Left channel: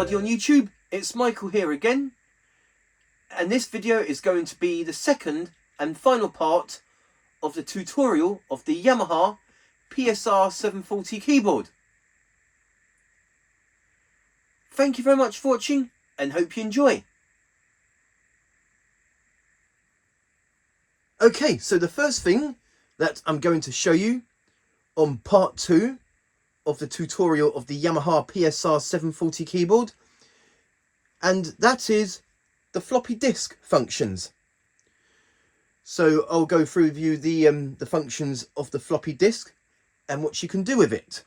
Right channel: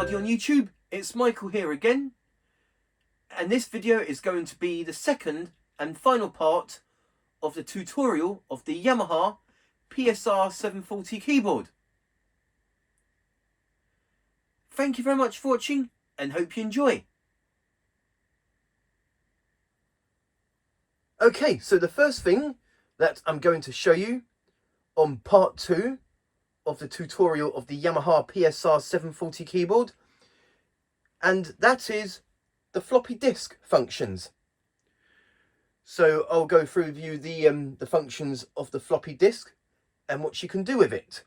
everybody on YouTube, it's Michael here again, and this video is going to be the second and final part of the tutorial of the Yamaha PSR-740 keyboard. Thank you very much for watching and hope you enjoy. Okay, so the first thing that I'm going to show you on part 2 of the tutorial of the Yamaha PSR-740 keyboard, and that is the floppy disk functions. So I'll go through with you the functions of the floppy disk and what you can do with it.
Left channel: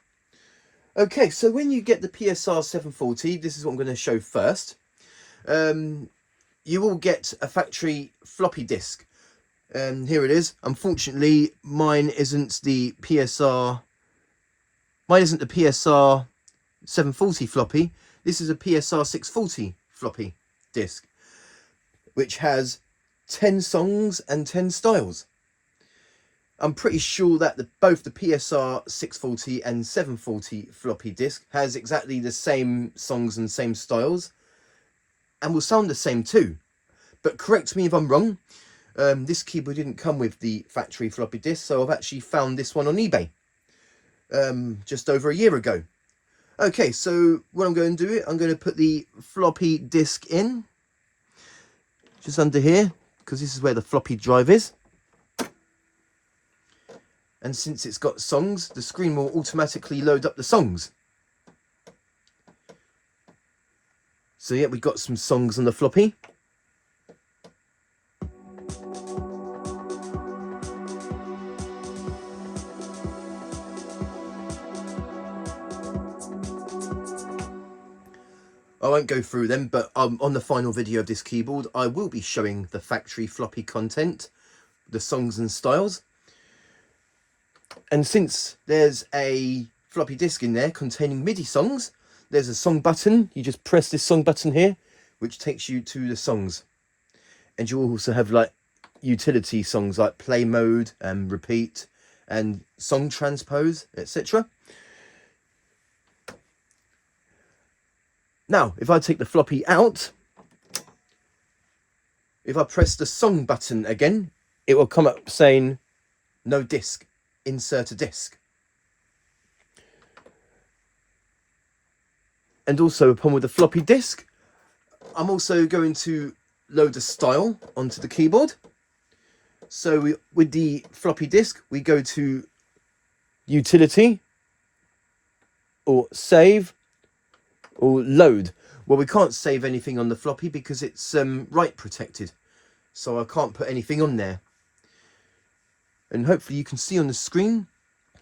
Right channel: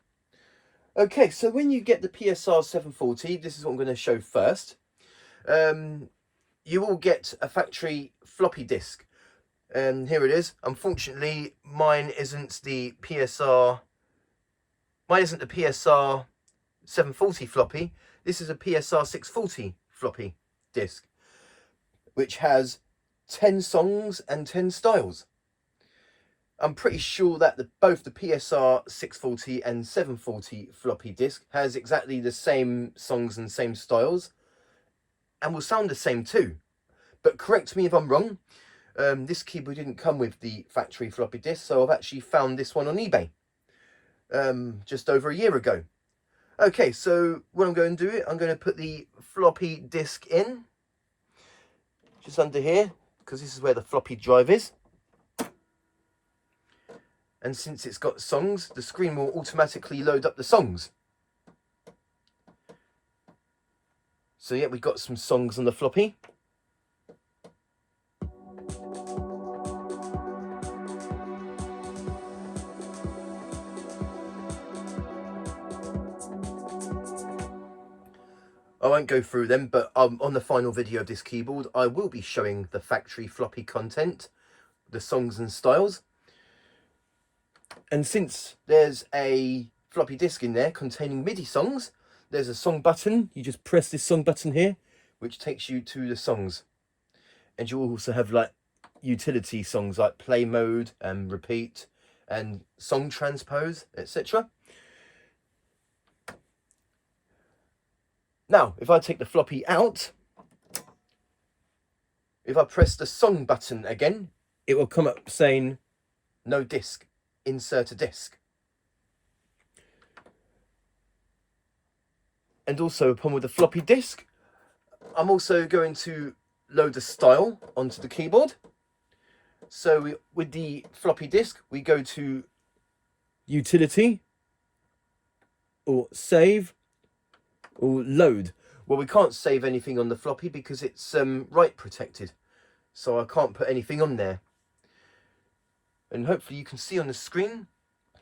Okay, so when you get the PSR-740, this is what I'm going to show first. You will get a factory floppy disk. Here it is. Unfortunately, mine isn't the PSR 740 floppy. This is a PSR 640 floppy disk, which has 10 songs and 10 styles. I'm pretty sure that both the PSR 640 and 740 floppy disk has exactly the same songs and same styles, and will sound the same too. But correct me if I'm wrong. This keyboard didn't come with the factory floppy disk, so I've actually found this one on eBay just over a year ago. Okay, so what I'm going to do, I'm going to put the floppy disk in just under here, because this is where the floppy drive is. And since it's got songs, the screen will automatically load up the songs. So yeah, we've got some songs on the floppy. I won't go through them, but on the final video of this keyboard, I will be showing the factory floppy content, the songs and styles. And since there's a floppy disk in there containing MIDI songs, there's a song button. You just press this song button here, which takes you to the songs. And you also have like utility songs like play mode and repeat and song transpose, etc. Now, if I take the floppy out, if I press the song button again, it will come up saying no disk, insert a disk. And also upon with the floppy disk, I'm also going to load a style onto the keyboard. So with the floppy disk, we go to utility or save or load. Well, we can't save anything on the floppy because it's write protected, so I can't put anything on there. And hopefully you can see on the screen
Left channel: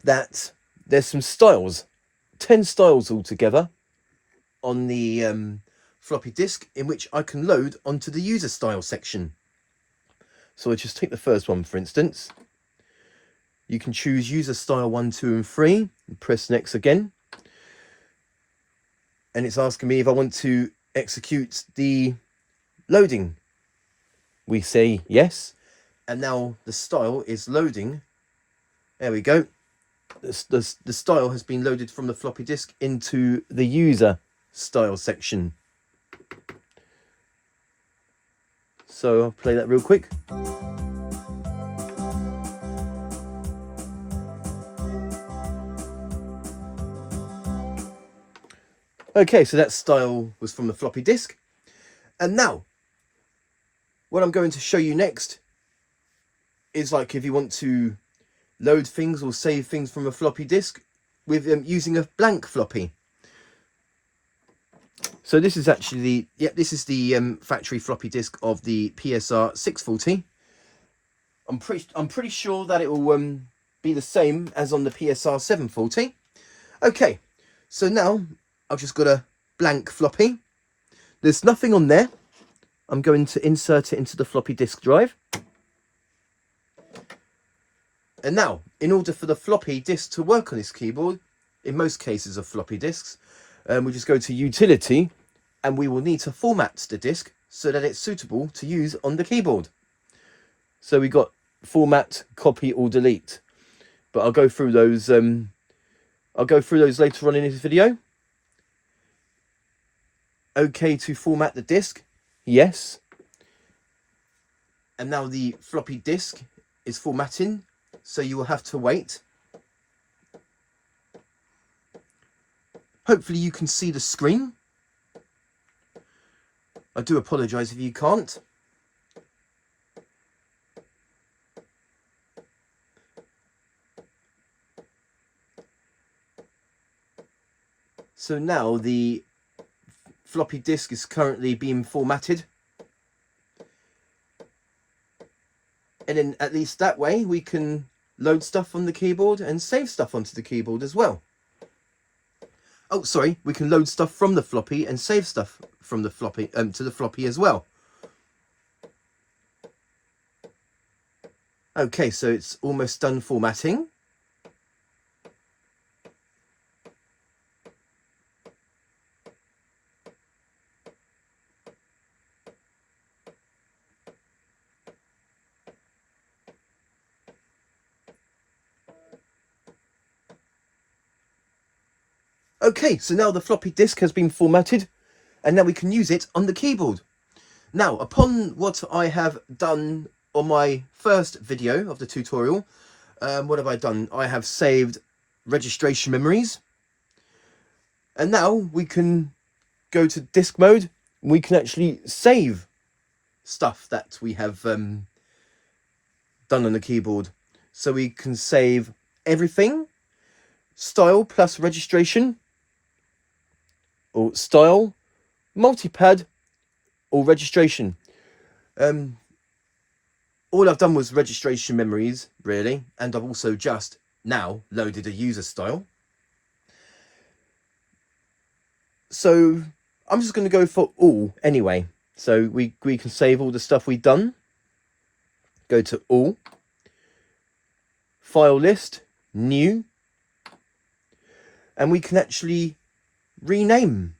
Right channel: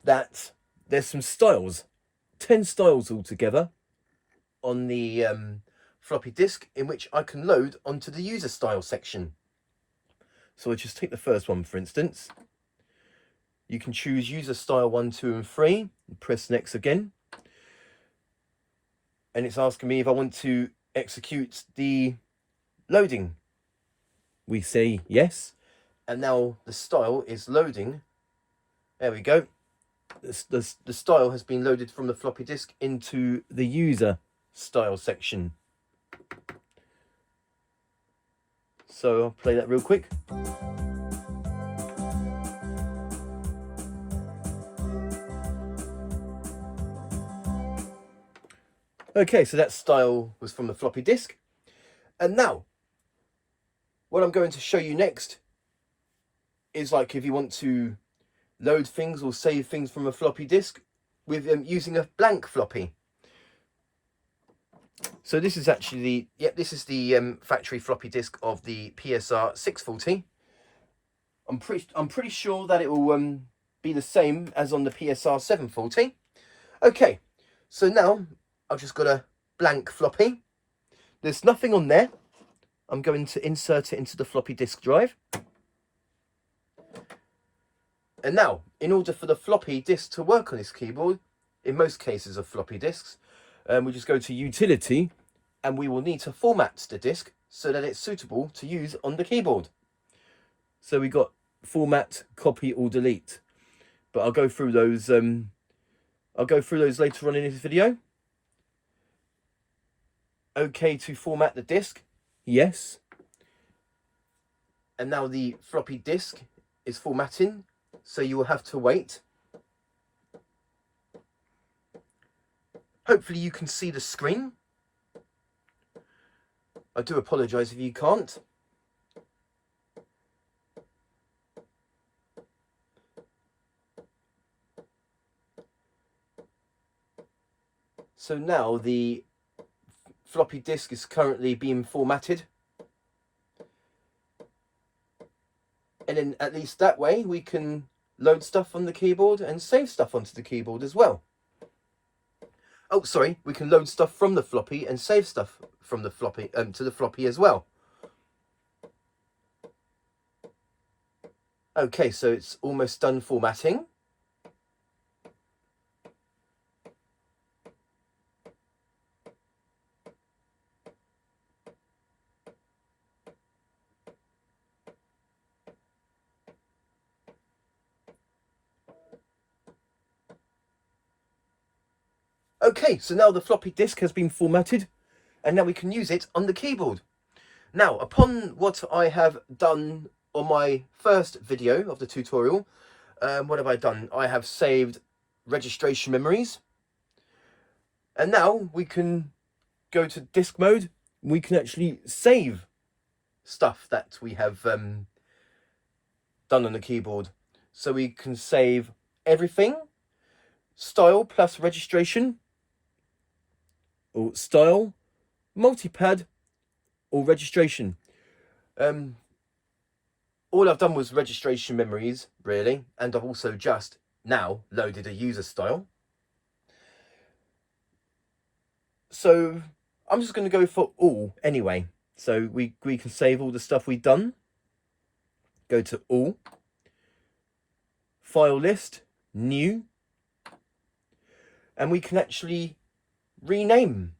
that there's some styles, 10 styles altogether on the floppy disk, in which I can load onto the user style section. So I just take the first one, for instance. You can choose user style 1, 2 and 3 and press next again. And it's asking me if I want to execute the loading. We say yes. And now the style is loading. There we go. The style has been loaded from the floppy disk into the user style section. So I'll play that real quick. Okay, so that style was from the floppy disk. And now, what I'm going to show you next is like if you want to load things or save things from a floppy disk with using a blank floppy. So this is actually the factory floppy disk of the PSR-640. I'm pretty sure that it will be the same as on the PSR-740. Okay, so now I've just got a blank floppy. There's nothing on there. I'm going to insert it into the floppy disk drive. And now, in order for the floppy disk to work on this keyboard, in most cases of floppy disks, we just go to utility, and we will need to format the disk so that it's suitable to use on the keyboard. So we got format, copy or delete. But I'll go through those later on in this video. OK to format the disk. Yes. And now the floppy disk is formatting, so you will have to wait. Hopefully you can see the screen. I do apologise if you can't. So now the floppy disk is currently being formatted. And then at least that way we can load stuff on the keyboard and save stuff onto the keyboard as well. Oh, sorry, we can load stuff from the floppy and save stuff from the floppy to the floppy as well. Okay, so it's almost done formatting. Okay, so now the floppy disk has been formatted and now we can use it on the keyboard. Now, upon what I have done on my first video of the tutorial, what have I done? I have saved registration memories. And now we can go to disk mode. We can actually save stuff that we have done on the keyboard. So we can save everything, style plus registration, or style, multipad, or registration. All I've done was registration memories, really, and I've also just now loaded a user style. So I'm just going to go for all anyway. So we can save all the stuff we've done. Go to all, file list, new, and we can actually rename.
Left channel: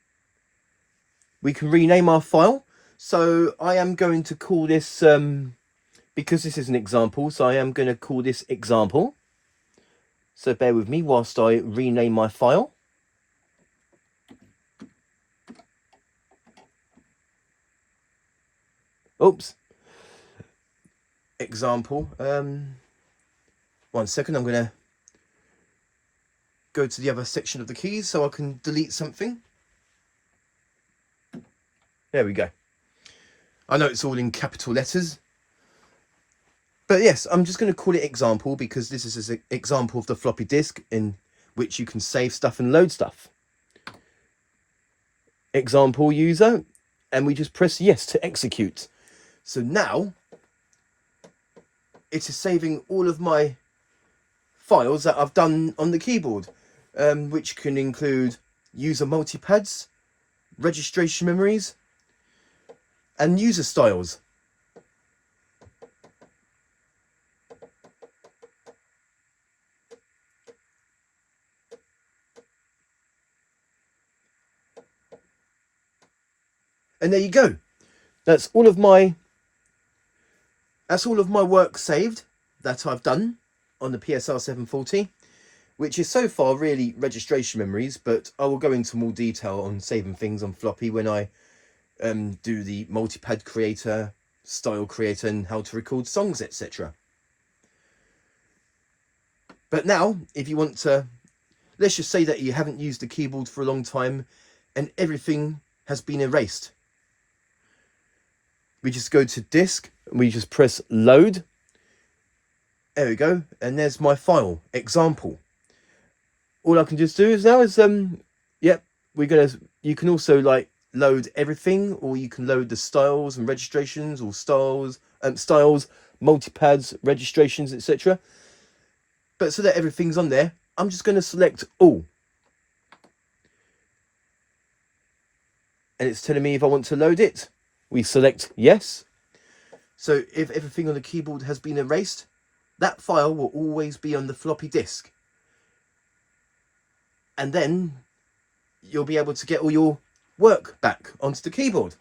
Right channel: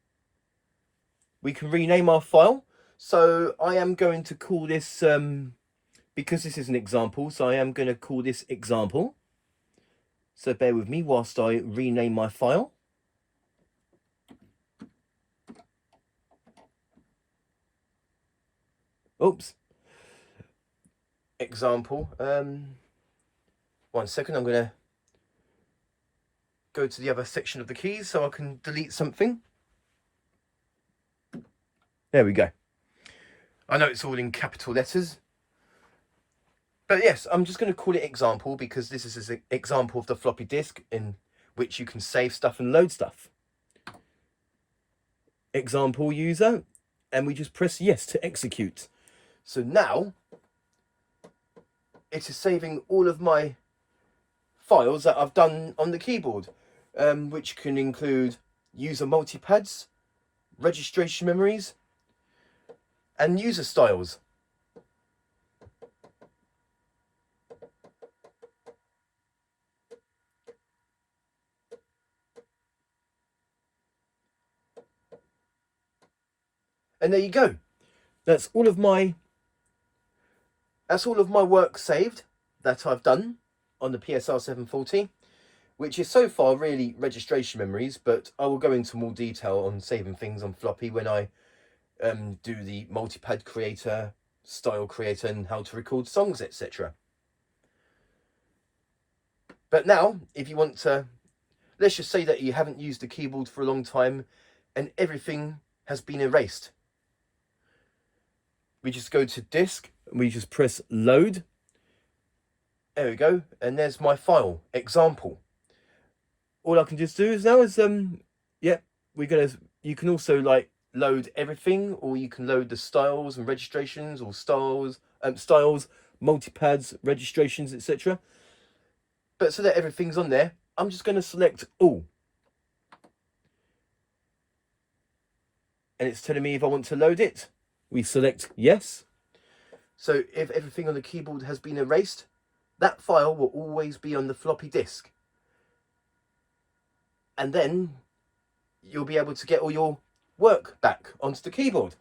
We can rename our file. So I am going to call this, because this is an example, so I am going to call this example. So bear with me whilst I rename my file. Oops. Example. 1 second, I'm going to go to the other section of the keys so I can delete something. There we go. I know it's all in capital letters. But yes, I'm just going to call it example because this is an example of the floppy disk in which you can save stuff and load stuff. Example user, and we just press yes to execute. So now it is saving all of my files that I've done on the keyboard, which can include user multipads, registration memories, and user styles. And there you go. That's all of my work saved that I've done on the PSR-740, which is so far really registration memories, but I will go into more detail on saving things on floppy when I do the multipad creator, style creator, and how to record songs, etc. But now, if you want to, let's just say that you haven't used the keyboard for a long time and everything has been erased. We just go to disk and we just press load. There we go. And there's my file, example. All I can just do is now is, you can also like load everything, or you can load the styles and registrations, or styles, multipads, registrations, etc. But so that everything's on there, I'm just going to select all. And it's telling me if I want to load it. We select yes. So if everything on the keyboard has been erased, that file will always be on the floppy disk. And then you'll be able to get all your work back onto the keyboard.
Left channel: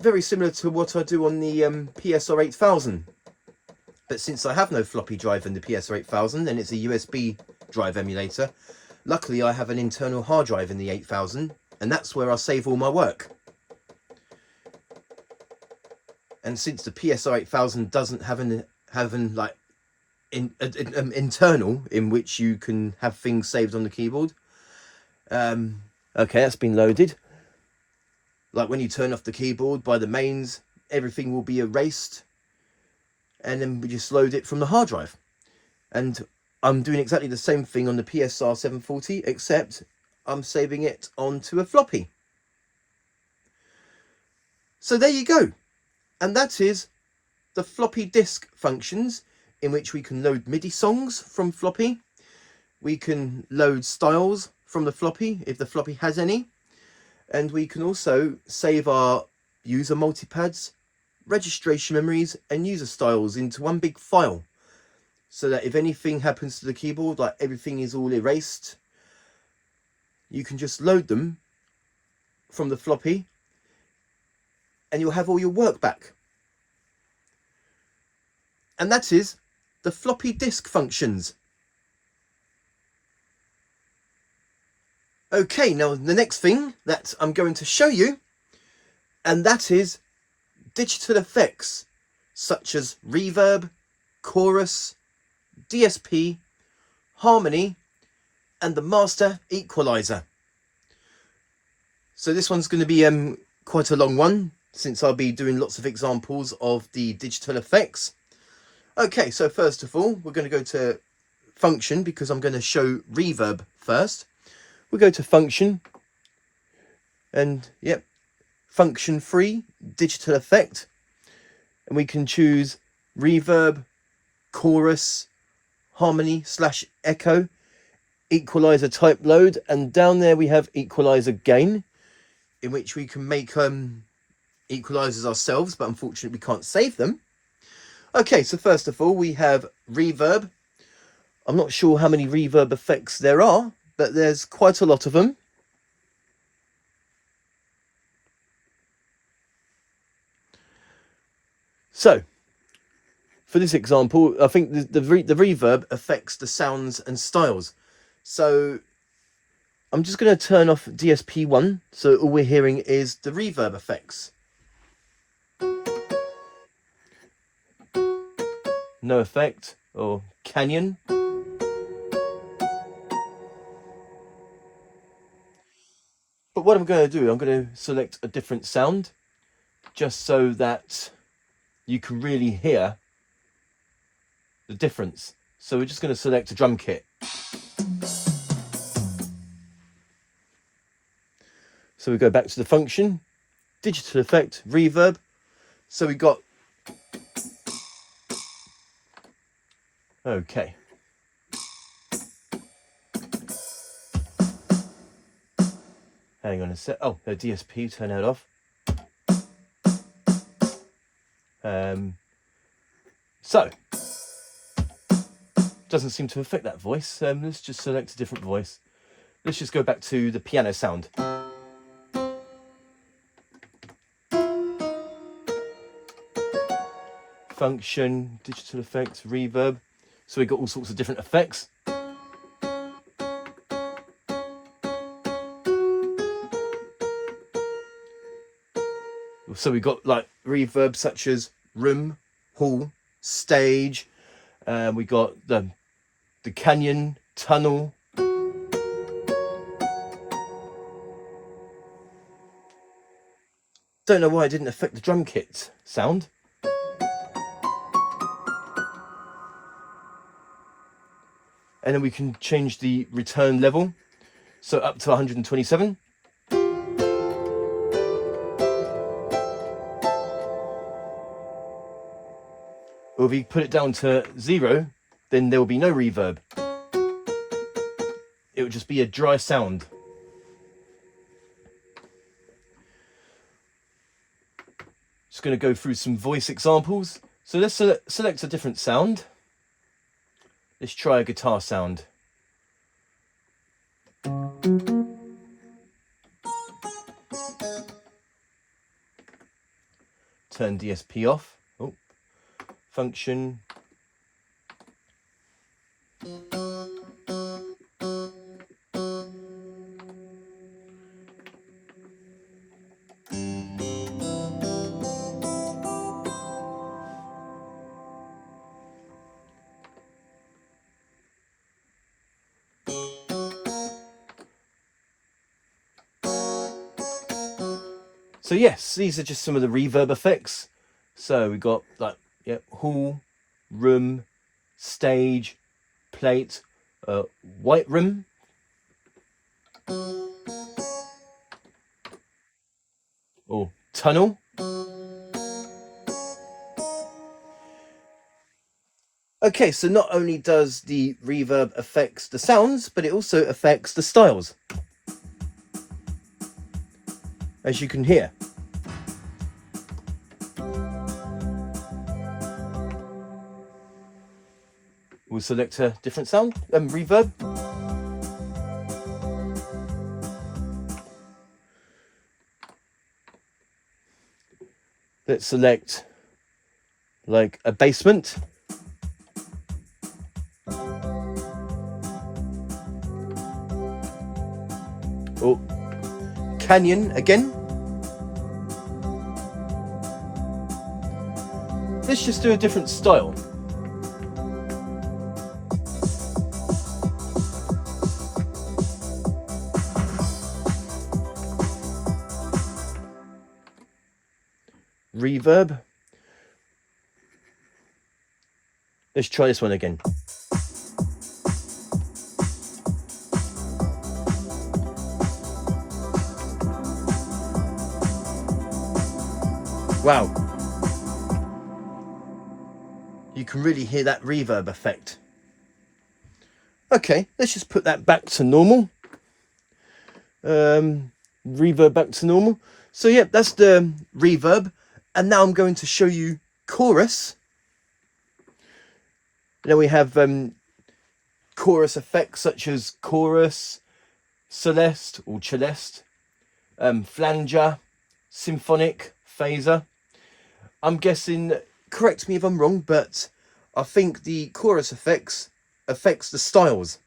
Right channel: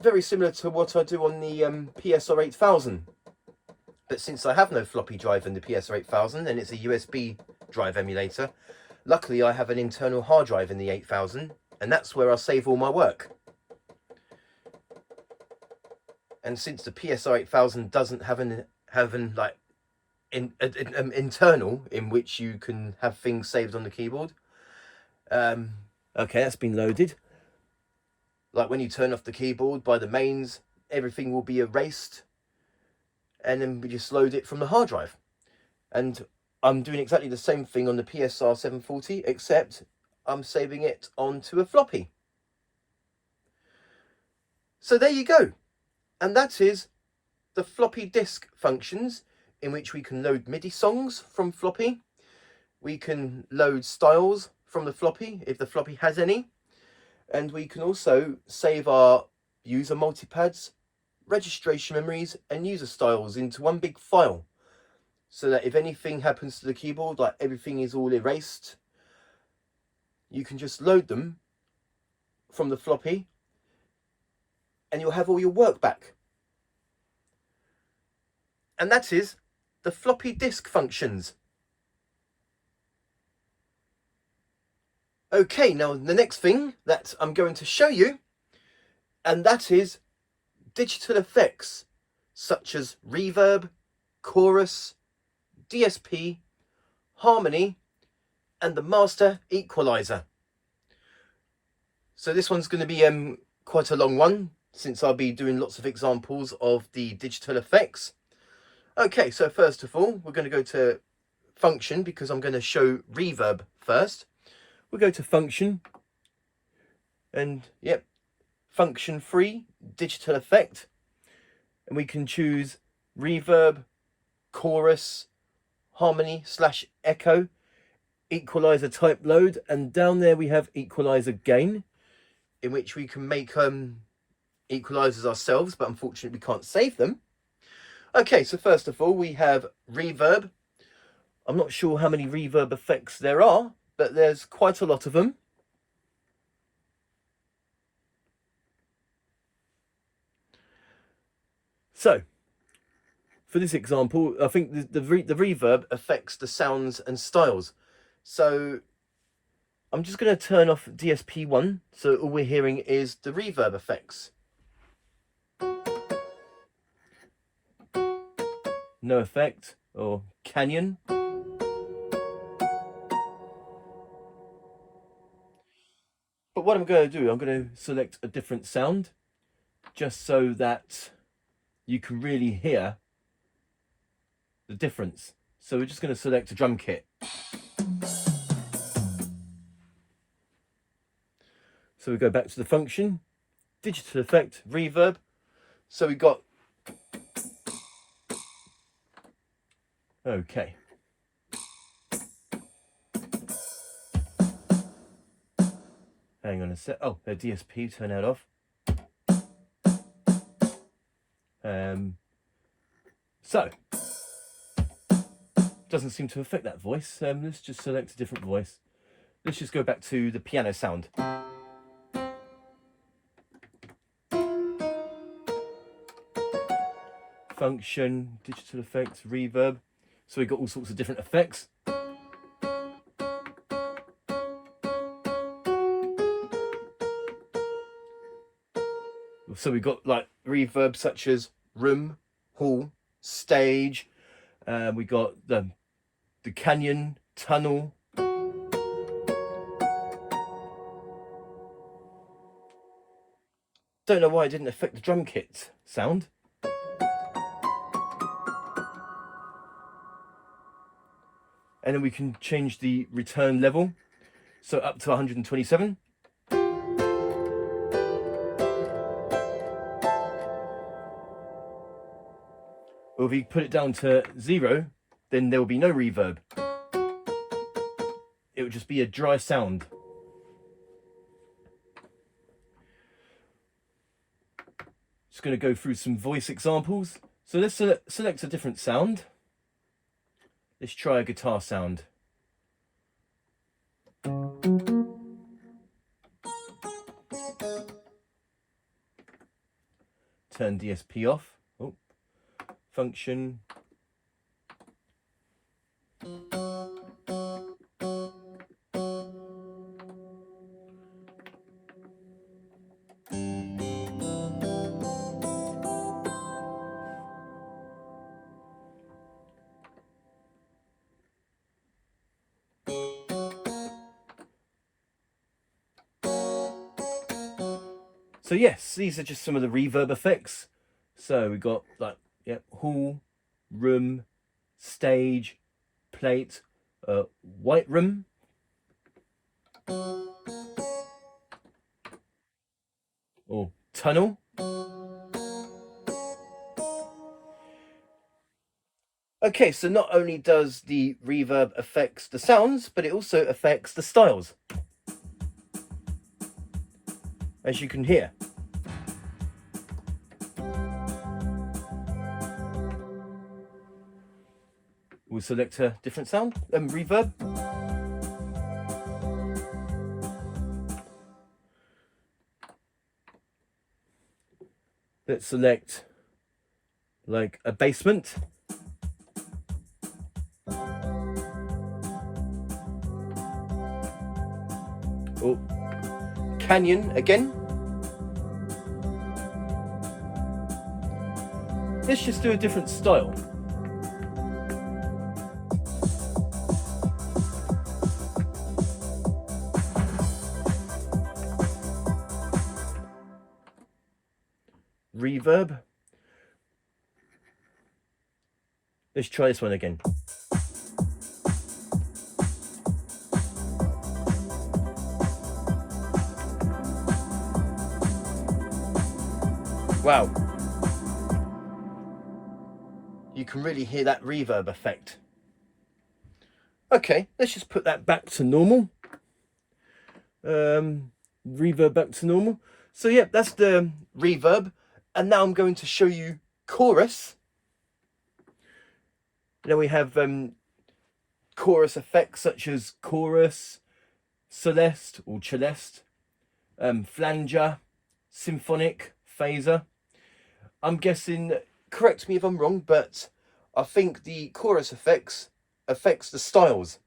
Very similar to what I do on the PSR-840. But since I have no floppy drive in the PSR-840 and it's a USB drive emulator, luckily I have an internal hard drive in the 8000, and that's where I save all my work. And since the PSR-8000 doesn't have an like internal in which you can have things saved on the keyboard, okay, that's been loaded. Like when you turn off the keyboard by the mains, everything will be erased, and then we just load it from the hard drive. And I'm doing exactly the same thing on the PSR-740, except I'm saving it onto a floppy. So there you go. And that is the floppy disk functions, in which we can load MIDI songs from floppy. We can load styles from the floppy, if the floppy has any. And we can also save our user multipads, registration memories, and user styles into one big file. So that if anything happens to the keyboard, like everything is all erased, you can just load them from the floppy and you'll have all your work back. And that is the floppy disk functions. Okay, now the next thing that I'm going to show you, and that is digital effects such as reverb, chorus, DSP, harmony, and the master equalizer. So this one's going to be quite a long one, since I'll be doing lots of examples of the digital effects. Okay, so first of all, we're going to go to function, because I'm going to show reverb first. We'll go to function, and yep, function 3, digital effect, and we can choose reverb, chorus, harmony / echo, equalizer type load, and down there we have equalizer gain, in which we can make equalizers ourselves, but unfortunately we can't save them. Okay, so first of all we have reverb. I'm not sure how many reverb effects there are, but there's quite a lot of them. So for this example, I think the reverb affects the sounds and styles. So I'm just going to turn off DSP 1, so all we're hearing is the reverb effects. No effect, or canyon. But what I'm going to do, I'm going to select a different sound, just so that you can really hear the difference. So we're just going to select a drum kit. So we go back to the function, digital effect, reverb. So we got, okay. Hang on a sec. Oh, the DSP, turn that off. So, doesn't seem to affect that voice. Let's just select a different voice. Let's just go back to the piano sound. Function, digital effect, reverb. So we've got all sorts of different effects. So we've got like reverb such as room, hall, stage. We got the canyon, tunnel. Don't know why it didn't affect the drum kit sound. And then we can change the return level, so up to 127. Or if you put it down to 0, then there will be no reverb. It would just be a dry sound. Just going to go through some voice examples. So let's select a different sound. Let's try a guitar sound. Turn DSP off. Oh, function. So yes, these are just some of the reverb effects. So we got like, yep, hall, room, stage, plate, white room, or tunnel. Okay, so not only does the reverb affects the sounds, but it also affects the styles, as you can hear. We'll select a different sound, reverb. Let's select like a basement. Or canyon again. Let's just do a different style. Reverb. Let's try this one again. Wow. You can really hear that reverb effect. Okay, let's just put that back to normal. Reverb back to normal. So yeah, that's the reverb. And now I'm going to show you chorus. Then we have chorus effects such as chorus, celeste or celeste, flanger, symphonic, phaser. I'm guessing, correct me if I'm wrong, but I think the chorus affects the styles,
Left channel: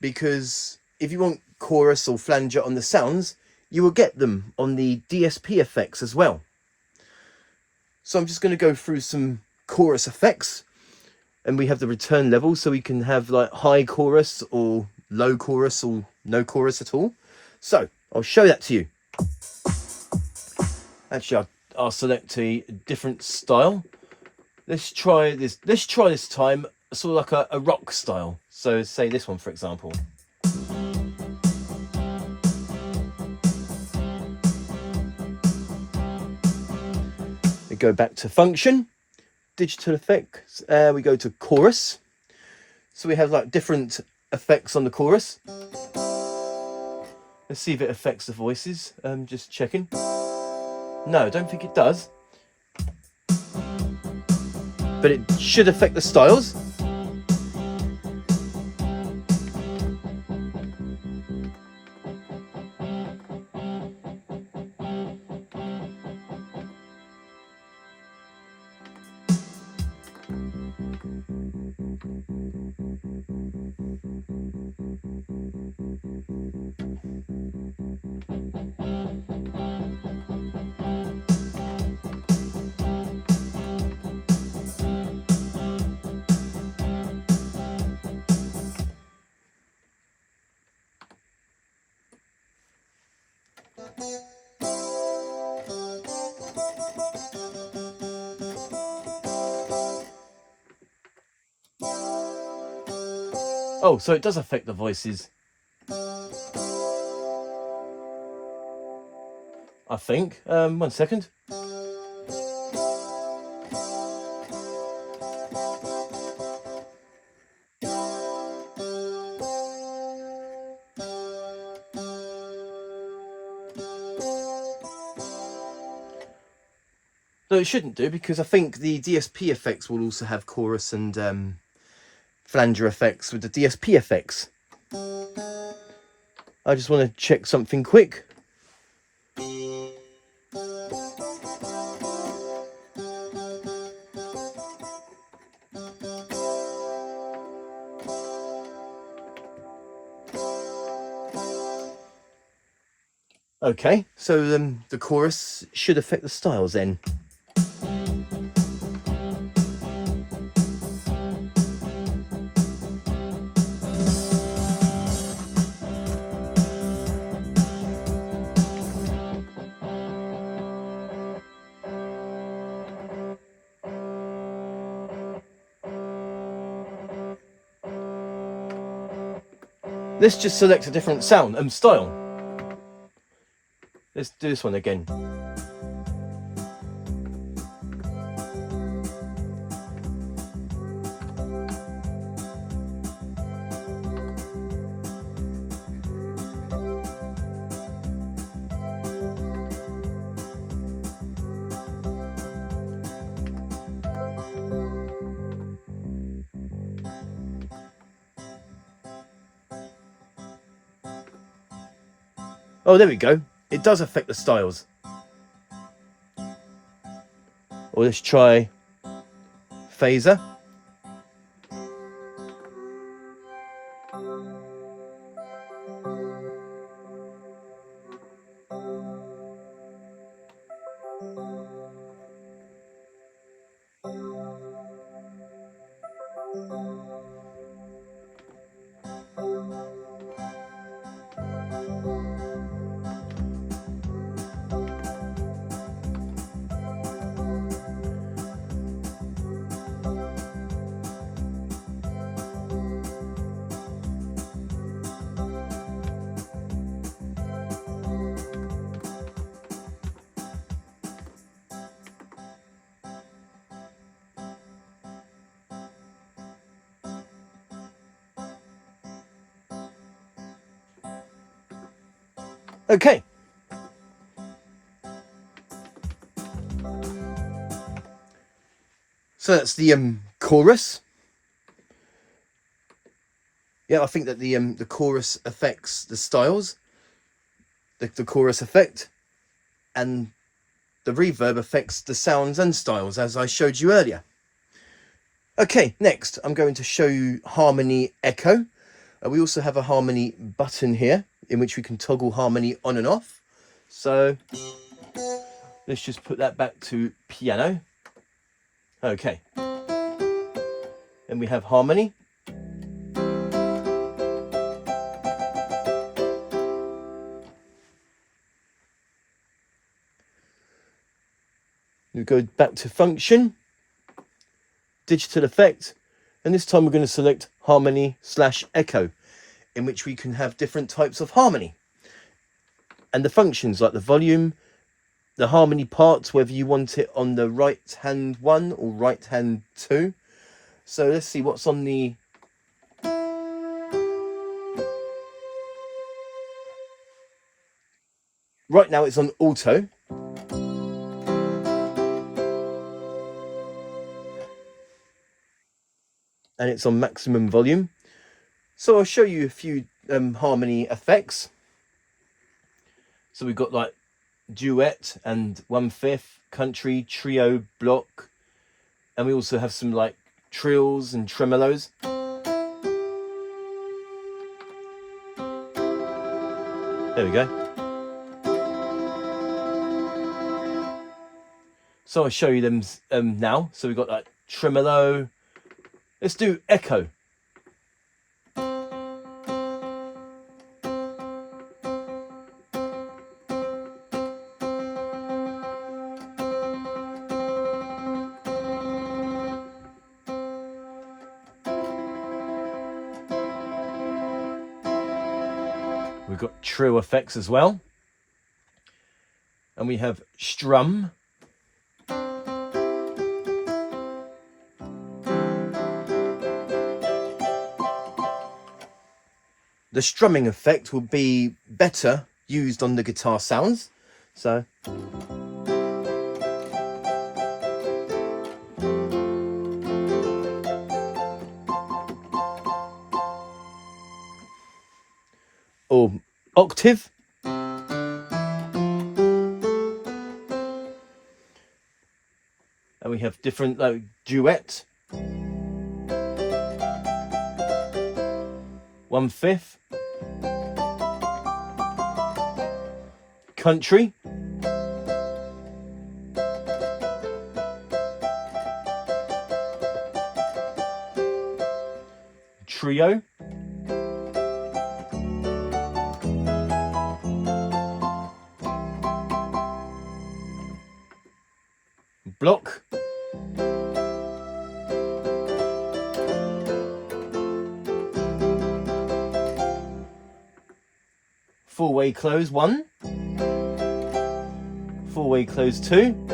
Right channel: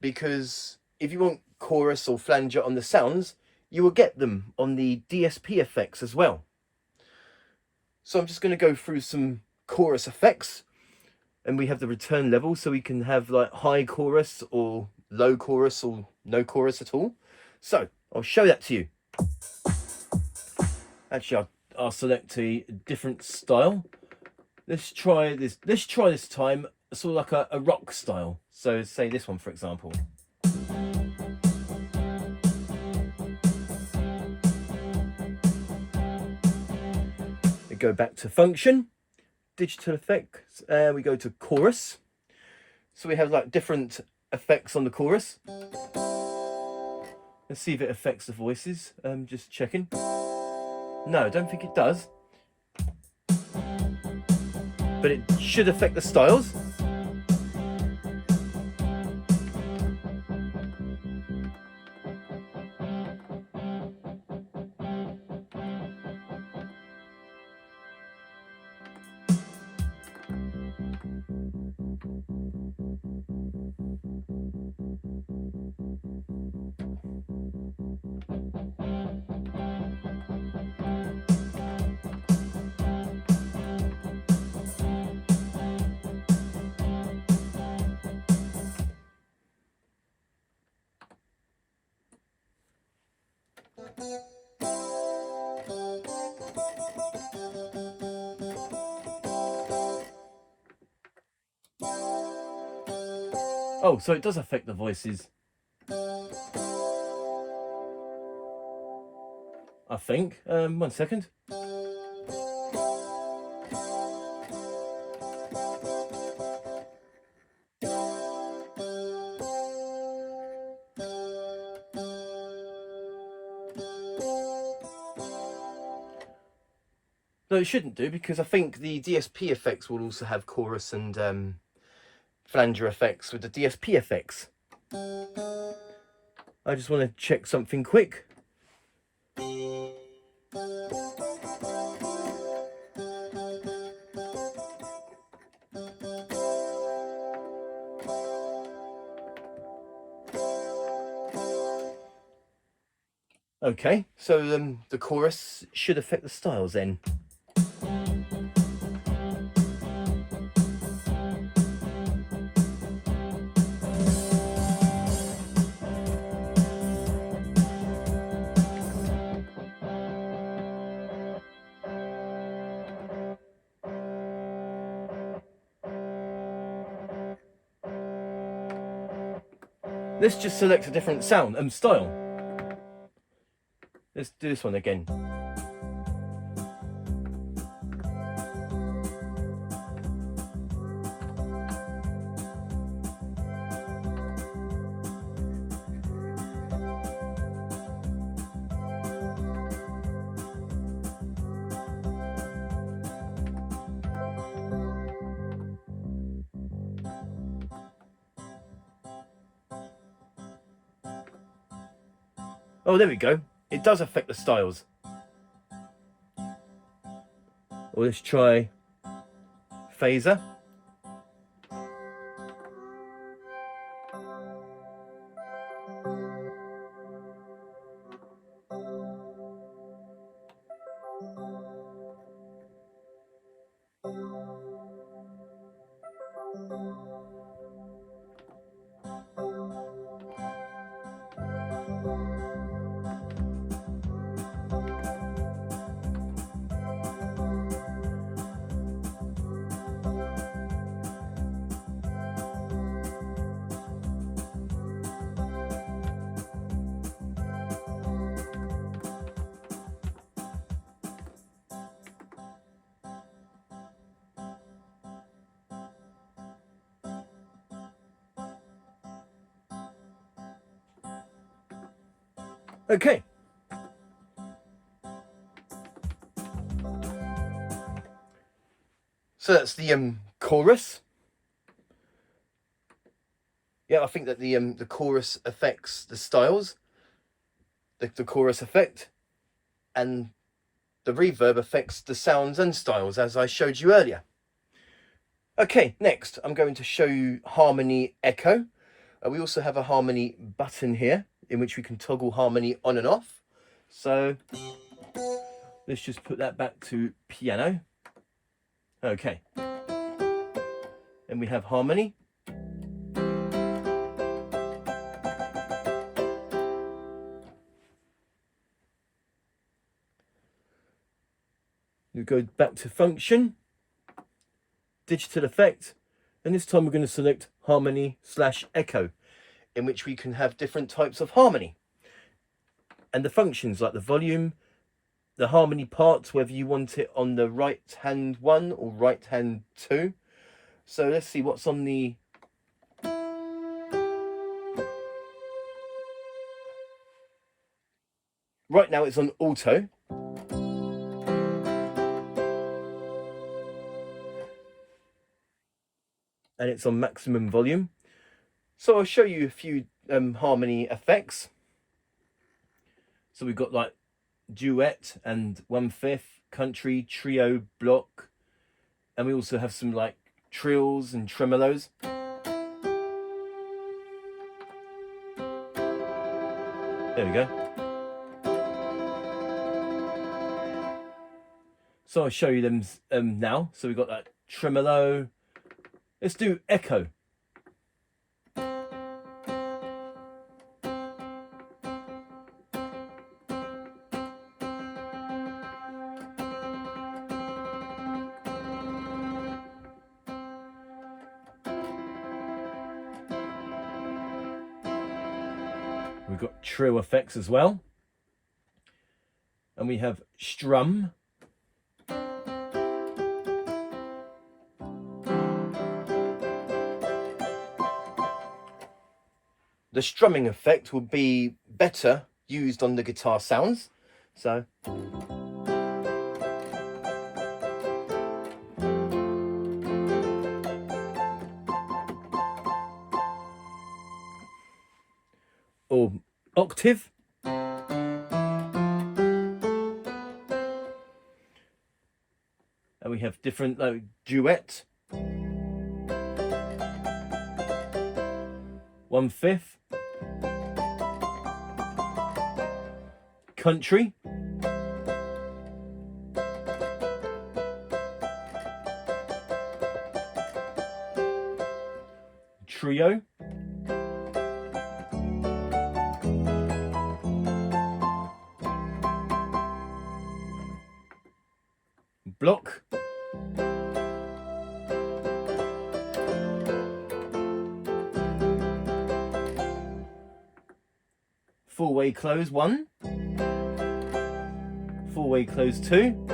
because if you want chorus or flanger on the sounds, you will get them on the DSP effects as well. So I'm just going to go through some chorus effects, and we have the return level, so we can have like high chorus or low chorus or no chorus at all. So I'll show that to you. Actually, I'll select a different style. Let's try this. Let's try this time sort of like a rock style. So say this one, for example. We go back to function, digital effects. We go to chorus. So we have like different effects on the chorus. Let's see if it affects the voices. Just checking. No, I don't think it does. But it should affect the styles. Oh, so it does affect the voices. I think. 1 second. No, it shouldn't do, because I think the DSP effects will also have chorus and flanger effects with the DSP effects. I just want to check something quick. Okay, so the chorus should affect the styles then. let's just select a different sound and style. Let's do this one again. Oh, there we go. It does affect the styles. Or let's try phaser. Okay. So that's the chorus. Yeah, I think that the chorus affects the styles, the chorus effect, and the reverb affects the sounds and styles, as I showed you earlier. Okay, next I'm going to show you harmony echo. We also have a harmony button here in which we can toggle harmony on and off. So let's just put that back to piano. Okay. And we have harmony. We go back to function, digital effect, and this time we're going to select harmony/echo, in which we can have different types of harmony. And the functions like the volume, the harmony parts, whether you want it on the right hand 1 or right hand 2. So let's see what's on the right now. It's on auto. And it's on maximum volume. So I'll show you a few harmony effects. So we've got like duet and 1/5, country, trio, block, and we also have some like trills and tremolos. There we go. So I'll show you them now. So we've got like tremolo. Let's do echo. We've got trill effects as well. And we have strum. The strumming effect will be better used on the guitar sounds. So or octave. And we have different like duet, 1/5, country, trio, block, four-way close 1, four-way close 2,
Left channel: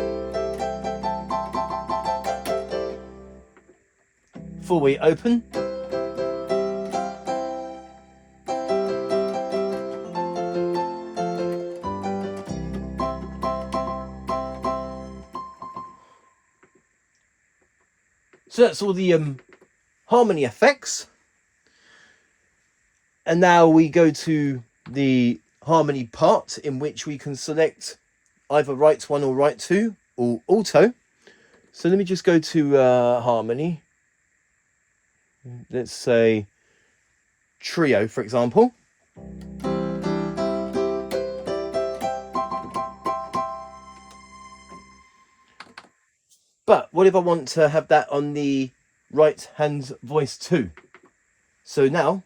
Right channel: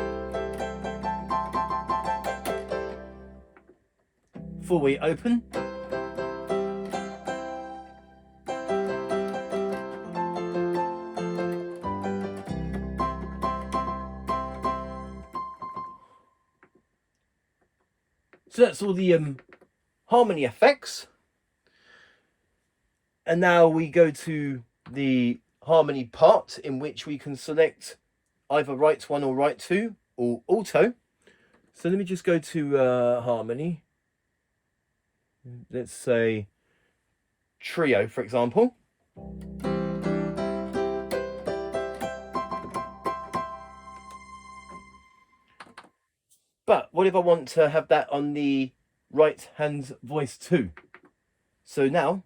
four-way open, so that's all the harmony effects. And now we go to the harmony part, in which we can select either right 1 or right 2 or auto. So let me just go to harmony. Let's say trio, for example. But what if I want to have that on the right hand voice too? So now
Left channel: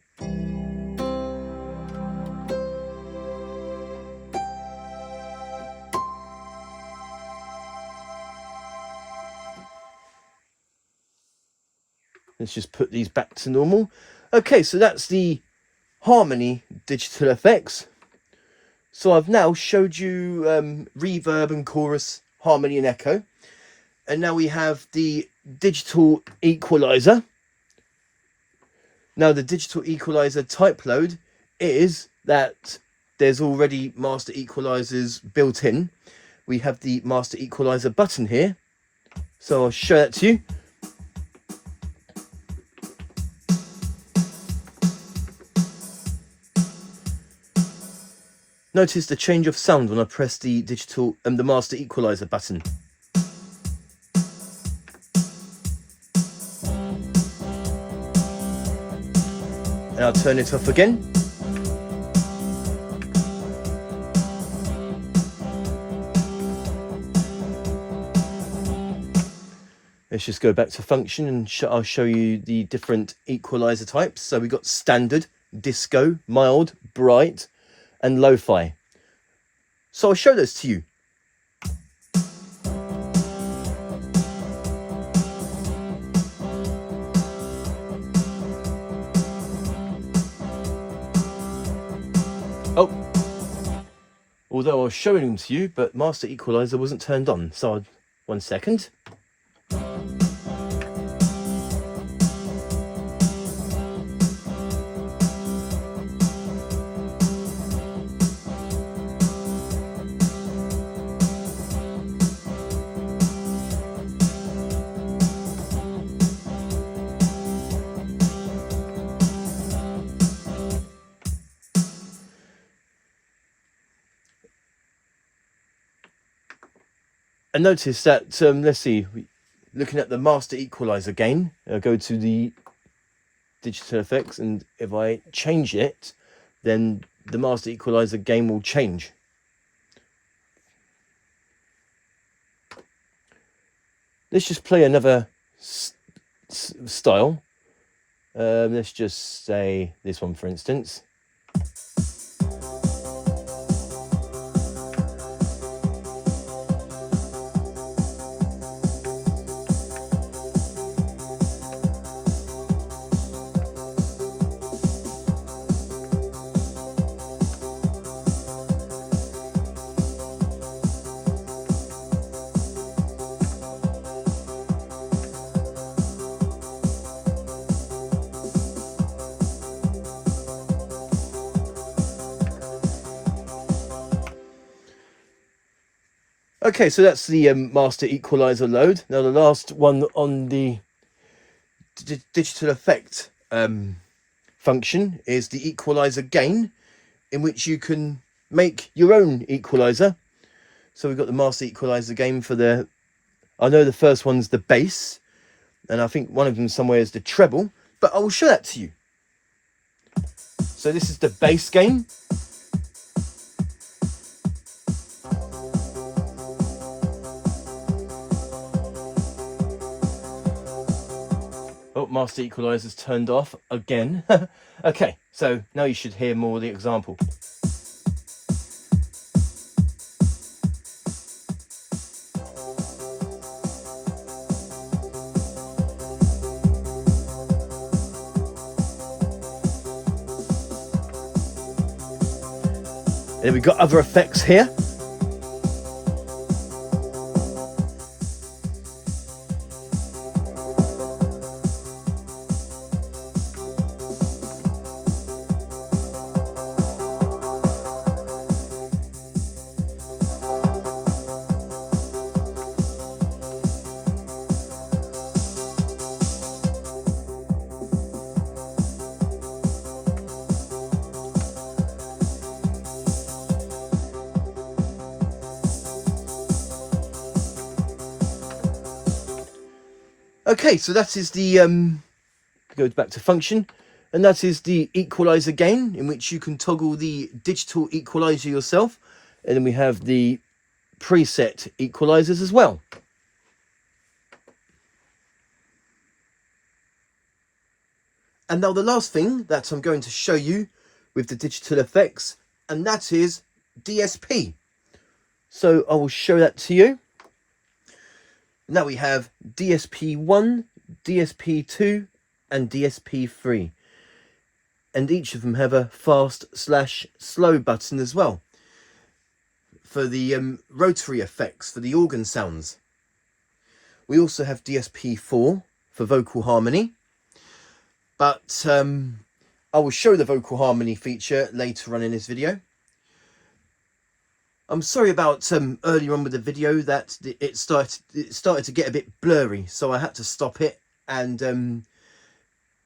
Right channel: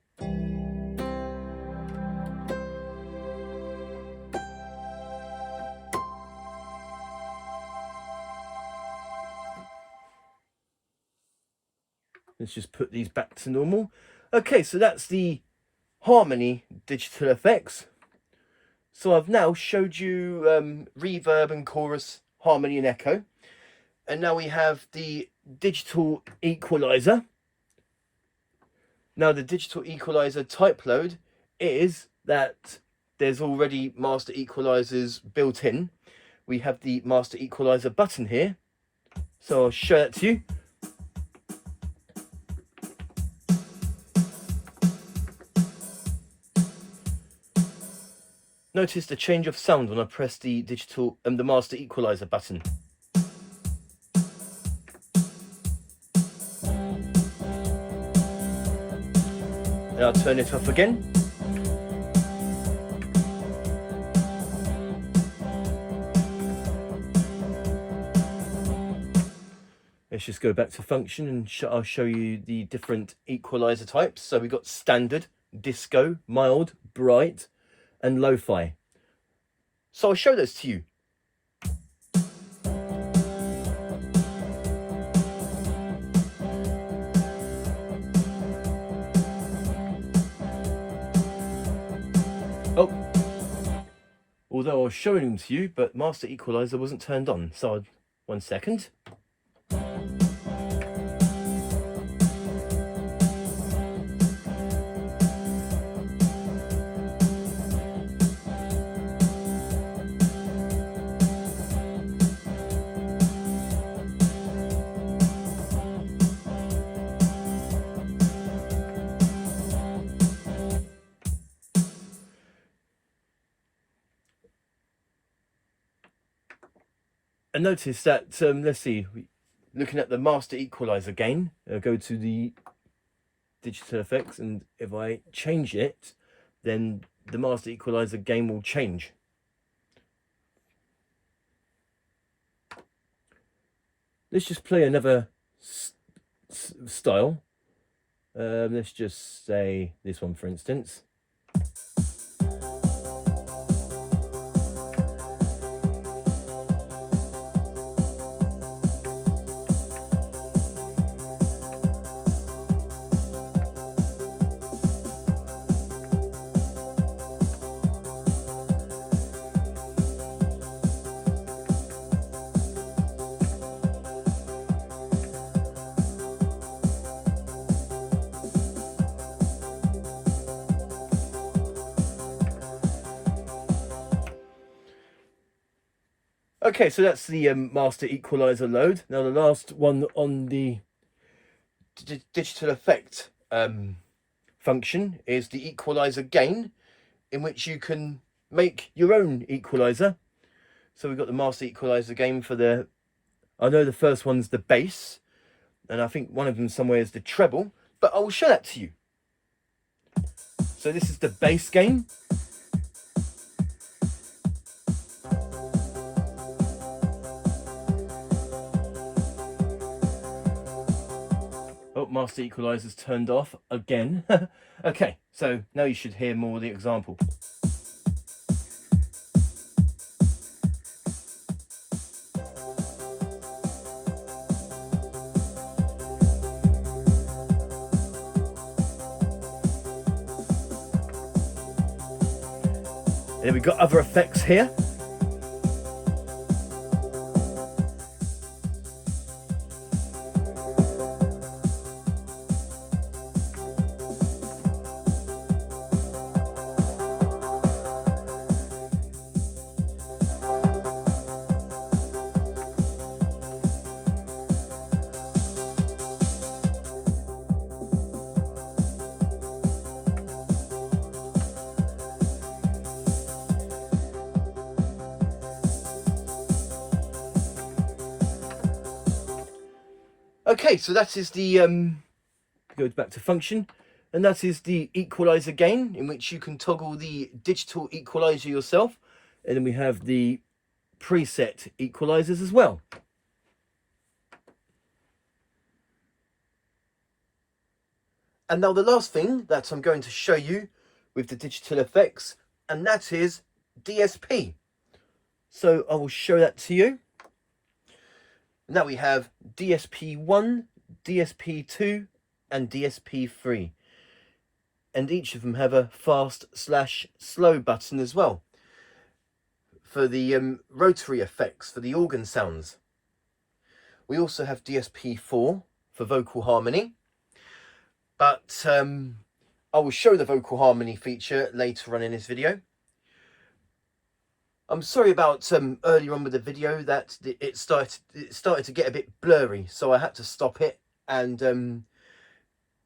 let's just put these back to normal. Okay, so that's the harmony digital effects. So I've now showed you reverb and chorus, harmony and echo. And now we have the digital equalizer. Now the digital equalizer type load is that there's already master equalizers built in. We have the master equalizer button here. So I'll show that to you. Notice the change of sound when I press the digital and the master equalizer button. And I'll turn it off again. Let's just go back to function and I'll show you the different equalizer types. So we've got standard, disco, mild, bright, and lo-fi. So I'll show those to you. Oh, although I was showing them to you, but master equalizer wasn't turned on. So 1 second. And notice that, let's see, looking at the master equalizer gain, I'll go to the digital effects, and if I change it, then the master equalizer gain will change. Let's just play another style. Let's just say this one, for instance. Okay, so that's the master equalizer load. Now the last one on the digital effect function is the equalizer gain, in which you can make your own equalizer. So we've got the master equalizer gain for the, I know the first one's the bass, and I think one of them somewhere is the treble, but I'll show that to you. So this is the bass gain. Oh, master equalizer's turned off again. Okay, so now you should hear more of the example. And we've got other effects here. Okay, so that is the goes back to function, and that is the equalizer gain, in which you can toggle the digital equalizer yourself, and then we have the preset equalizers as well. And now the last thing that I'm going to show you with the digital effects, and that is DSP. So I will show that to you. Now we have DSP1, DSP2 and DSP3. And each of them have a fast/slow button as well for the rotary effects, for the organ sounds. We also have DSP4 for vocal harmony. But I will show the vocal harmony feature later on in this video. I'm sorry about earlier on with the video that it started to get a bit blurry, so I had to stop it and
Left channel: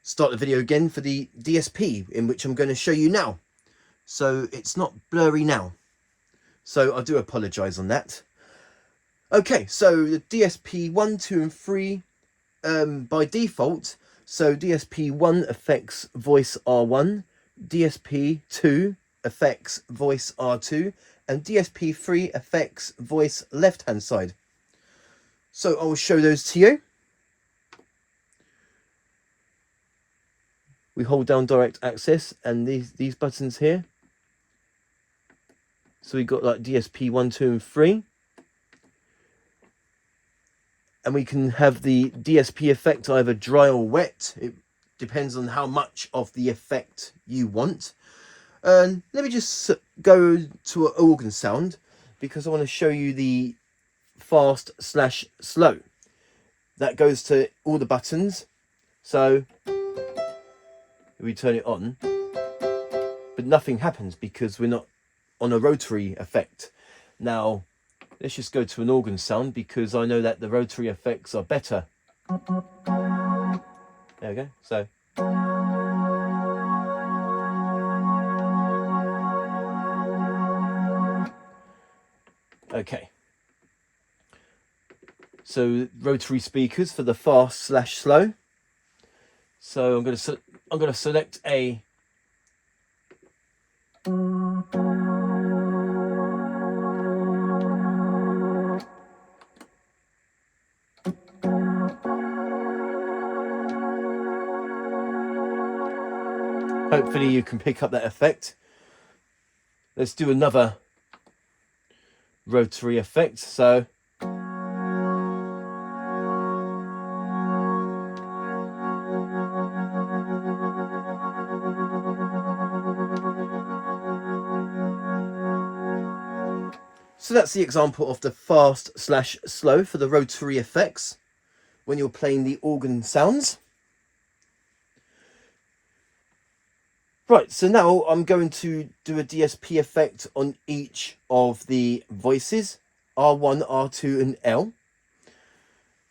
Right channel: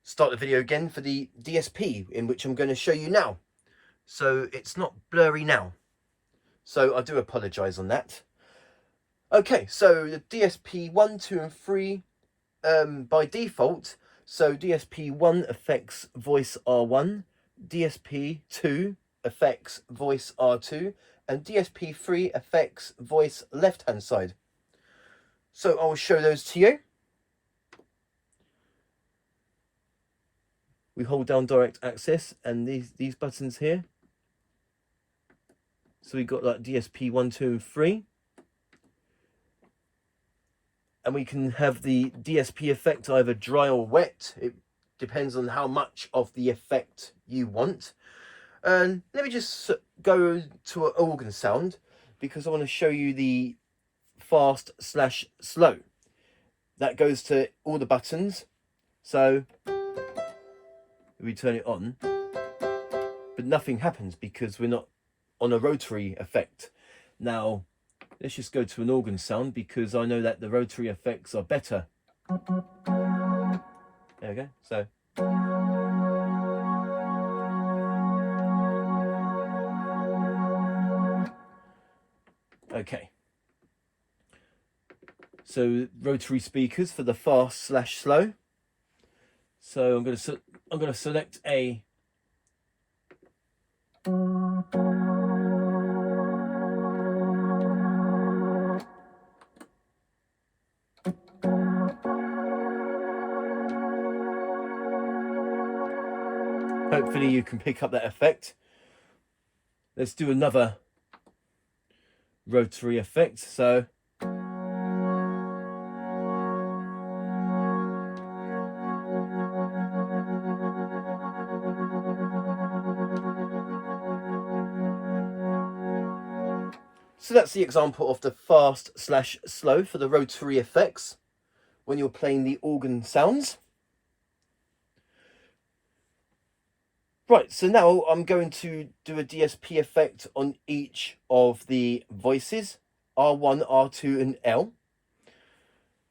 start the video again for the DSP, in which I'm going to show you now. So it's not blurry now, so I do apologise on that. Okay, so the DSP 1, 2 and 3 by default, so DSP 1 affects voice R1, DSP 2 affects voice R2, and DSP 3 affects voice left hand side. So I will show those to you. We hold down direct access and these buttons here. So we got like DSP 1, 2 and 3. And we can have the DSP effect either dry or wet. It depends on how much of the effect you want. And let me just go to an organ sound, because I want to show you the fast/slow. That goes to all the buttons. So we turn it on, but nothing happens because we're not on a rotary effect. Now let's just go to an organ sound, because I know that the rotary effects are better. There we go. So okay. So rotary speakers for the fast/slow. So I'm going to select a hopefully you can pick up that effect. Let's do another rotary effect. So that's the example of the fast/slow for the rotary effects when you're playing the organ sounds. Right, so now I'm going to do a DSP effect on each of the voices, R1, R2 and L.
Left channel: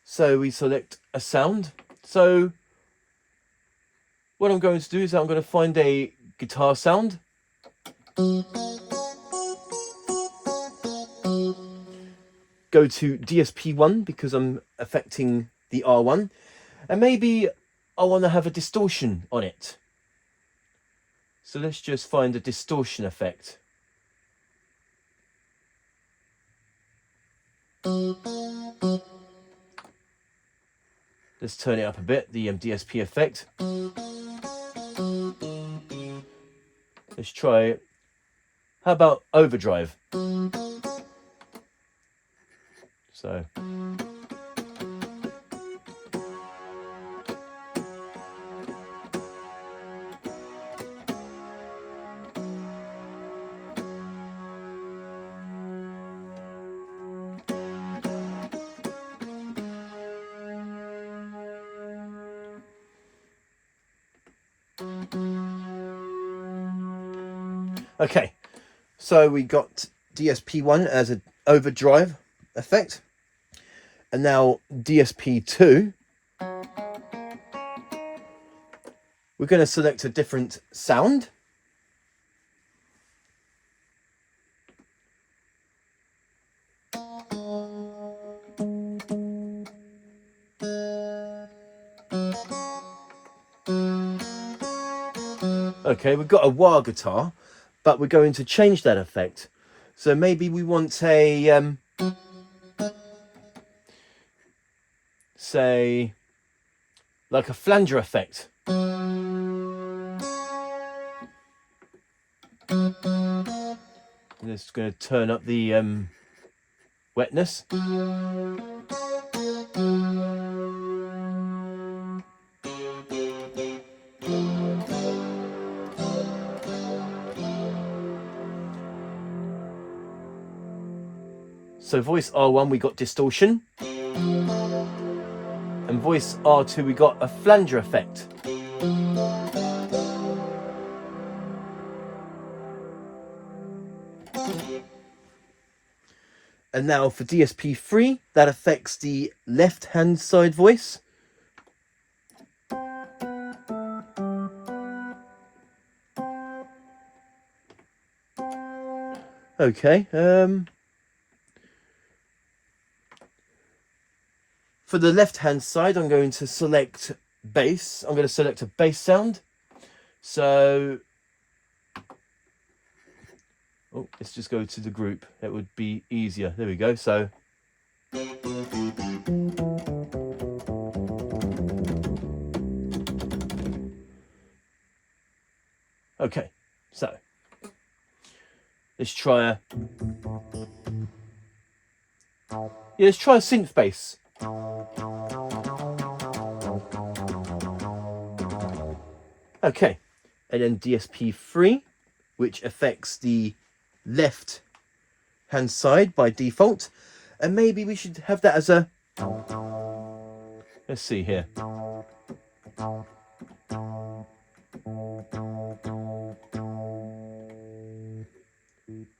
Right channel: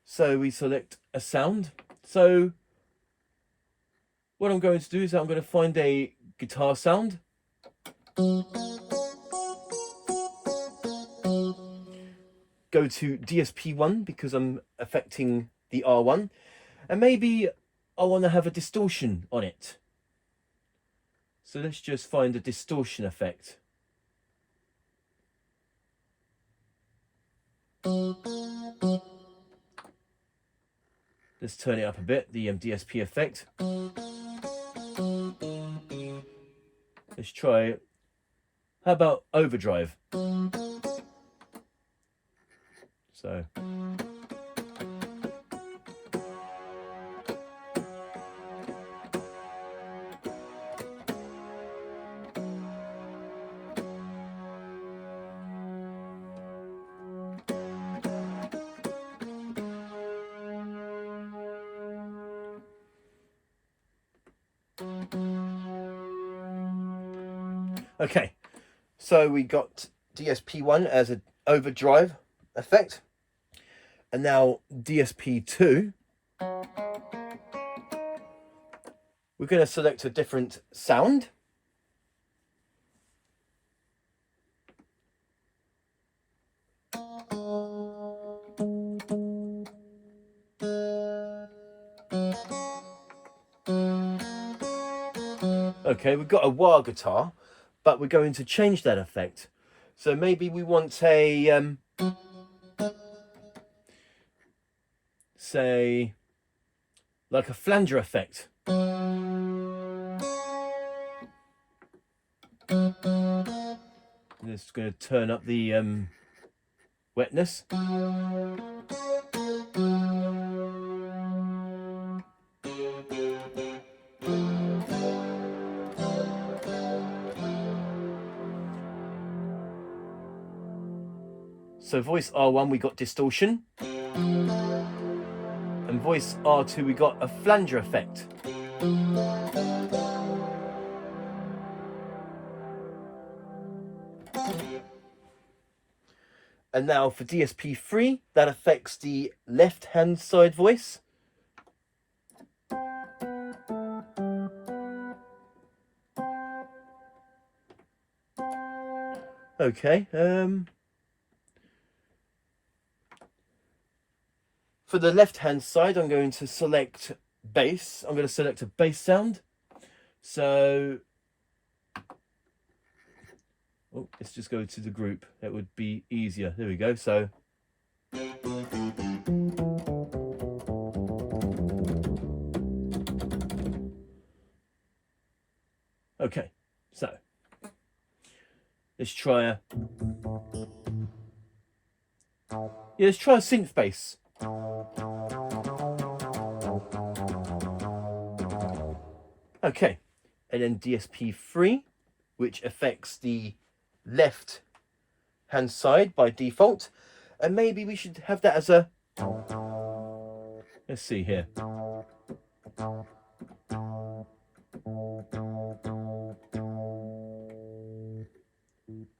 So we select a sound. So what I'm going to do is I'm going to find a guitar sound. Go to DSP1 because I'm affecting the R1, and maybe I want to have a distortion on it. So let's just find a distortion effect. Let's turn it up a bit, the DSP effect. Let's try it. How about overdrive? So Okay, so we got DSP1 as an overdrive effect, and now DSP2. We're going to select a different sound. Okay, we've got a wah guitar, but we're going to change that effect. So maybe we want a, say, like a flanger effect. Just going to turn up the wetness. So voice R1 we got distortion, and voice R2 we got a flanger effect. And now for DSP3, that affects the left hand side voice. Okay, for the left hand side, I'm going to select bass. I'm going to select a bass sound. So, oh, let's just go to the group. It would be easier. There we go. So, okay, so let's try let's try a synth bass. Okay, and then DSP3, which affects the left hand side by default, and maybe we should have that as a, let's see here.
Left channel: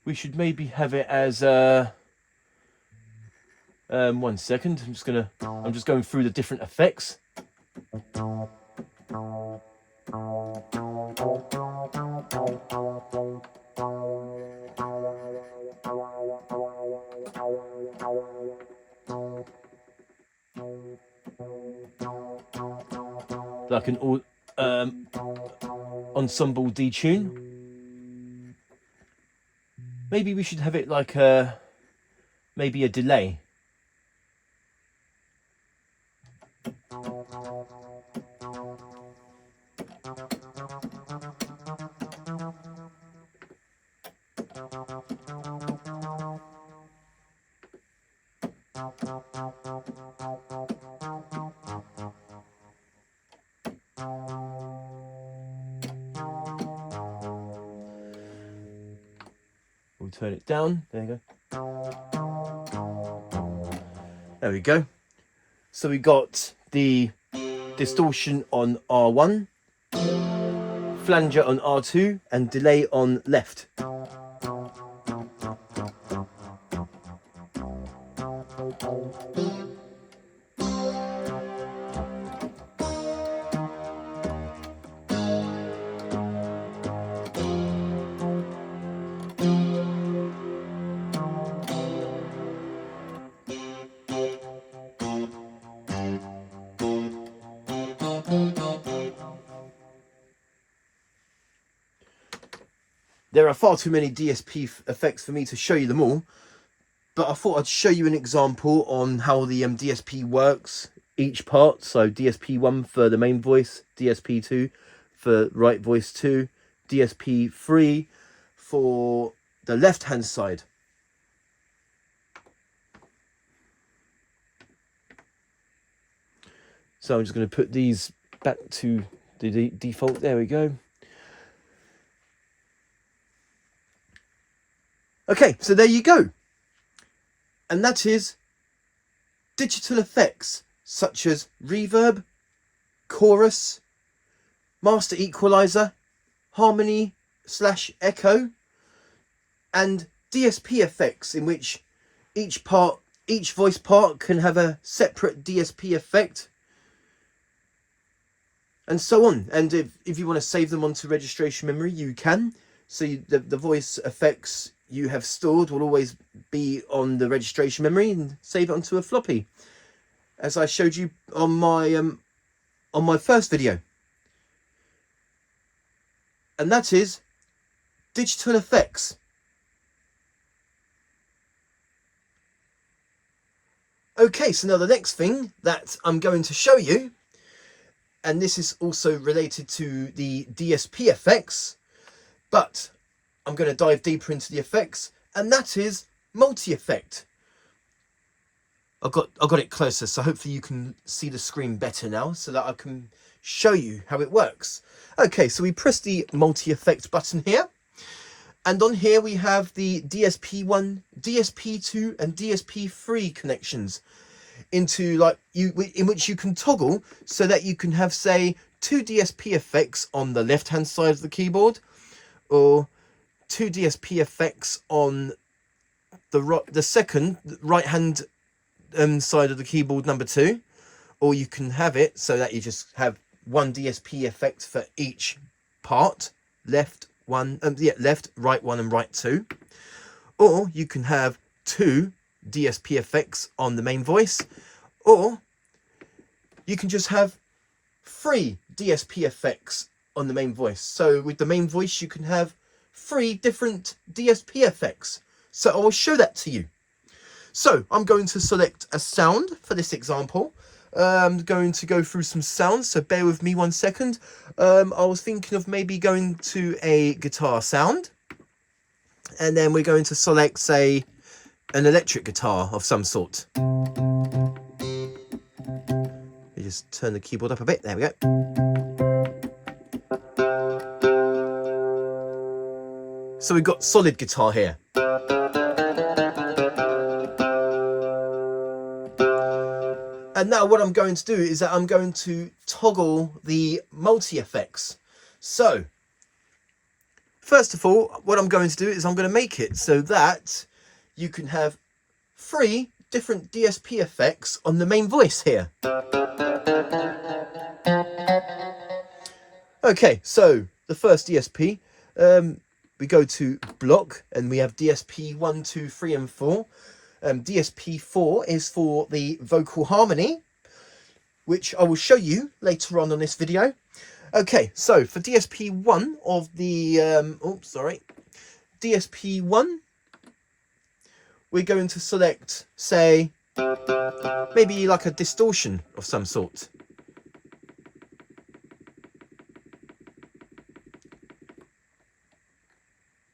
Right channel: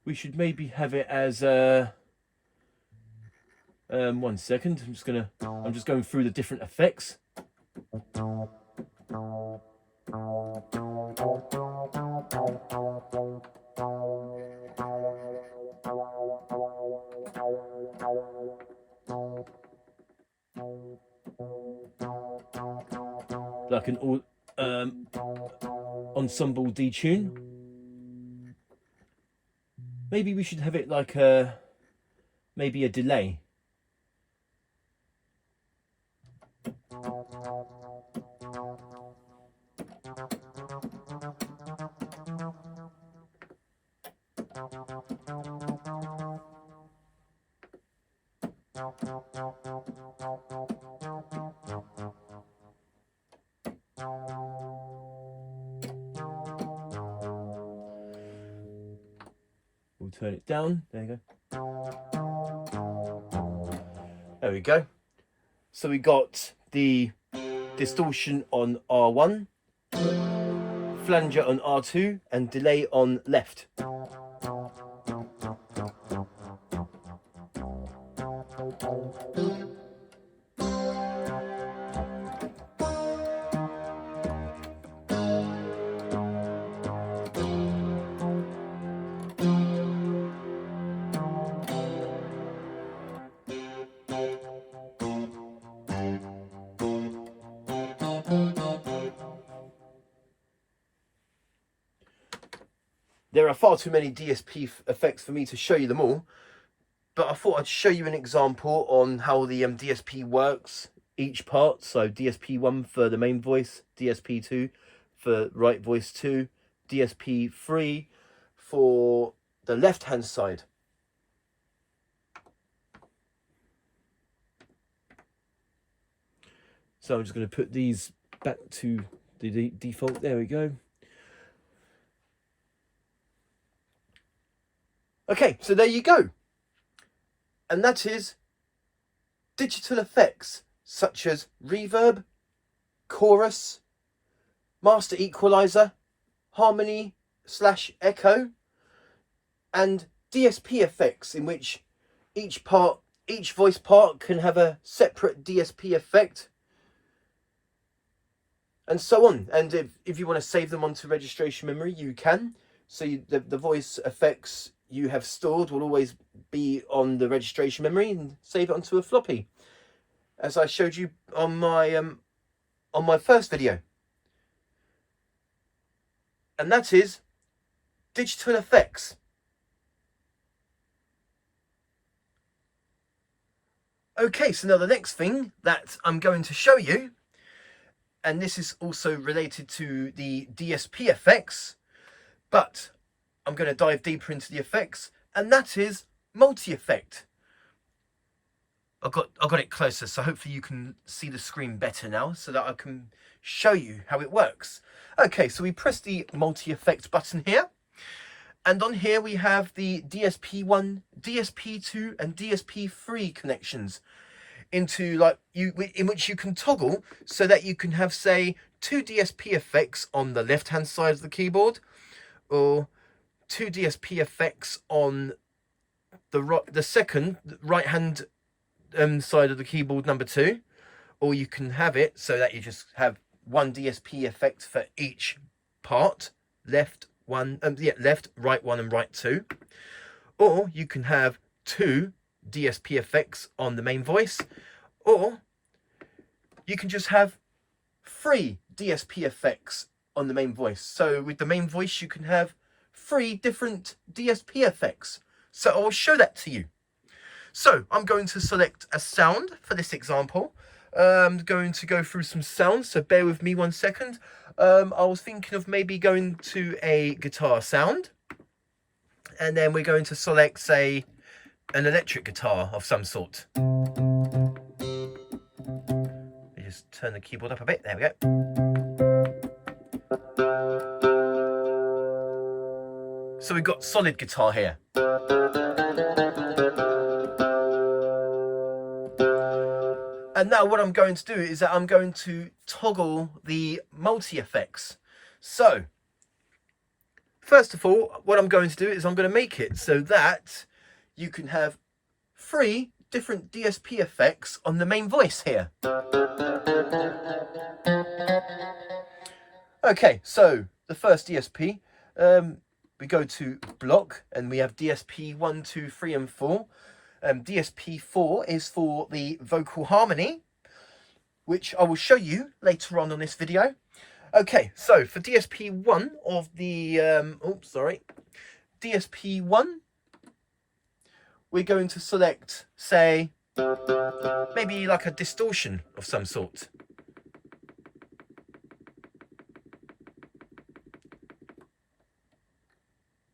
We should maybe have it as a, 1 second, I'm just going through the different effects. Like an ensemble detune. Maybe we should have it like maybe a delay. We'll turn it down. There you go. There we go. So we got the distortion on R1, flanger on R2, and delay on left. There are far too many DSP effects for me to show you them all, but I thought I'd show you an example on how the DSP works, each part. So DSP1 for the main voice, DSP2 for right voice 2, DSP3 for the left hand side. So I'm just going to put these back to the default. There we go. Okay, so there you go. And that is digital effects such as reverb, chorus, master equalizer, harmony / echo, and DSP effects, in which each voice part can have a separate DSP effect, and so on. And if you want to save them onto registration memory, you can. So the voice effects you have stored will always be on the registration memory, and save it onto a floppy, as I showed you on my first video. And that is digital effects. Okay, so now the next thing that I'm going to show you, and this is also related to the DSP effects, but I'm going to dive deeper into the effects, and that is multi-effect. I got it closer, so hopefully you can see the screen better now, so that I can show you how it works. Okay, so we press the multi-effect button here, and on here we have the DSP1, DSP2 and DSP3 connections into in which you can toggle so that you can have, say, 2 DSP effects on the left hand side of the keyboard, or 2 DSP effects on the second right hand side of the keyboard, number 2, or you can have it so that you just have 1 DSP effect for each part, left, right 1 and right 2, or you can have 2 DSP effects on the main voice, or you can just have 3 DSP effects on the main voice. So with the main voice you can have 3 different DSP effects. So I will show that to you. So I'm going to select a sound for this example. I'm going to go through some sounds, so bear with me 1 second. I was thinking of maybe going to a guitar sound, and then we're going to select, say, an electric guitar of some sort. You just turn the keyboard up a bit, there we go. So we've got solid guitar here. And now what I'm going to do is that I'm going to toggle the multi-effects. So, first of all, what I'm going to do is I'm going to make it so that you can have 3 different DSP effects on the main voice here. Okay, so the first DSP, we go to block, and we have DSP 1, 2, 3 and 4. DSP 4 is for the vocal harmony, which I will show you later on this video. Okay, so for DSP 1 of the, DSP 1, we're going to select, say, maybe like a distortion of some sort.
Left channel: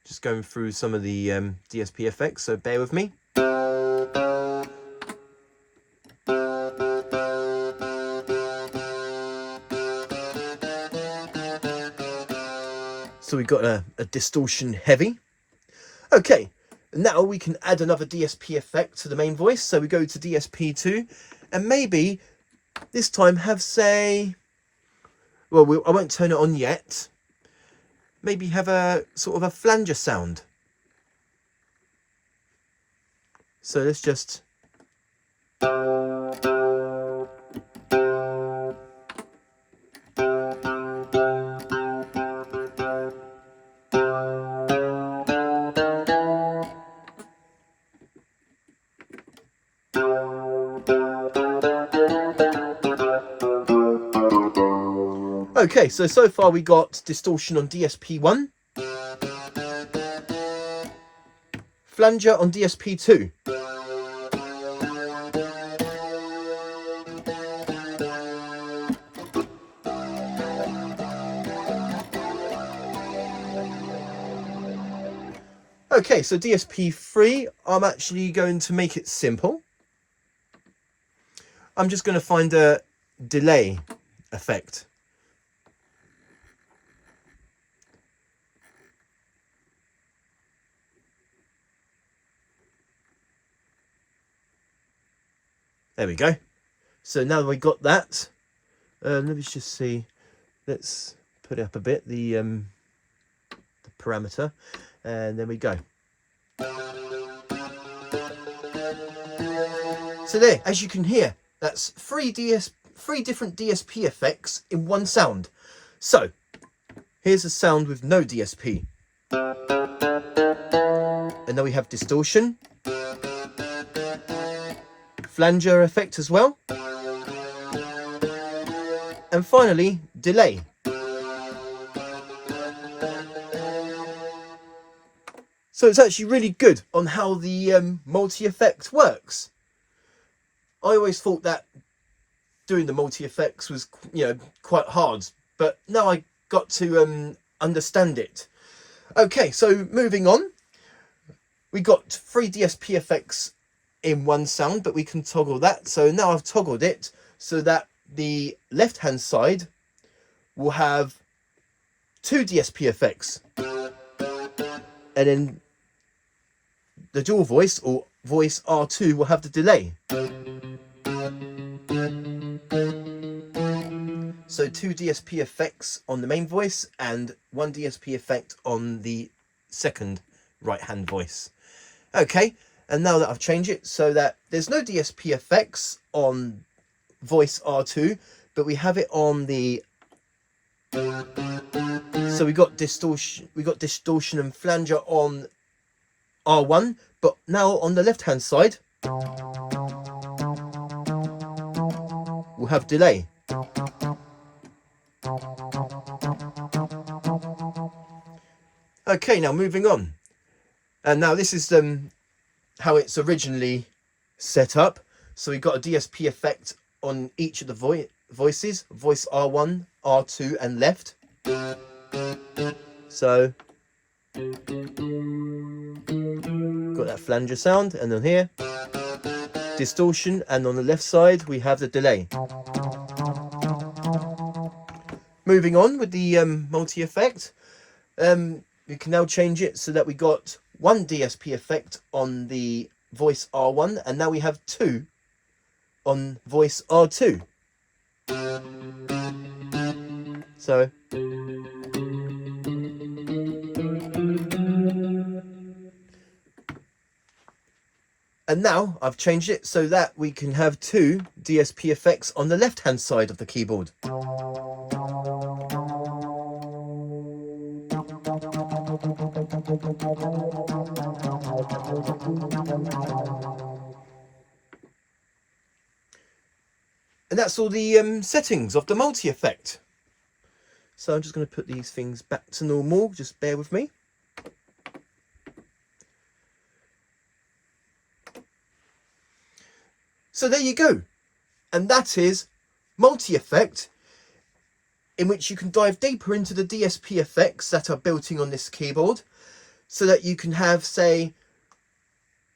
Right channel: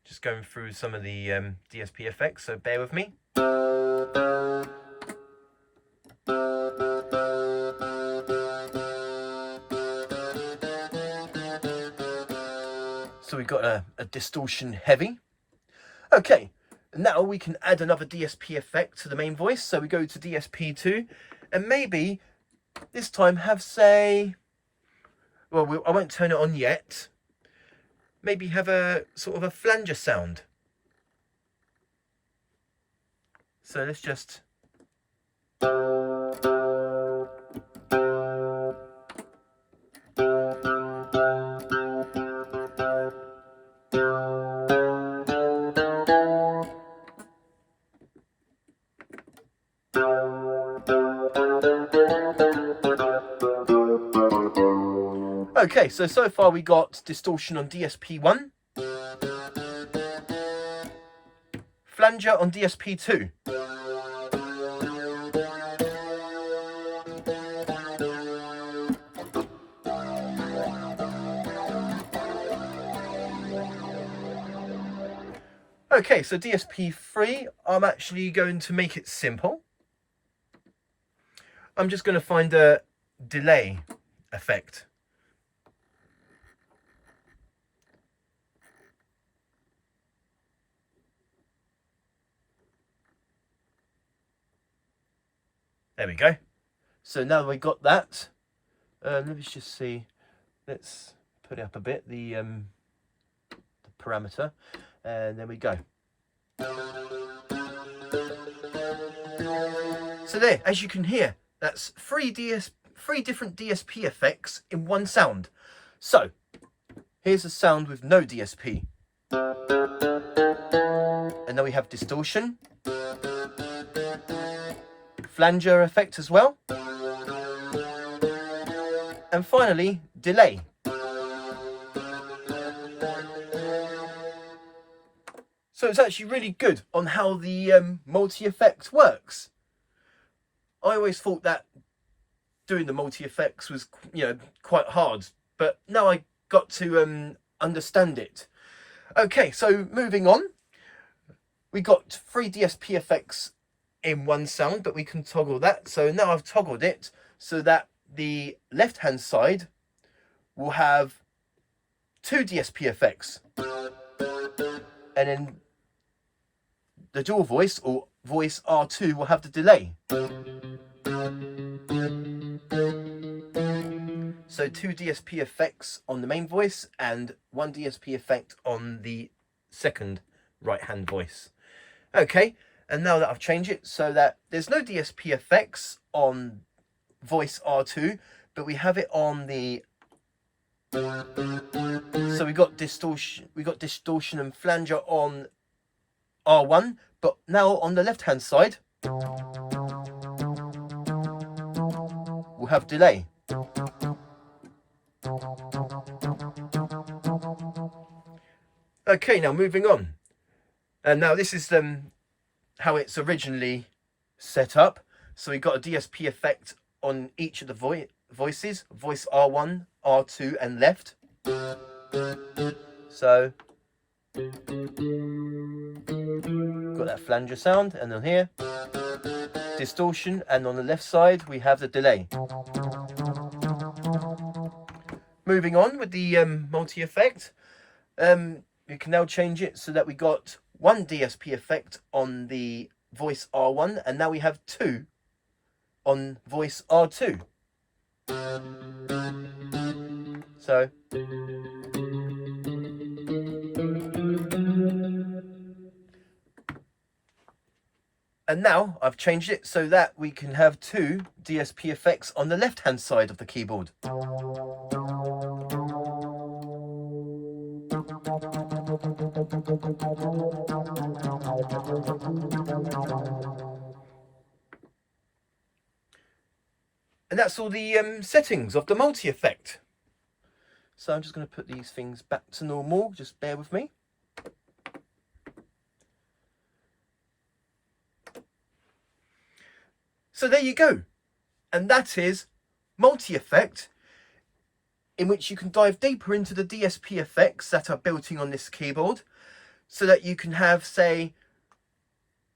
Just going through some of the DSP effects, so bear with me. So we've got a distortion heavy. Okay, now we can add another DSP effect to the main voice. So we go to DSP2, and maybe this time have, say, well, I won't turn it on yet. Maybe have a sort of a flanger sound. So let's just... Okay, so far we got distortion on DSP1, flanger on DSP2. Okay, so DSP3, I'm actually going to make it simple. I'm just going to find a delay effect. There we go. So now that we've got that, let me just see. Let's put it up a bit, the parameter, and there we go. So there, as you can hear, that's three different DSP effects in one sound. So here's a sound with no DSP. And then we have distortion, flanger effect as well, and finally delay. So it's actually really good on how the multi-effect works. I always thought that doing the multi-effects was, quite hard, but now I got to understand it. Okay, so moving on, we got 3 DSP effects in one sound, but we can toggle that. So now I've toggled it so that the left-hand side will have 2 DSP effects, and then the dual voice or voice R2 will have the delay. So 2 DSP effects on the main voice and 1 DSP effect on the second right hand voice. Okay, and now that I've changed it so that there's no DSP effects on voice R2, but we have it on the, so we got distortion and flanger on R1, but now on the left hand side we'll have delay. Okay, now moving on, and now this is how it's originally set up. So we've got a DSP effect on each of the voices, voice R1, R2 and left. So got that flanger sound, and then here distortion, and on the left side we have the delay. Moving on with the multi effect, we can now change it so that we got 1 DSP effect on the voice R1, and now we have 2 on voice R2. So and now I've changed it so that we can have 2 DSP effects on the left hand side of the keyboard. And that's all the settings of the multi-effect. So I'm just going to put these things back to normal, just bear with me. So there you go. And that is multi-effect, in which you can dive deeper into the DSP effects that are built in on this keyboard, so that you can have, say,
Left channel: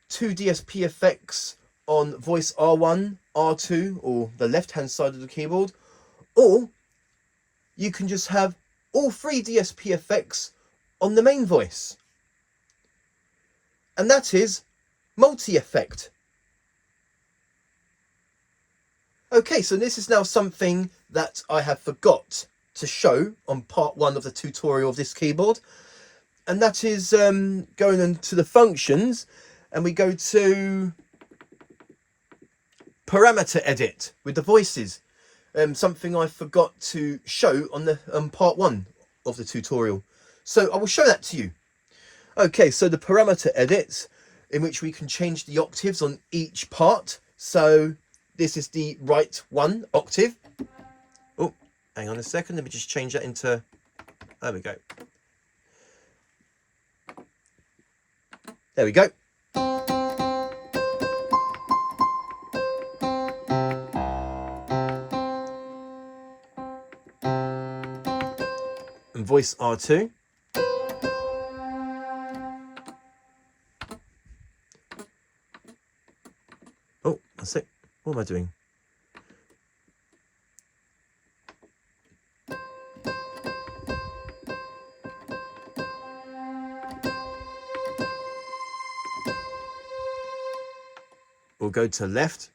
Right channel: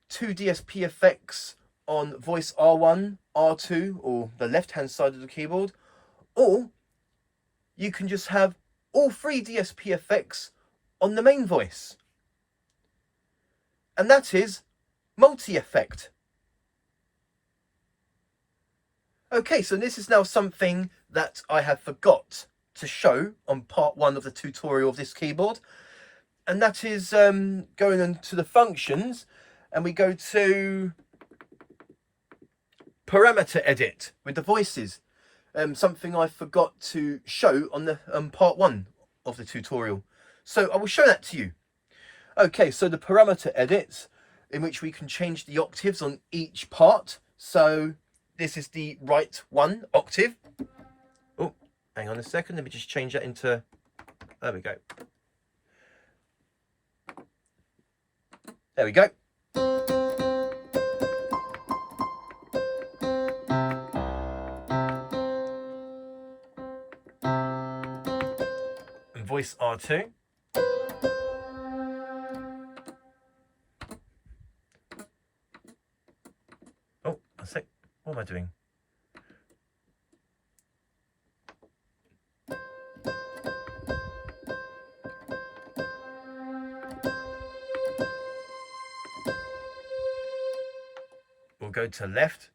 2 DSP effects on voice R1, R2, or the left-hand side of the keyboard, or you can just have all 3 DSP effects on the main voice. And that is multi-effect. Okay, so this is now something that I have forgot to show on part 1 of the tutorial of this keyboard, and that is going into the functions, and we go to parameter edit with the voices, something I forgot to show on the part 1 of the tutorial. So I will show that to you. Okay, so the parameter edit, in which we can change the octaves on each part. So this is the right 1 octave. Oh, hang on a second, let me just change that into, there we go. There we go. And voice R2. Oh, that's it. What am I doing? We'll go to left.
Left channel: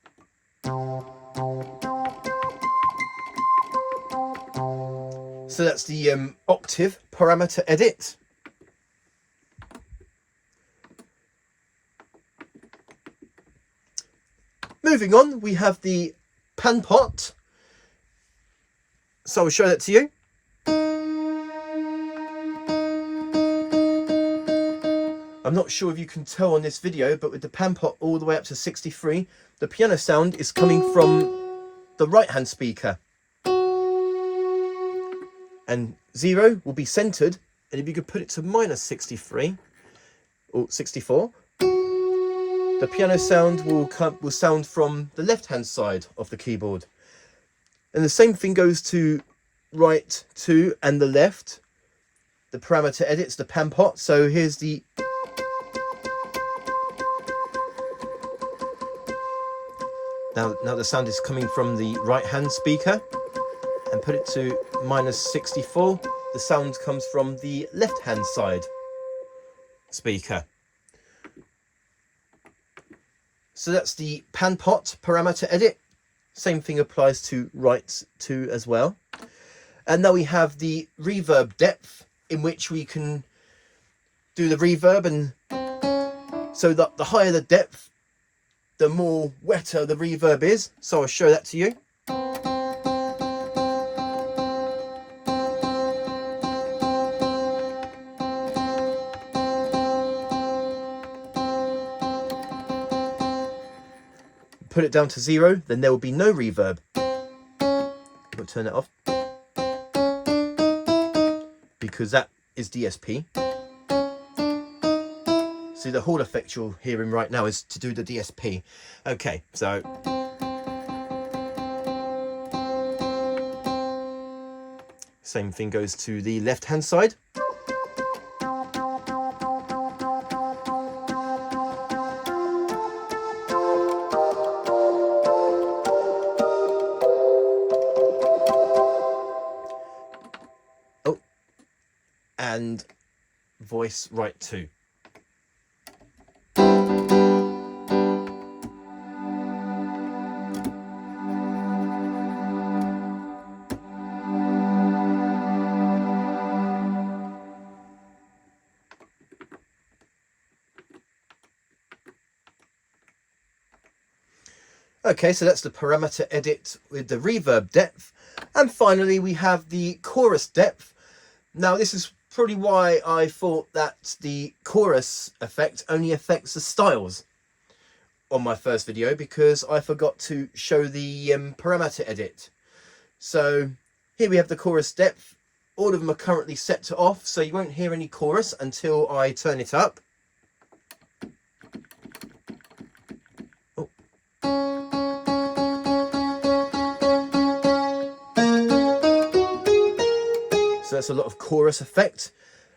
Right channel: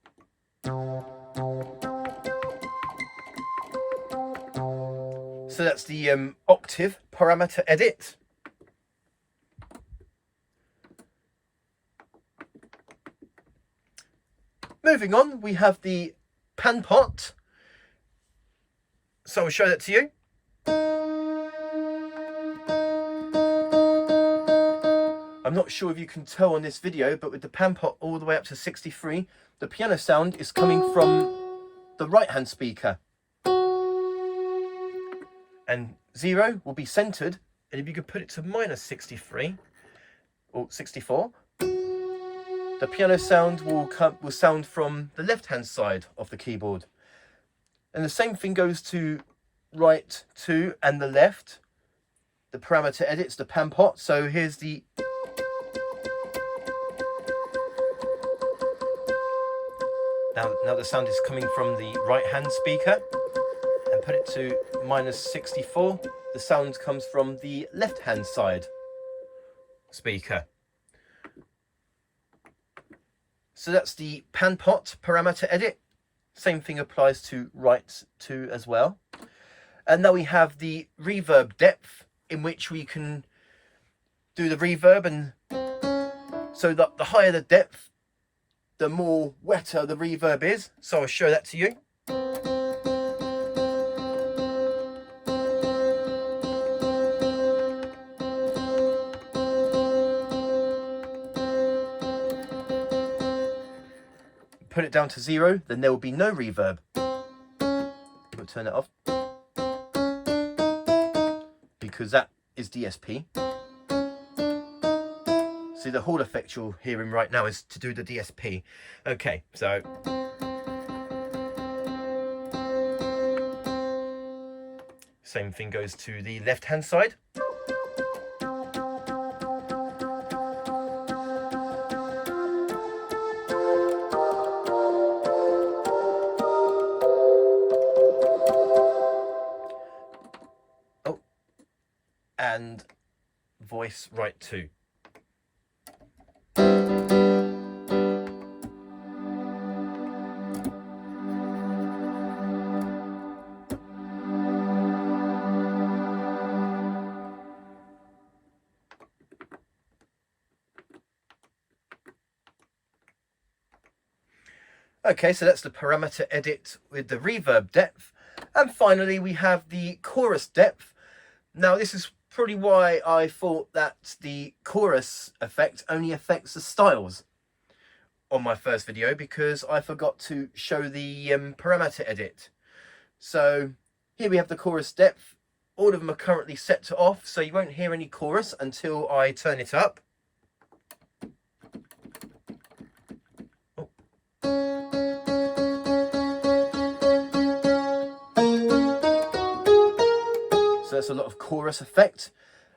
So that's the octave parameter edit. moving on, we have the pan pot. So I'll show that to you. I'm not sure if you can tell on this video, but with the pan pot all the way up to 63, the piano sound is coming from the right hand speaker. And 0 will be centered, and if you could put it to minus 63 or 64, the piano sound will sound from the left hand side of the keyboard. And the same thing goes to right 2 and the left, the parameter edits, the pan pot. So here's the now the sound is coming from the right hand speaker, and put it to minus 64, the sound comes from the left hand side speaker. So that's the pan pot parameter edit. Same thing applies to right 2 as well. And now we have the reverb depth, in which we can do the reverb, and so that the higher the depth, the more wetter the reverb is. So I'll show that to you. Put it down to 0, then there will be no reverb. We'll turn it off, because that is DSP. See, the Hall effect you're hearing right now is to do the DSP. Okay, so same thing goes to the left hand side. Oh, and voice right 2. Okay, so that's the parameter edit with the reverb depth. And finally, we have the chorus depth. Now, this is probably why I thought that the chorus effect only affects the styles on my first video, because I forgot to show the parameter edit. So here we have the chorus depth. All of them are currently set to off, so you won't hear any chorus until I turn it up. So that's a lot of chorus effect.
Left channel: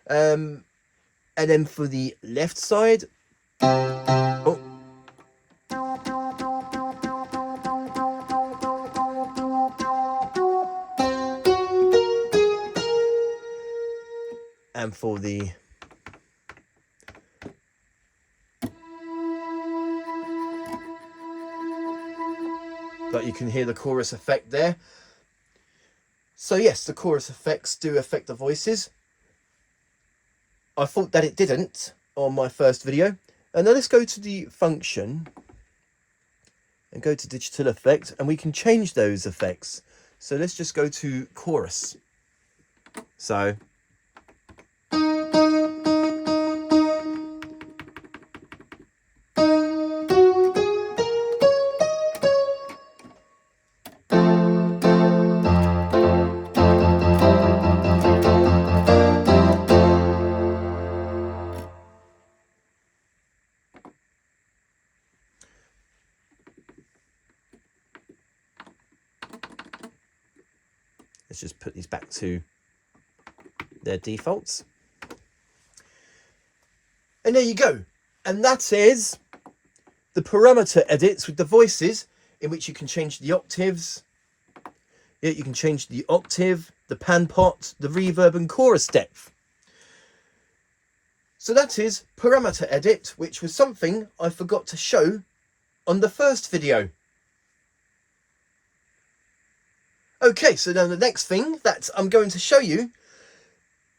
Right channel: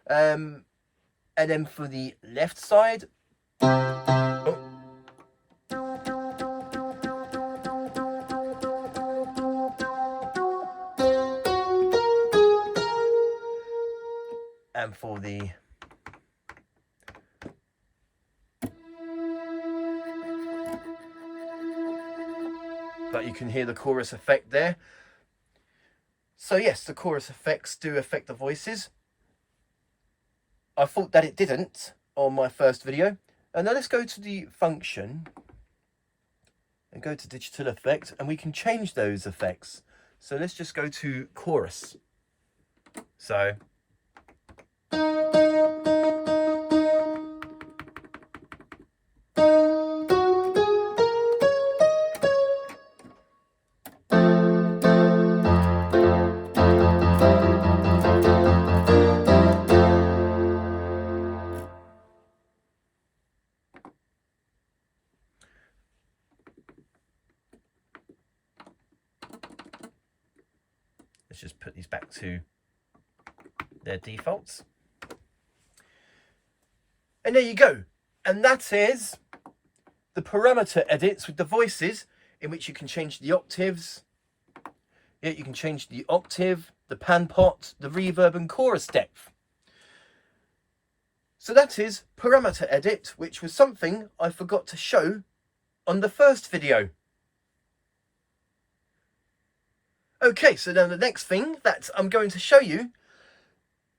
And then for the left side, oh. And for the but you can hear the chorus effect there. So yes, the chorus effects do affect the voices. I thought that it didn't on my first video. And now let's go to the function and go to digital effect, and we can change those effects. So let's just go to chorus. So let's just put these back to their defaults. And there you go. And that is the parameter edits with the voices, in which you can change the octaves. Yeah, you can change the octave, the pan pot, the reverb and chorus depth. So that is parameter edit, which was something I forgot to show on the first video. Okay, so now the next thing that I'm going to show you,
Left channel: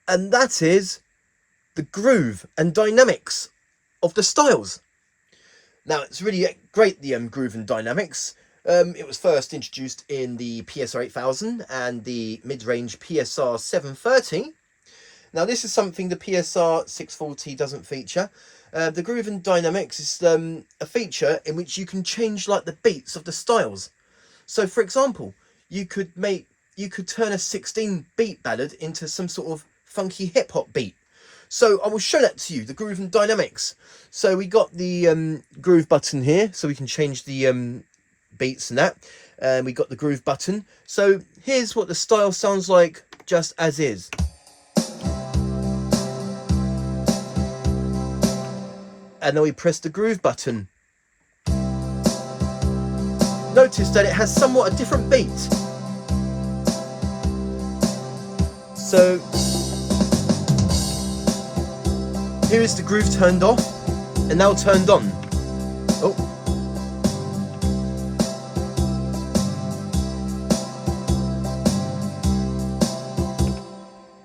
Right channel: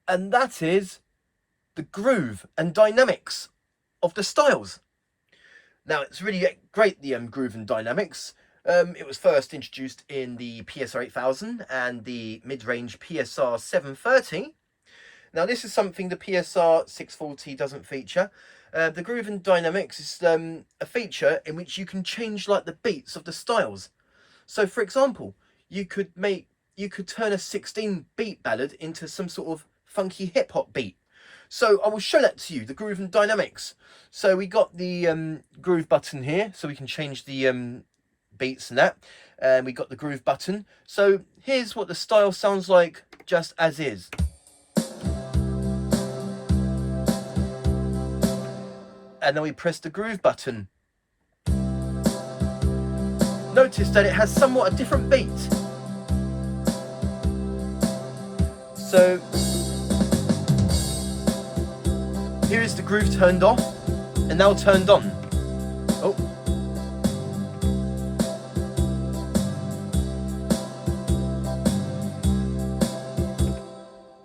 and that is the groove and dynamics of the styles. Now it's really great, the groove and dynamics. It was first introduced in the PSR-8000 and the mid-range PSR-740. Now this is something the PSR-640 doesn't feature. The groove and dynamics is a feature in which you can change like the beats of the styles. So for example, you could turn a 16 beat ballad into some sort of funky hip hop beat. So I will show that to you, the groove and dynamics. So we got the groove button here, so we can change the beats and that. And we got the groove button. So here's what the style sounds like just as is. And then we press the groove button. Notice that it has somewhat a different beat. So here is the groove turned off and now turned on. Oh.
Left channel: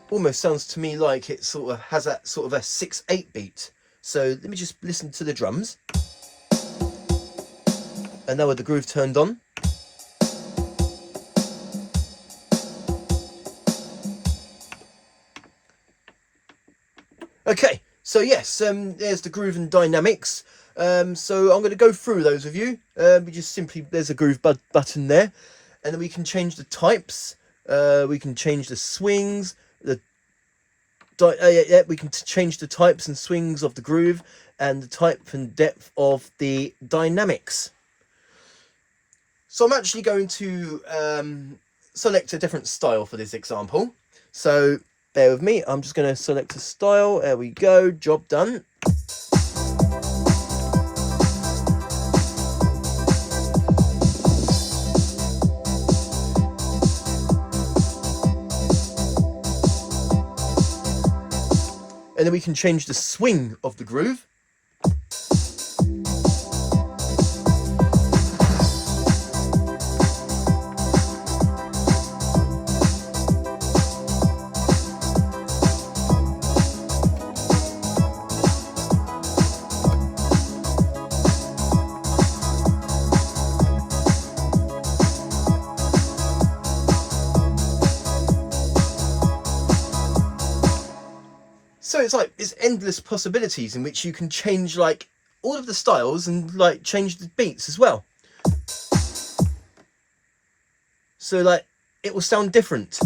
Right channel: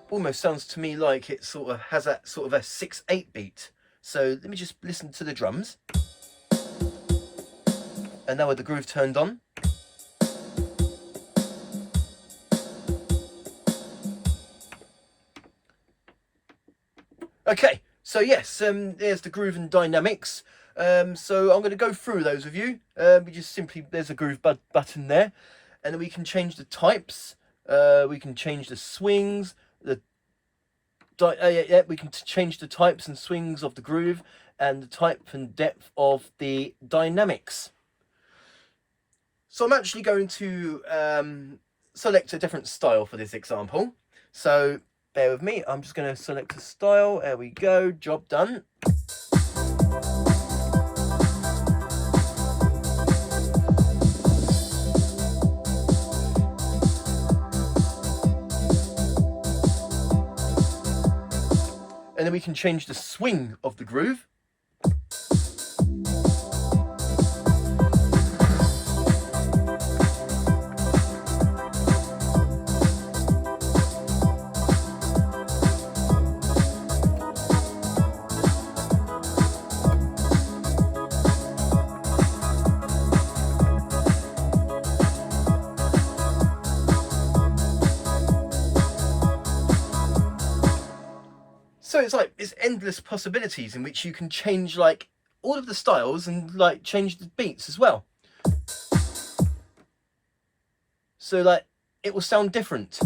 Almost sounds to me like it sort of has that sort of a 6/8 beat. So let me just listen to the drums. And now with the groove turned on. Okay, so yes, there's the groove and dynamics. So I'm going to go through those with you. We just simply, there's a groove button there. And then we can change the types. We can change the swings. We can change the types and swings of the groove and the type and depth of the dynamics. So I'm actually going to select a different style for this example. So bear with me, I'm just going to select a style. There we go, job done. And then we can change the swing of the groove. So it's like, it's endless possibilities in which you can change like all of the styles and like change the beats as well. So like it will sound different.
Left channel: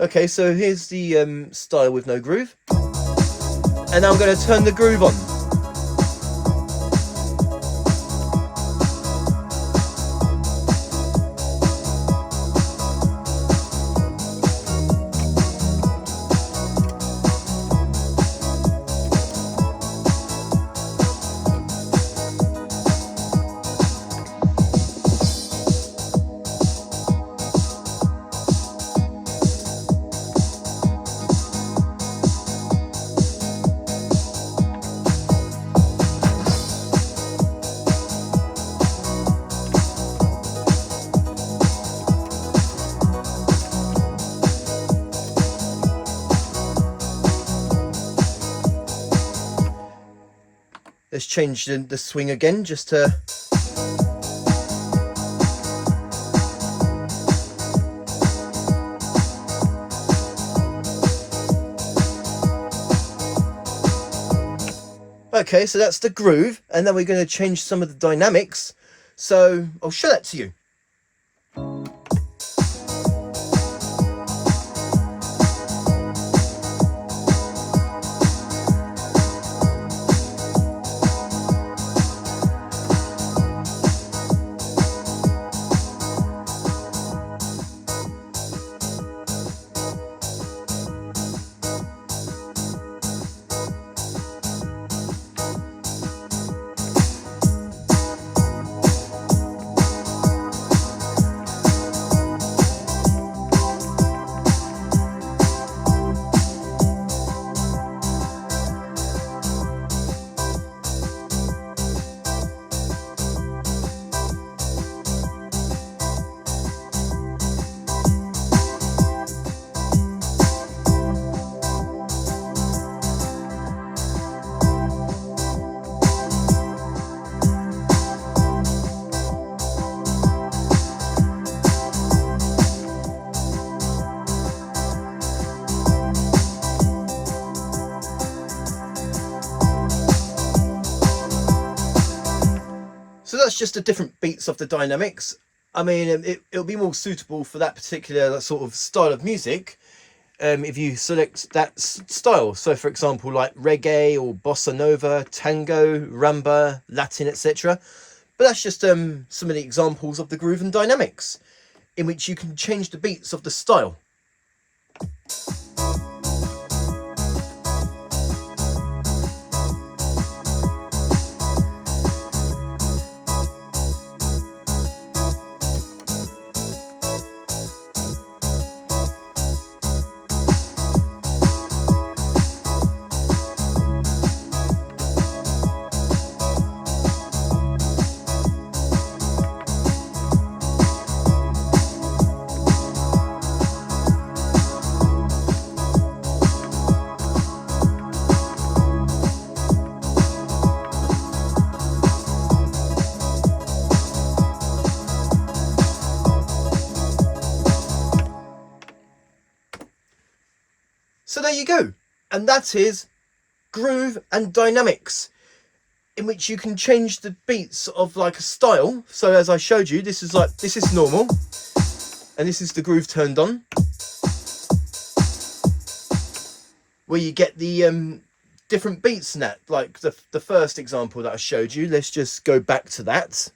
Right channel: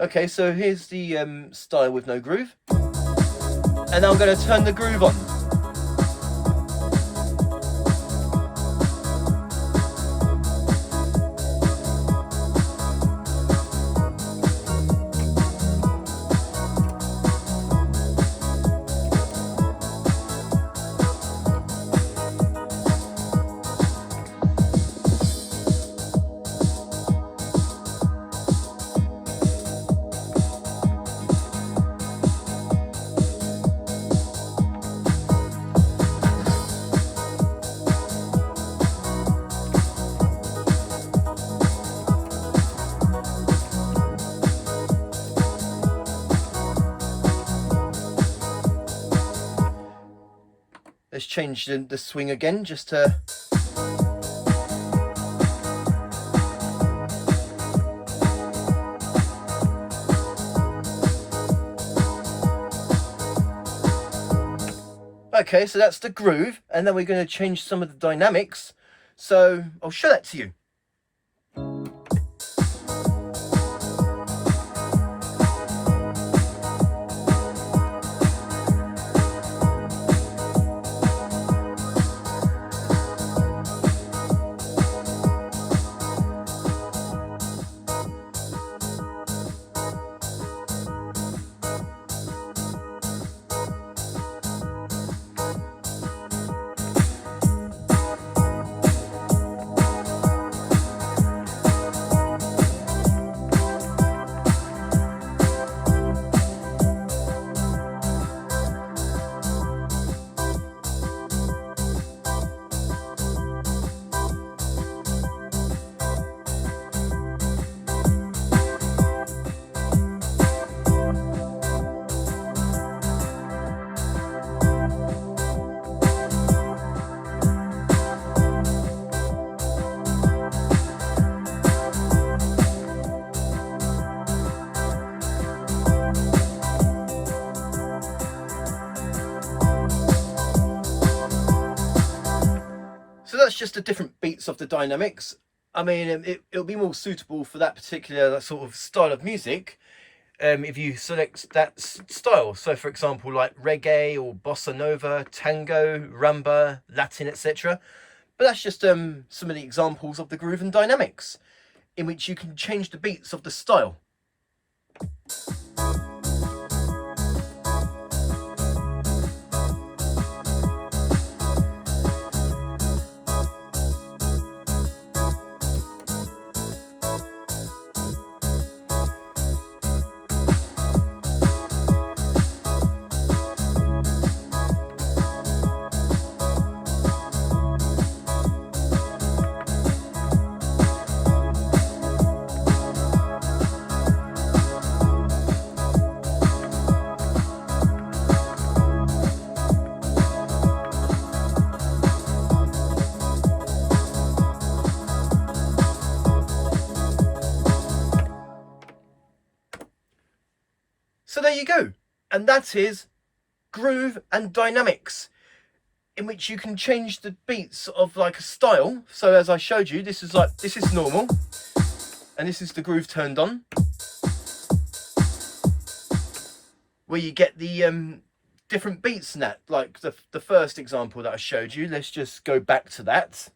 Okay, so here's the style with no groove. And now I'm going to turn the groove on. Let's change the swing again just to... Okay, so that's the groove, and then we're going to change some of the dynamics. So I'll show that to you. that's just the different beats of the dynamics. I mean, it'll be more suitable for that particular sort of style of music if you select that style. So for example, like reggae or bossa nova, tango, rumba, Latin, etc. But that's just some of the examples of the groove and dynamics in which you can change the beats of the style. So there you go, and that is groove and dynamics, in which you can change the beats of like a style. So as I showed you, this is normal, and this is the groove turned on, where you get the different beats in that. Like the first example that I showed you, let's just go back to that.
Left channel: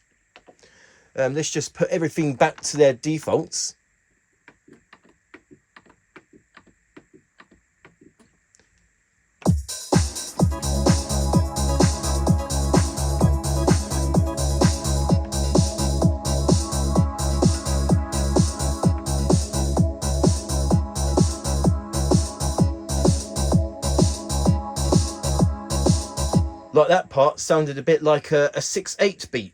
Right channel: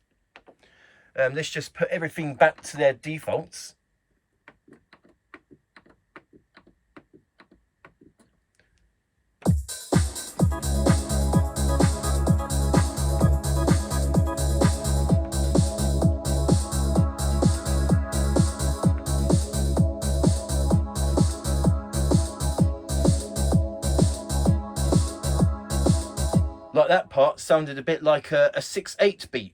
Let's just put everything back to their defaults. Like that part sounded a bit like a 6/8 beat.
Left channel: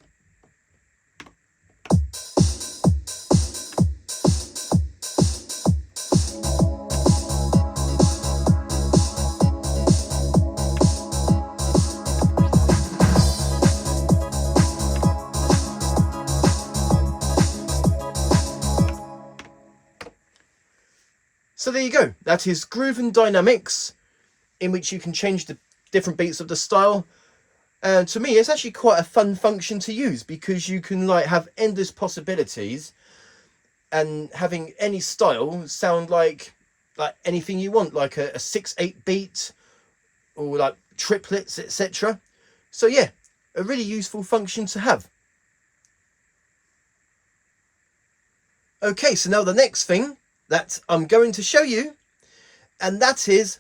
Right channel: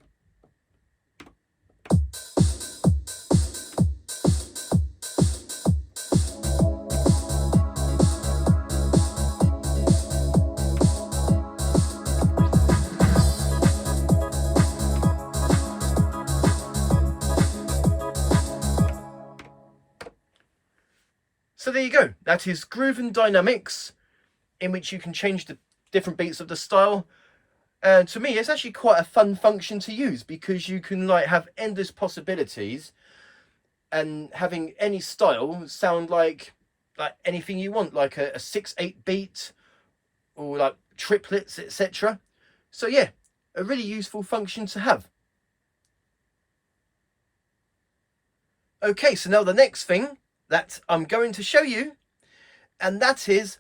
So there you go. That is groove and dynamics, in which you can change the different beats of the style. And to me, it's actually quite a fun function to use, because you can like have endless possibilities, and having any style sound like anything you want, like a 6/8 beat, or like triplets, etc. So yeah, a really useful function to have. Okay, so now the next thing that I'm going to show you, and that is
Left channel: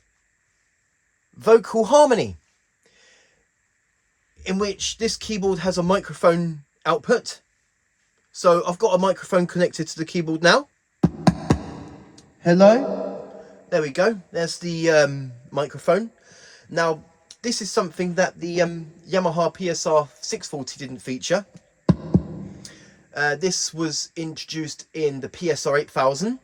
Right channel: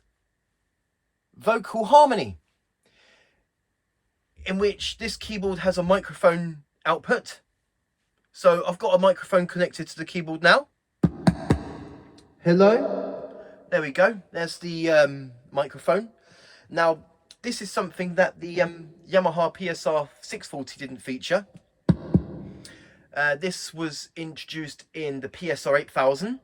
vocal harmony, in which this keyboard has a microphone output. So I've got a microphone connected to the keyboard now. Hello. There we go. There's the microphone. Now, this is something that the Yamaha PSR-640 didn't feature. This was introduced in the PSR-8000.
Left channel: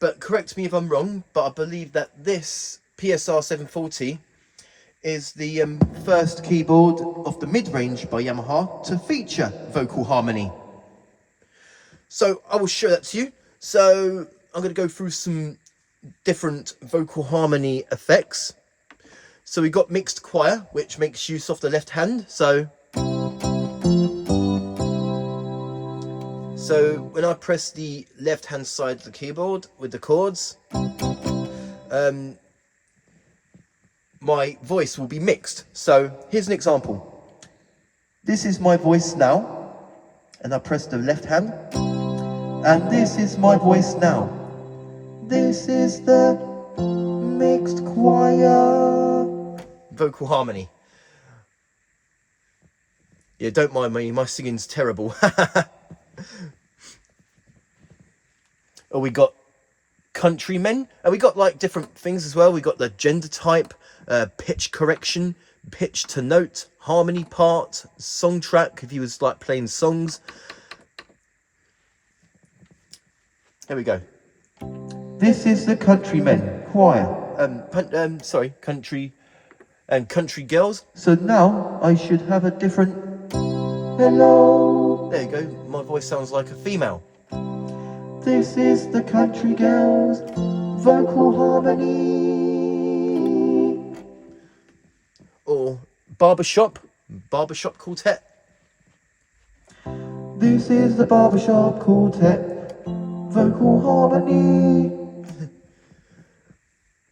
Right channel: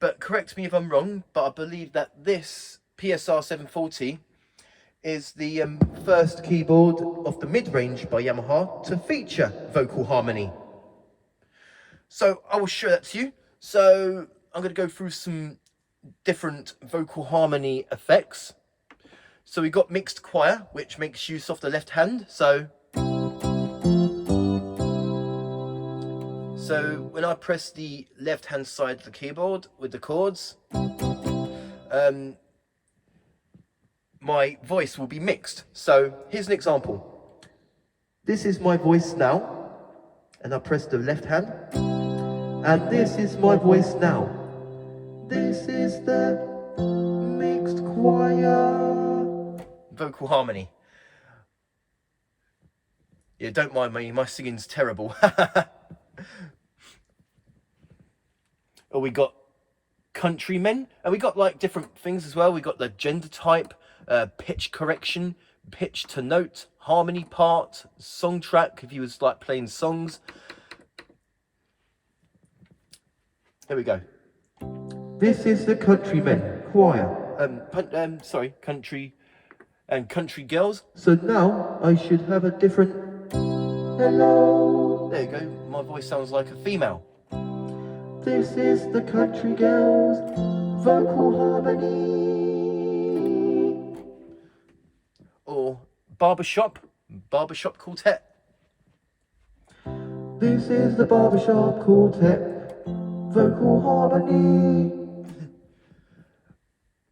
But correct me if I'm wrong, but I believe that this PSR-740 is the first keyboard of the mid-range by Yamaha to feature vocal harmony. So I will show that to you. So I'm going to go through some different vocal harmony effects. So we've got mixed choir, which makes use of the left hand. So when I press the left hand side of the keyboard with the chords, my voice will be mixed. So here's an example. This is my voice now, and I press the left hand, and this is my voice now. This is the mixed choir. Vocal harmony. Yeah, don't mind me, my singing's terrible. Oh, we got countrymen, and we got like different things as well. We got the gender type, pitch correction, pitch to note, harmony part, song track if you was like playing songs. Here we go. This is the countrymen choir. Sorry, country and country girls. So now I should have a different hello. There you go. My voice sounds like a female. This is the country girls vocal harmony. Or barbershop quartet. This is the barbershop quartet vocal harmony.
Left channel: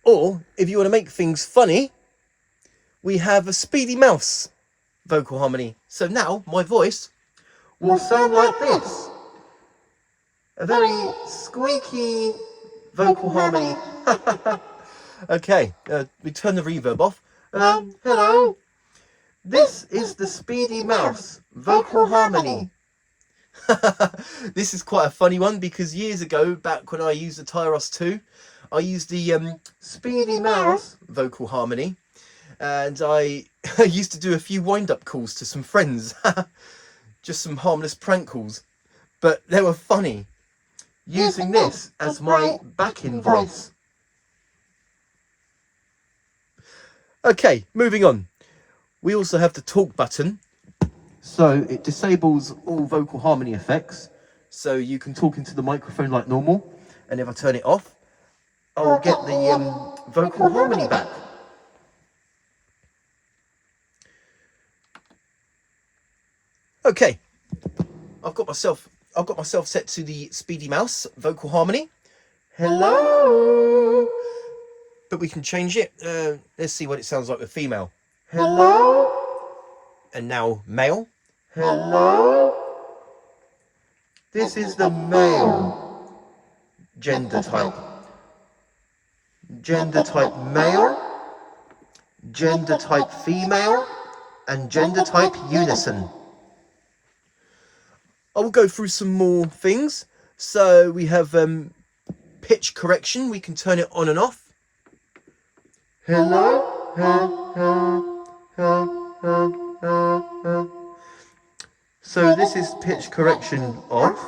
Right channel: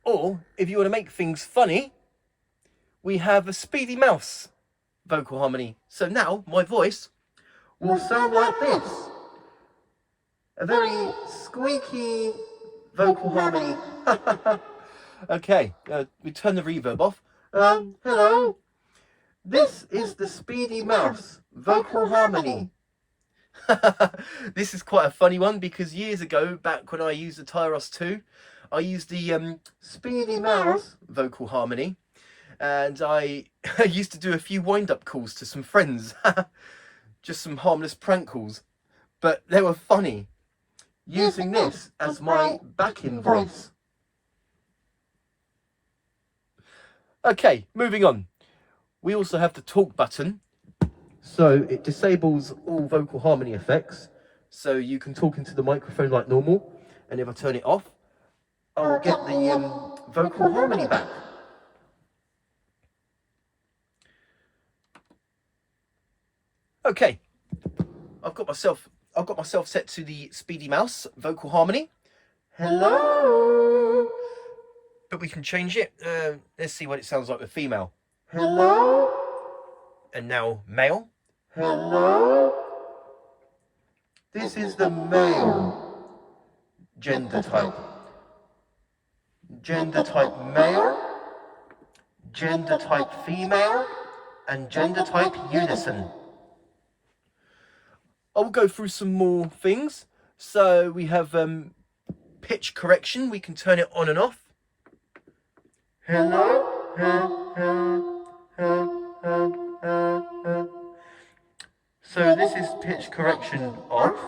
Or, if you want to make things funny, we have a Speedy Mouse vocal harmony. So now, my voice will sound like this. A very squeaky vocal harmony. Okay, we turn the reverb off. Hello. This is the Speedy Mouse vocal harmony. This is quite a funny one because years ago, back when I used the Tyros 2, I used the Speedy Mouse vocal harmony, and I used to do a few wind-up calls to some friends. Just some harmless prank calls, but they were funny. Using this as my backing voice. Okay, moving on. We also have the talk button. So it disables all vocal harmony effects. So you can talk into the microphone like normal. And if I turn it off, I'll get the vocal harmony back. Okay, I've got myself set to the Speedy Mouse vocal harmony. Hello. But we can change it. Let's see what it sounds like with female. Hello. And now male. Hello. This is the male gender type. Gender type male, gender type female, and gender type unison. I will go through some more things. So we have pitch correction. We can turn it on and off. Hello. So this is pitch correction off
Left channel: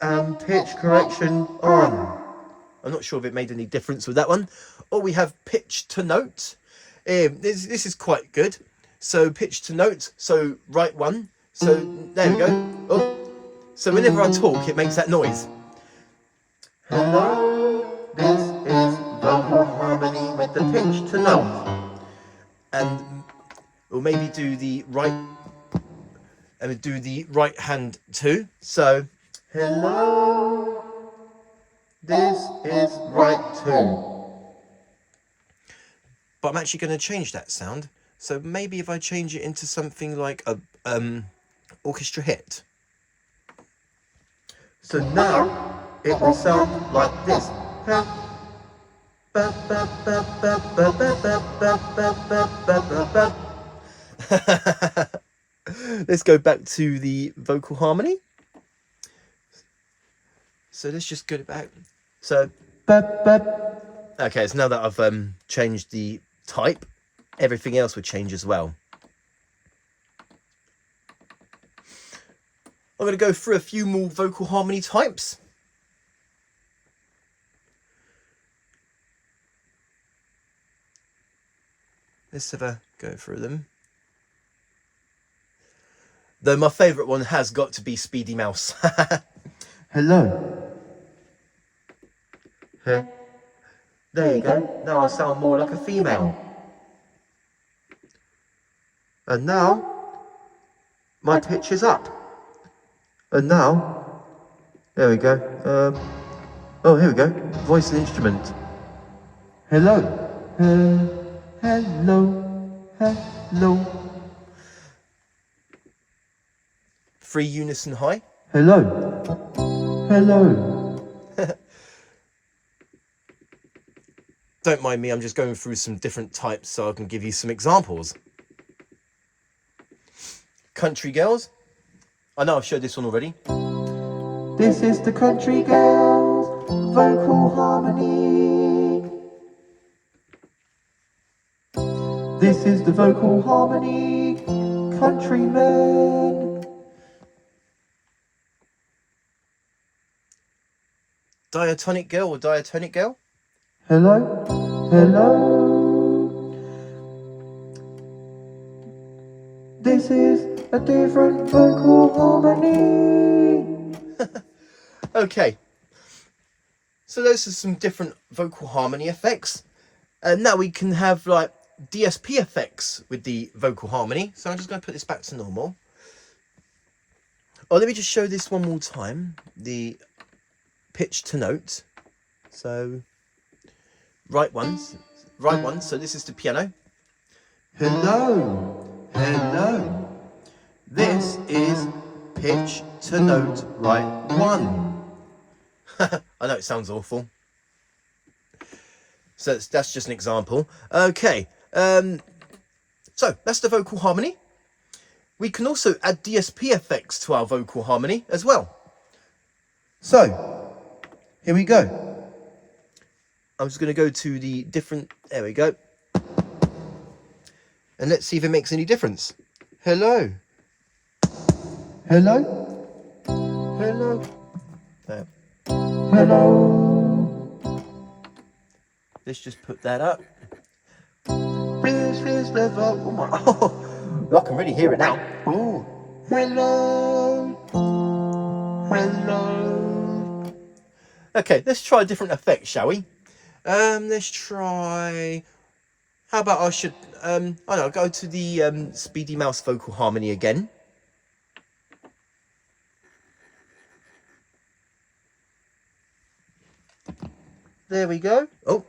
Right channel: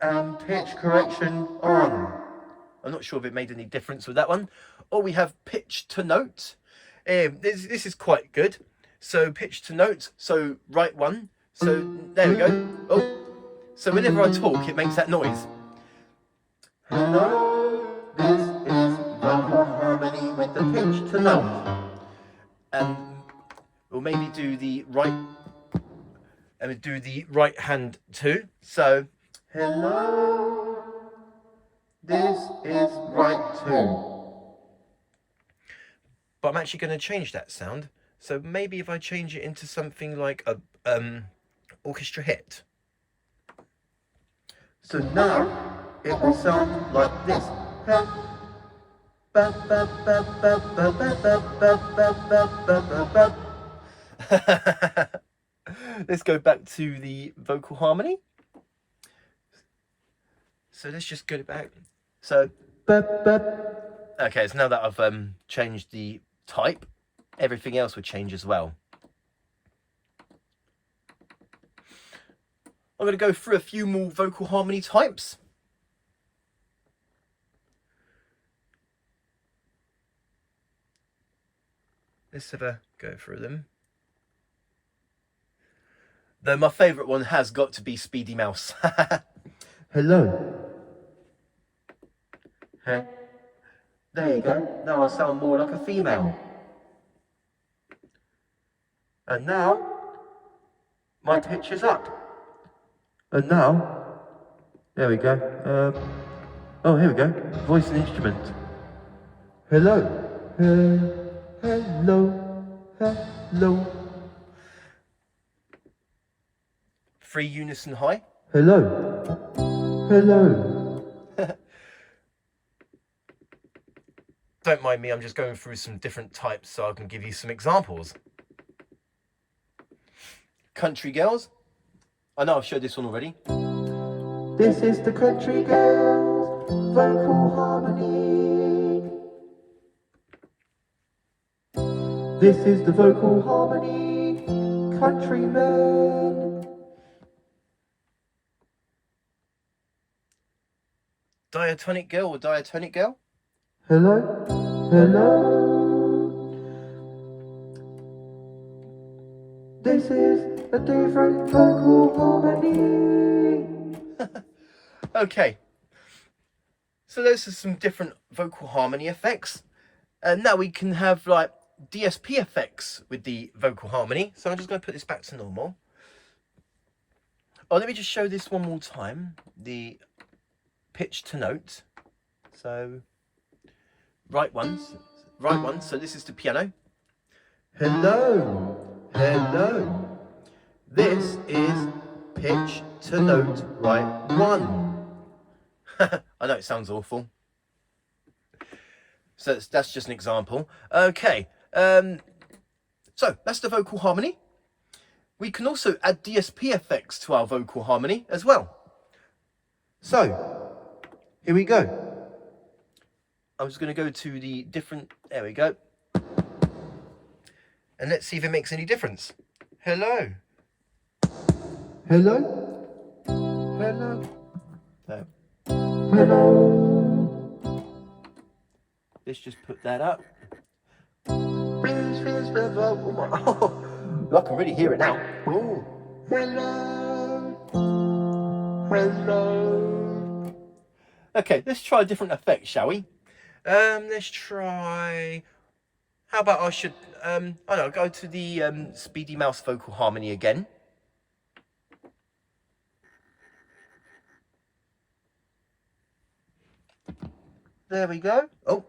and pitch correction on. I'm not sure if it made any difference with that one. Or we have pitch to note. This is quite good. So pitch to note. So right one. So there we go. Oh, so whenever I talk, it makes that noise. Hello, this is vocal harmony with the pitch to note. And we'll maybe do the right, and do the right hand too. So hello, this is right two. But I'm actually going to change that sound. So maybe if I change it into something like a orchestra hit. So now it will sound like this. Let's go back to the vocal harmony. So let's just get it back. So okay, so now that I've changed the type, everything else would change as well. I'm going to go through a few more vocal harmony types. Let's have a go through them. Though my favourite one has got to be Speedy Mouse. Hello. There you go. Now I sound more like a female. And now my pitch is up. And now, there we go. Oh, here we go. Voice and instrument. Hello. Hello. 3 unison high. Hello. Don't mind me, I'm just going through some different types so I can give you some examples. Country girls. I know I've showed this one already. This is the country girls vocal harmony. This is the vocal harmony countrymen. Diatonic girl or diatonic girl? Hello. This is a different vocal harmony. Okay. So those are some different vocal harmony effects. And now we can have like DSP effects with the vocal harmony. So I'm just going to put this back to normal. Oh, let me just show this one more time. The pitch to note. So, right ones. Right ones. So this is the piano. Hello. Hello. This is pitch to note right one. I know it sounds awful. So that's just an example. Okay. So that's the vocal harmony. We can also add DSP effects to our vocal harmony as well. So, here we go. I'm just going to go to the different, there we go. And let's see if it makes any difference. Hello. Hello. Hello. There. Hello. Let's just put that up. Oh, I can really hear it now. Ooh. Hello. Hello. Okay, let's try a different effect, shall we? Let's try. How about I should I don't know, go to the Speedy Mouse vocal harmony again. There we go. Oh.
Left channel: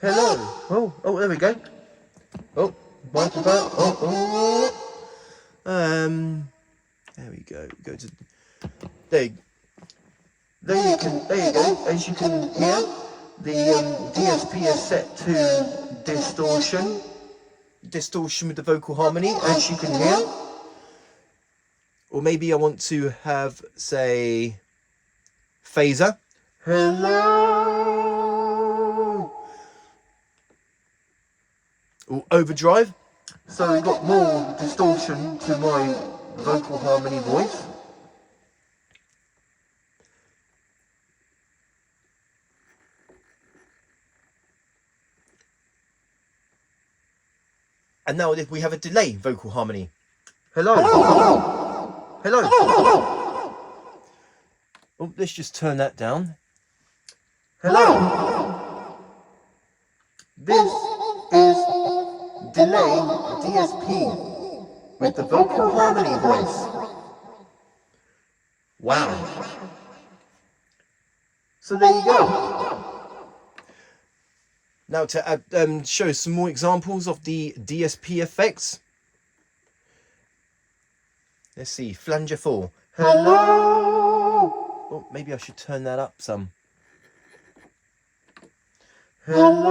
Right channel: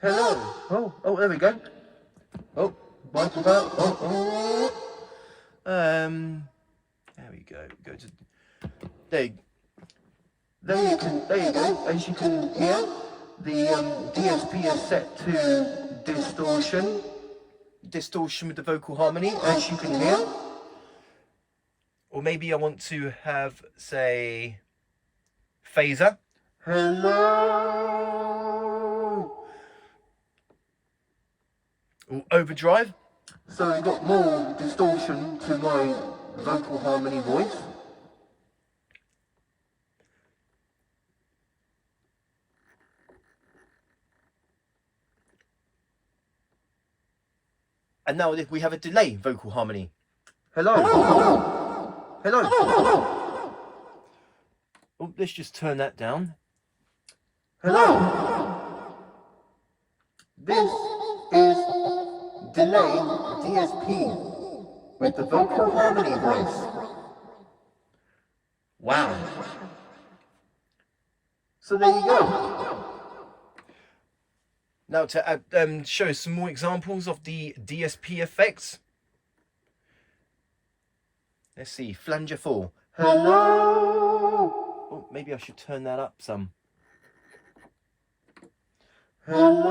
Hello. Oh, there we go. Oh, there we go. Go to there you go. As you can hear, the DSP is set to distortion. Distortion with the vocal harmony, as you can hear. Or maybe I want to have, say, phaser. Hello. Or overdrive. So we've got more distortion to my vocal harmony voice. And now if we have a delay vocal harmony. Hello. Hello. Hello. Oh, let's just turn that down. Hello. This is delay DSP with the vocal harmony voice. Wow. So there you go. Now to show some more examples of the DSP effects. Let's see, flanger 4. Hello. Oh, maybe I should turn that up some. Hello.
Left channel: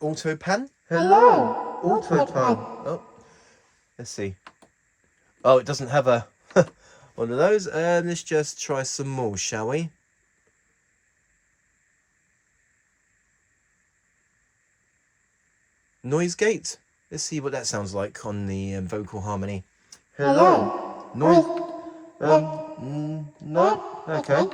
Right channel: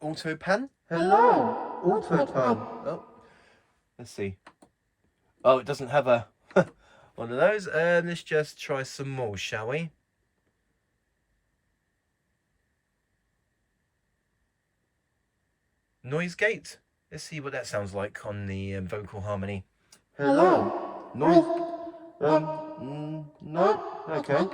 Auto pan. Hello. Auto pan. Oh, let's see. Oh, it doesn't have a one of those. Let's just try some more, shall we? Noise gate. Let's see what that sounds like on the vocal harmony. Hello. Noise. No. Okay.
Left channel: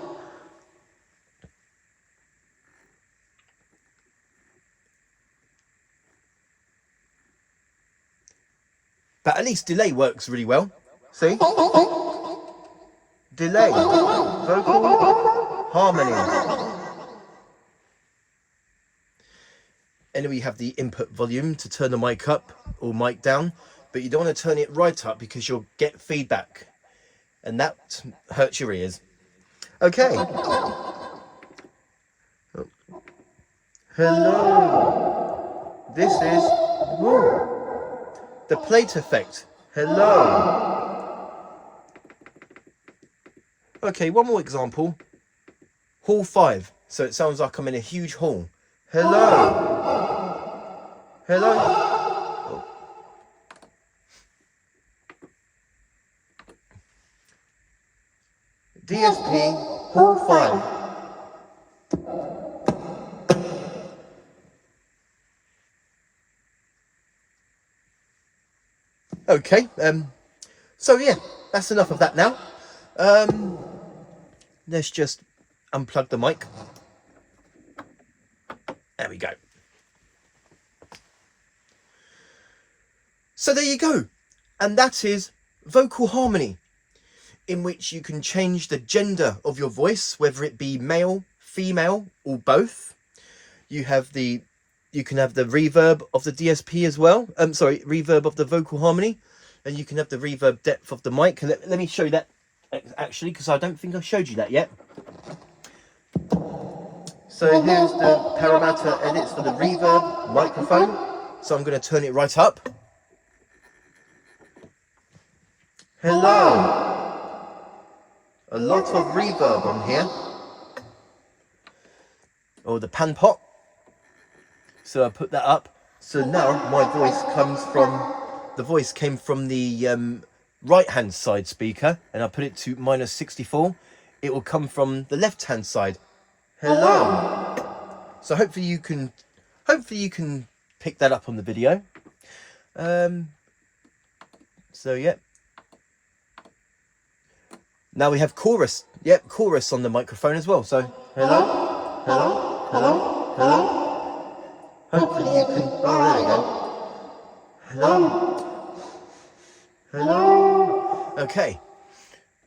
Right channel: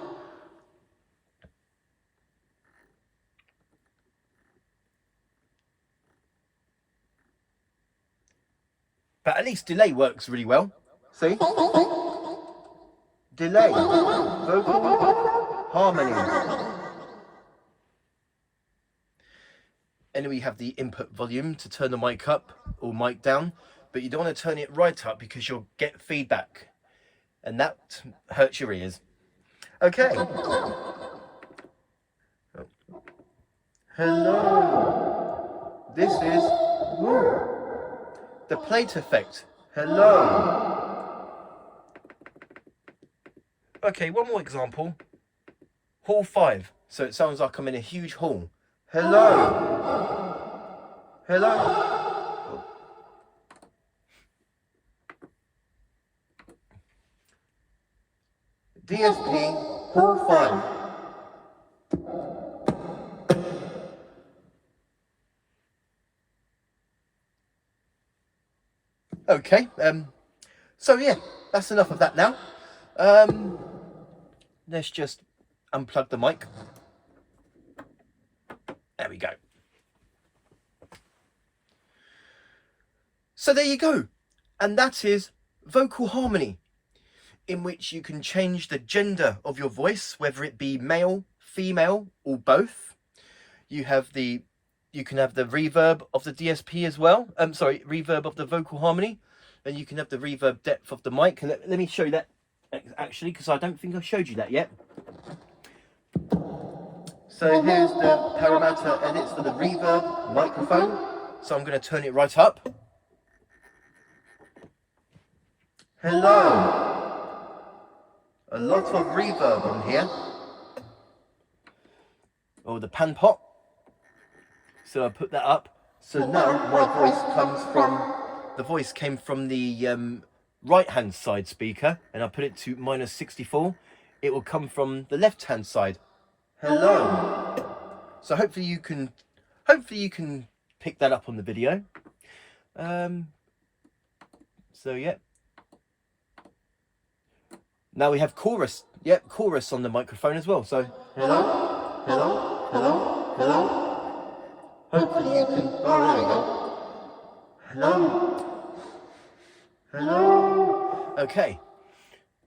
But at least delay works really well. See? Delay. Vocal harmony. And then we have the input volume to turn the mic up or mic down, but you don't want to turn it right up because you'll get feedback and that hurts your ears. Okay. Hello. This is the plate effect. Hello. Okay, one more example. Hall 5. So it sounds like I'm in a huge hall. Hello. Hello. DSP Hall 5. Okay, so yeah, that's enough of that now. Let's just unplug the mic. There we go. So there you go. And that is vocal harmony. in which you can change the gender of your voice, whether it be male, female, or both. You can have the reverb of the DSP as well. Reverb of the vocal harmony, and you can have the reverb depth of the mic. Let me show you that actually, because I don't think I've showed you that yet. So here's the parameter edits for the reverb microphone. So I'm going to turn it right up. Hello. A lot of reverb on here. Or the pan pot. So I put that up. So now my voice came from the right hand side speaker, and I put it to -64. It will come from the left hand side. Hello. So hopefully you can pick that up on the video. So yeah. Now we have chorus. Yep, chorus on the microphone as well. So hello, hello, hello, hello. Hopefully you can. Oh, there we go. Hello, hello. Okay.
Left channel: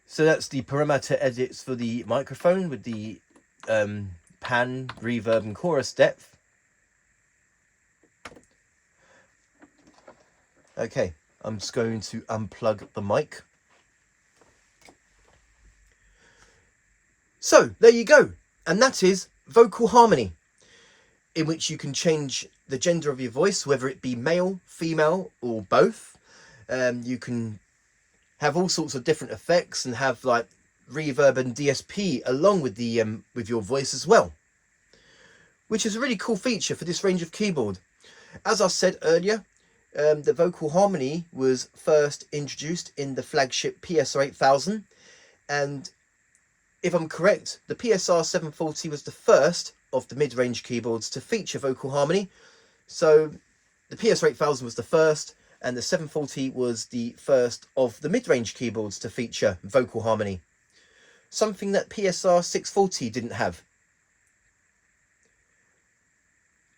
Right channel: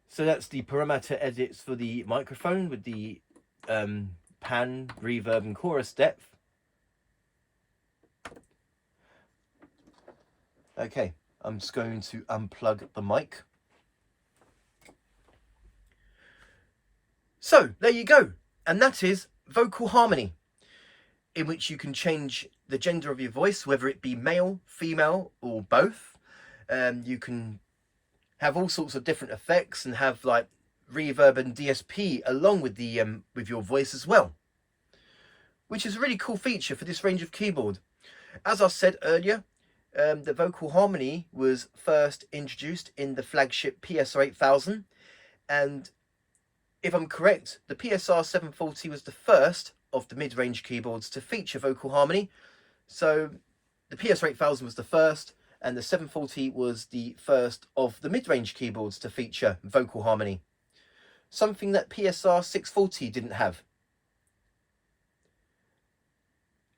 So that's the parameter edits for the microphone with the pan, reverb, and chorus depth. Okay, I'm just going to unplug the mic. So there you go, and that is vocal harmony, in which you can change the gender of your voice, whether it be male, female, or both. You can have all sorts of different effects and have like reverb and DSP along with the with your voice as well, which is a really cool feature for this range of keyboard. As I said earlier, the vocal harmony was first introduced in the flagship PSR-8000, and if I'm correct, the PSR-740 was the first of the mid-range keyboards to feature vocal harmony. So the PSR-8000 was the first, and the 740 was the first of the mid-range keyboards to feature vocal harmony. Something that PSR-640 didn't have.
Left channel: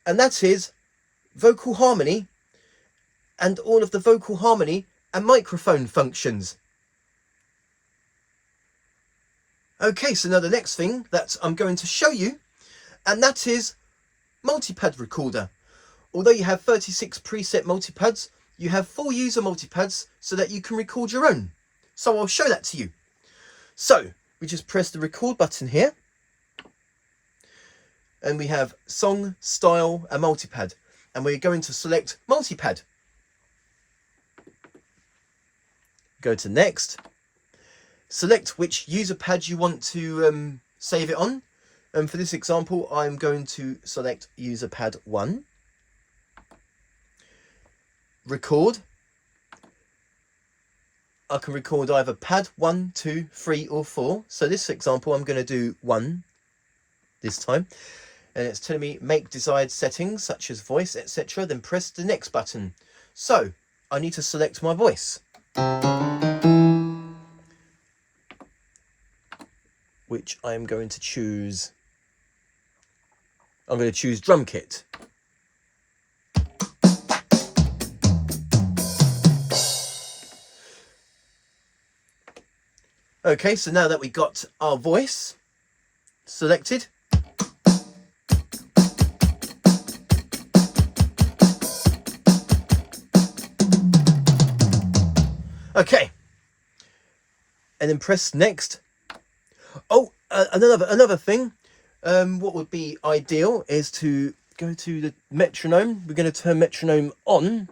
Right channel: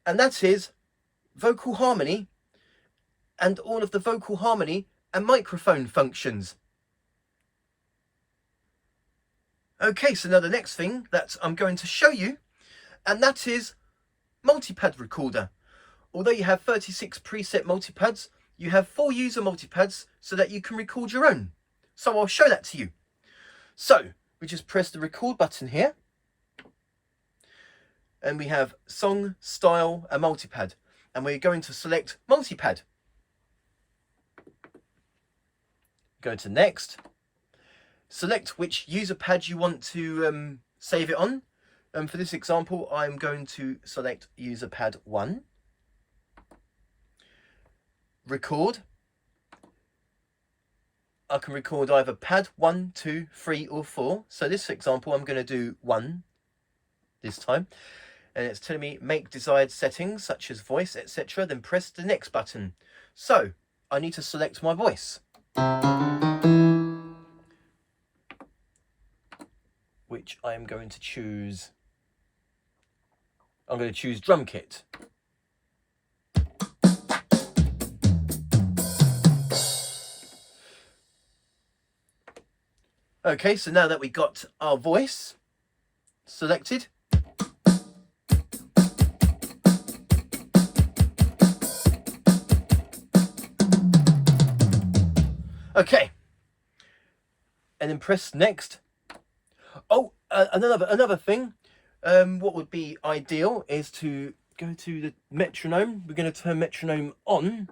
And that is vocal harmony and all of the vocal harmony and microphone functions. Okay, so now the next thing that I'm going to show you, and that is multipad recorder. Although you have 36 preset multipads, you have 4 user multipads so that you can record your own. So I'll show that to you. So we just press the record button here, and we have song, style, and multipad, and we're going to select multipad. Go to next. Select which user pad you want to save it on. And for this example, I'm going to select user pad 1. Record. I can record either pad 1, 2, 3, or 4. So this example, I'm going to do 1 this time. And it's telling me make desired settings such as voice, etc. Then press the next button. So I need to select my voice, which I'm going to choose. I'm going to choose drum kit. Okay, so now that we got our voice selected, okay, and then press next. Oh, another thing, what would be ideal is to go to the metronome. We're going to turn metronome on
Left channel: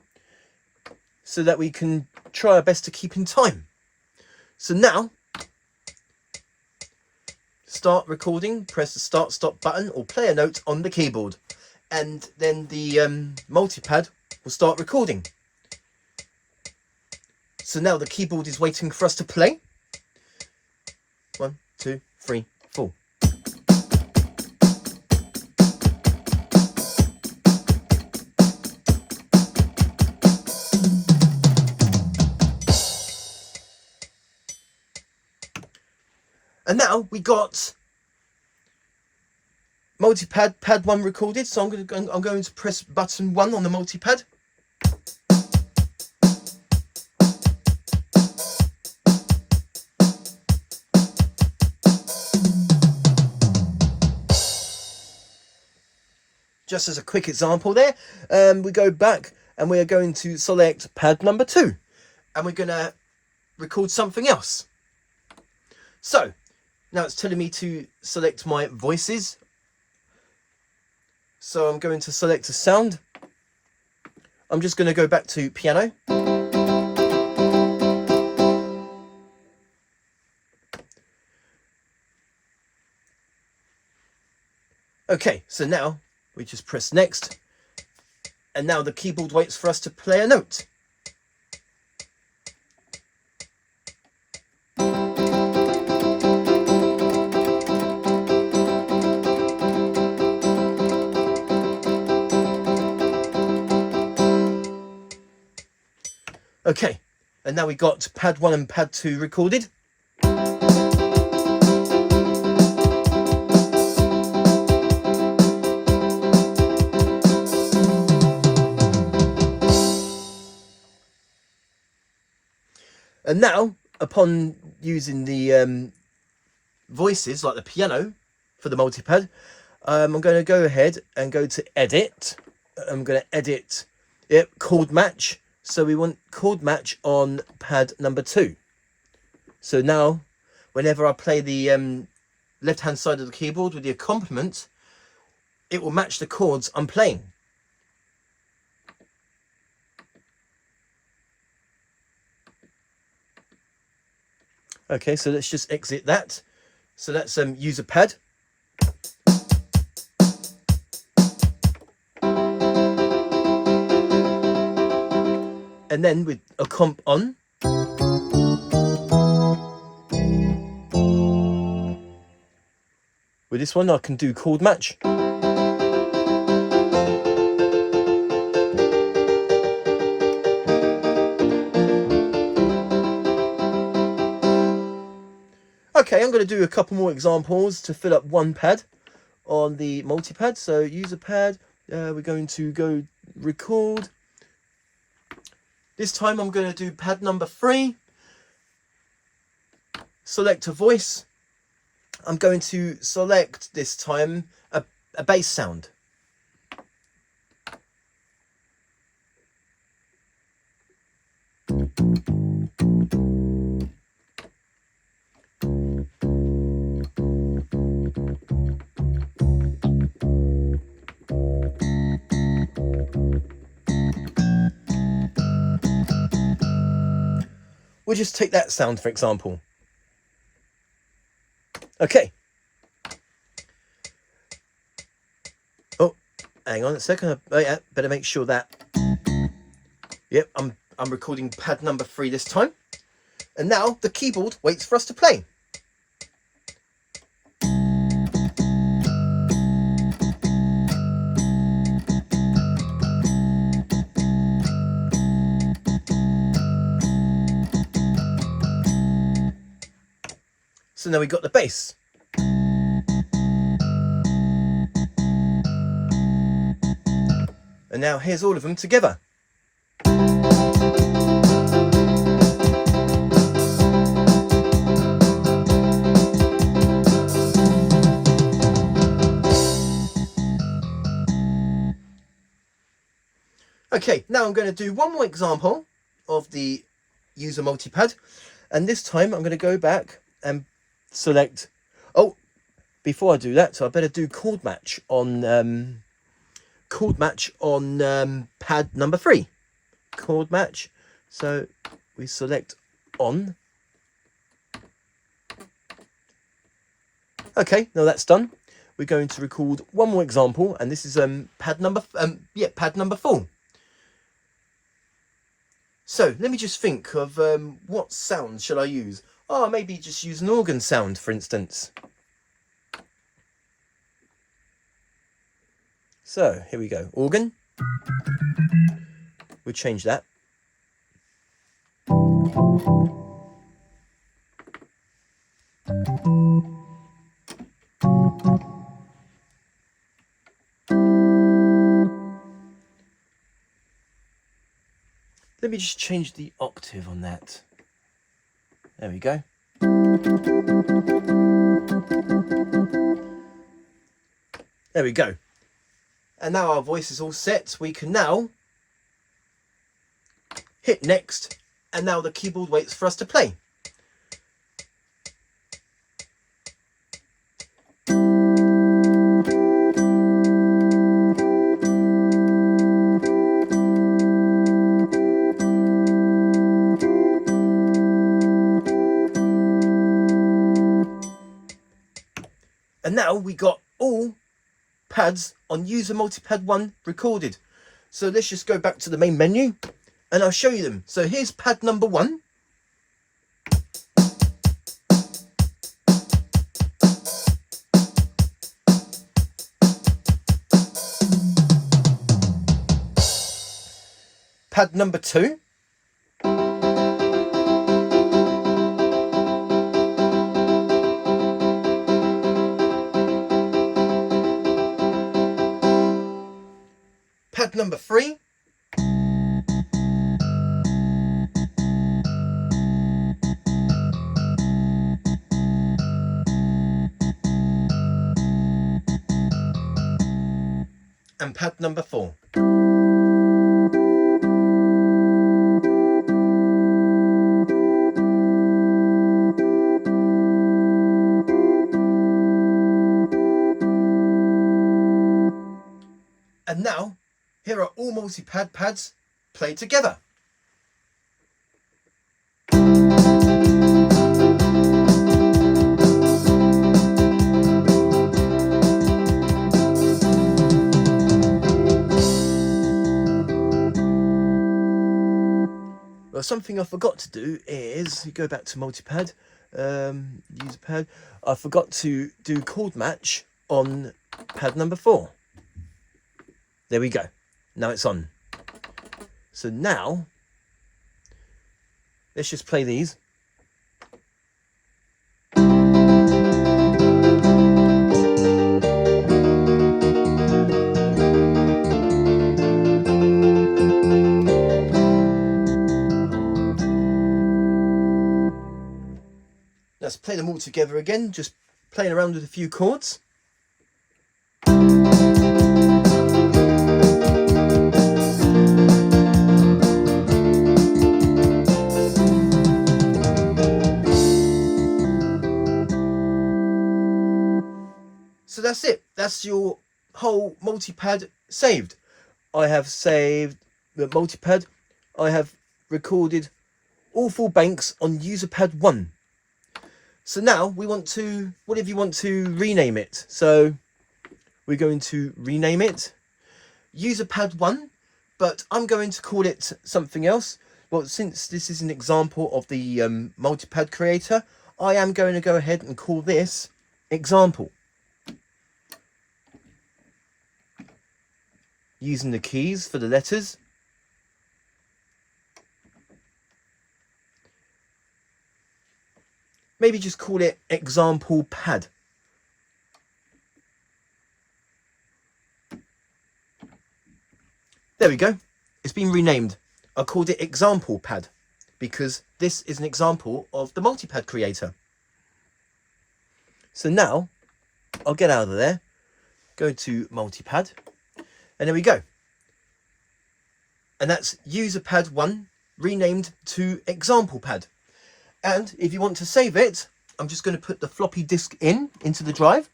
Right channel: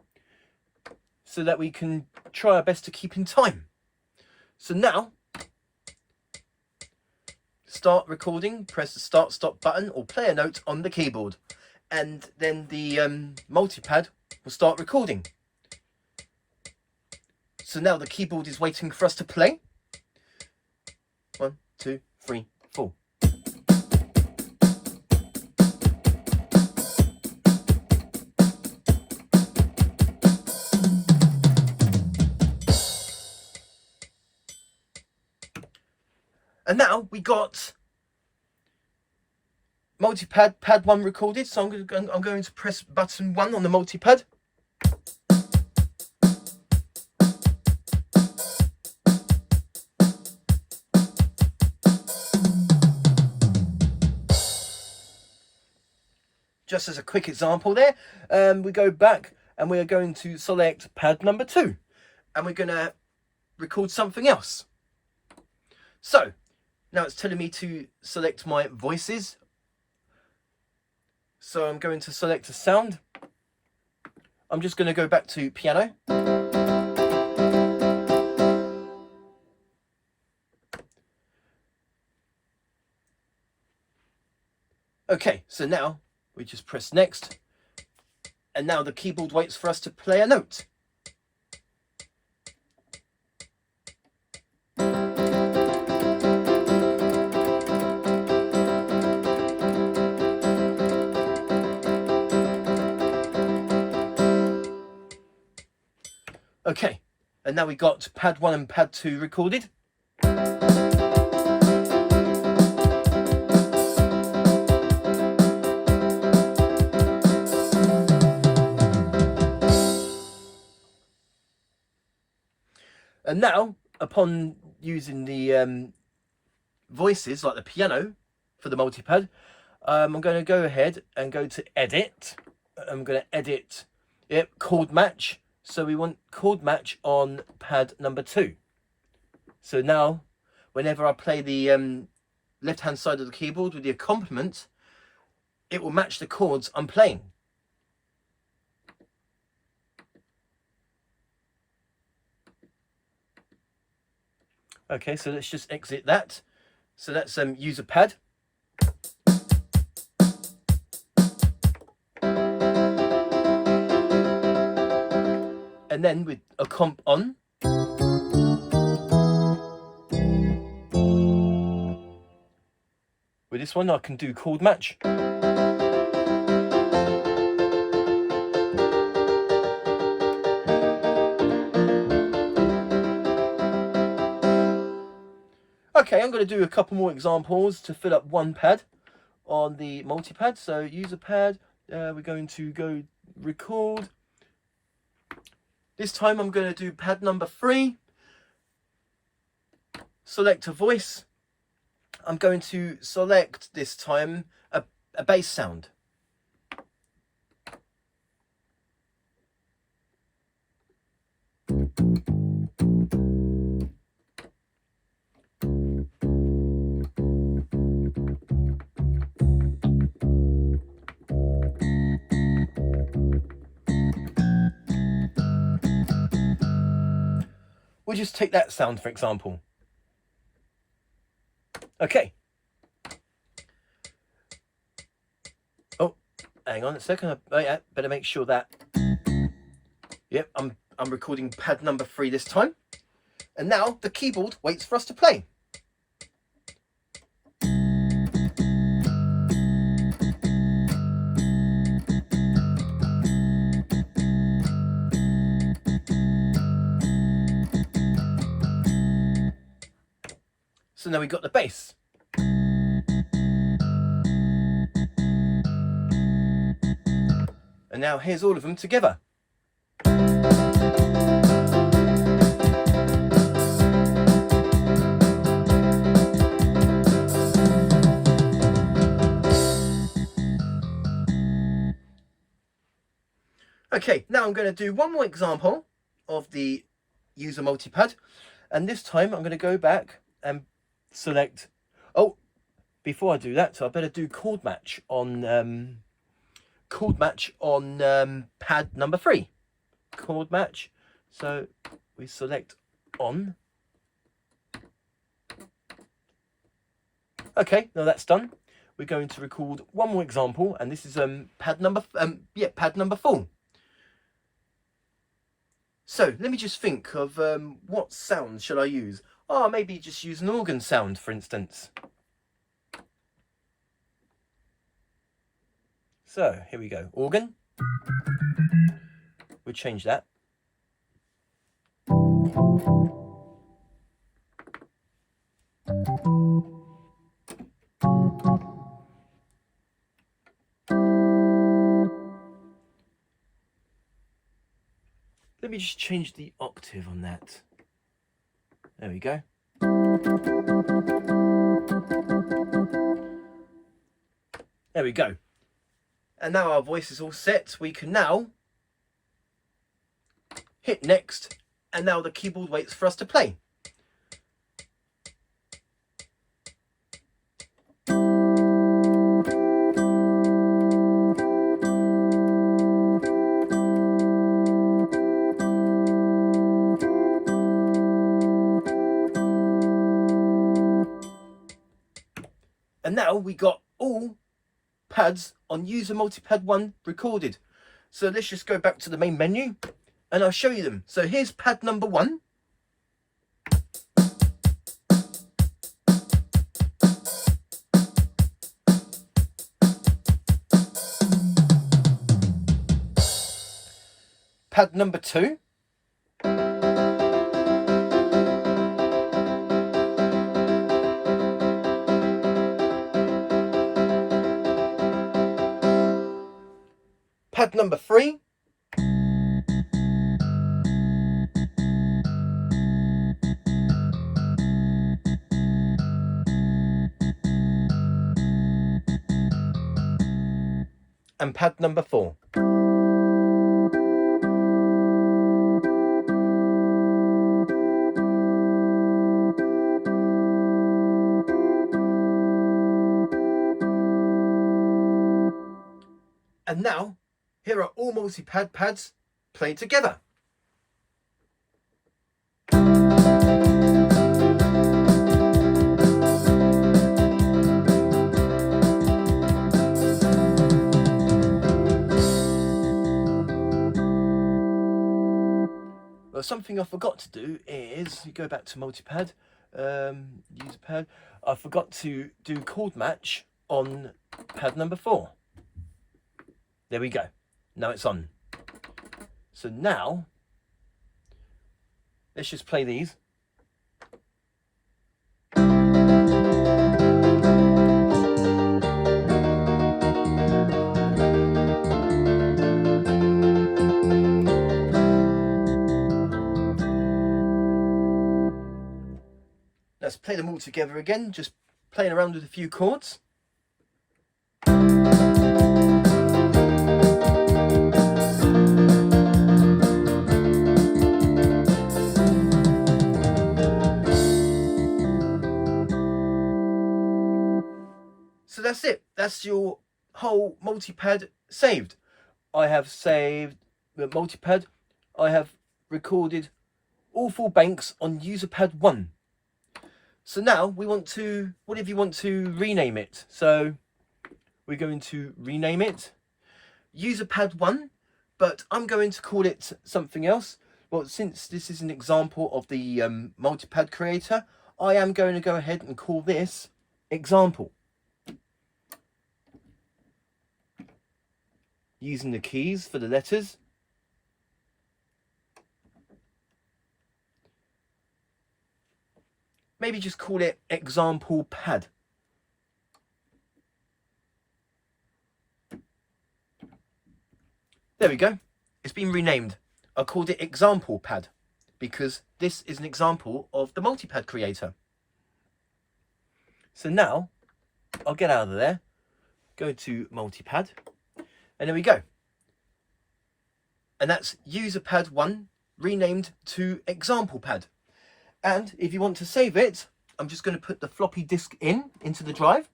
so that we can try our best to keep in time. So now, start recording, press the start stop button or play a note on the keyboard, and then the multipad will start recording. So now the keyboard is waiting for us to play. 1, 2, 3, 4. And now we got multipad pad 1 recorded. So I'm going to press button 1 on the multipad. just as a quick example there, we go back and we are going to select pad number 2, and we're going to record something else. So now it's telling me to select my voices. So I'm going to select a sound. I'm just going to go back to piano. Okay, so now we just press next, and now the keyboard waits for us to play a note. Okay, and now we got pad 1 and pad 2 recorded. And now, upon using the voices, like the piano, for the multipad, I'm going to go ahead and go to edit. I'm going to edit chord match. So we want chord match on pad number 2. So now, whenever I play the left-hand side of the keyboard with the accompaniment, it will match the chords I'm playing. Okay, so let's just exit that. So that's user pad. And then with a comp on. With this one I can do chord match. Okay, I'm going to do a couple more examples to fill up one pad on the multi-pad. So user pad, we're going to go record. This time I'm going to do pad number 3. Select a voice. I'm going to select this time a bass sound. We'll just take that sound for example. Okay. Oh, hang on a second. Yeah, better make sure that. Yep, I'm recording pad number 3 this time. And now the keyboard waits for us to play. So now we've got the bass. And now here's all of them together. Okay, now I'm going to do one more example of the user multipad, and this time I'm going to go back and select. Oh, before I do that, so I better do chord match on pad number 3. Chord match. So we select on. Okay, now that's done. We're going to record one more example, and this is pad number 4. So let me just think of what sound shall I use? Oh, maybe just use an organ sound, for instance. So here we go, organ. We'll change that. Let me just change the octave on that. There we go. There we go. And now our voice is all set. We can now hit next, and now the keyboard waits for us to play. And now we got all pads on user multipad 1 recorded. So let's just go back to the main menu and I'll show you them. So here's pad number 1. Pad number 2. Pad number 3. And pad number 4. And now, here are all multi-pad pads played together. Well, something I forgot to do is, you go back to multi-pad, user pad, I forgot to do chord match on pad number 4. There we go. Now it's on. So now, let's just play these. Let's play them all together again, just playing around with a few chords. So that's it. That's your whole multi-pad saved. I have saved the multi-pad. I have recorded all 4 banks on user pad 1. So now we want to, whatever you want to rename it. So we're going to rename it user pad 1, but I'm going to call it something else. Well, since this is an example of the multi-pad creator, I am going to go ahead and call this example. Using the keys for the letters. Maybe just call it example pad. There we go. It's been renamed. I called it example pad because this is an example of the multi-pad creator. So now I'll get out of there, go to multi-pad, and there we go. And that's user pad 1 renamed to example pad. And if you want to save it, I'm just going to put the floppy disk into the drive.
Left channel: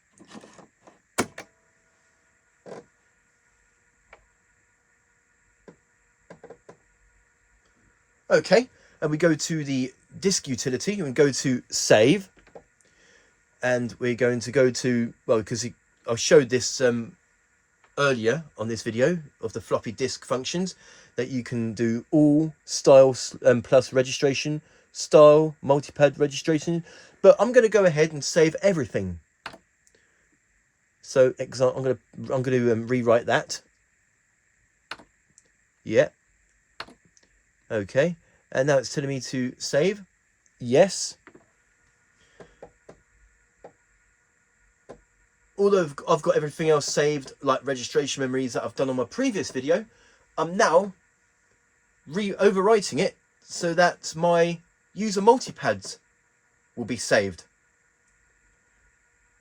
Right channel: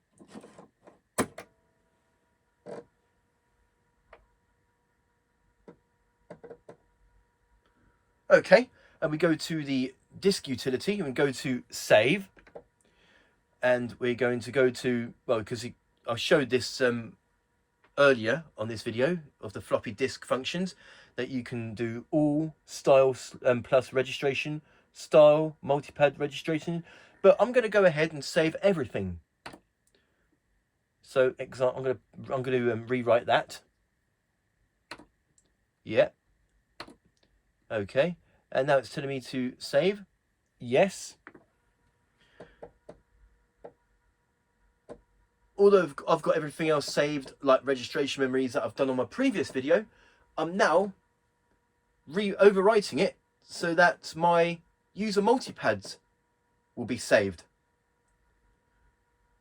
Okay, and we go to the disk utility and go to save. And we're going to go to, well, because I showed this earlier on this video of the floppy disk functions, that you can do all styles plus registration, style, multi-pad registration, but I'm going to go ahead and save everything. So I'm going to rewrite that. Yeah. Okay. And now it's telling me to save. Yes. Although I've got everything else saved, like registration memories that I've done on my previous video, I'm now overwriting it so that my user multipads will be saved.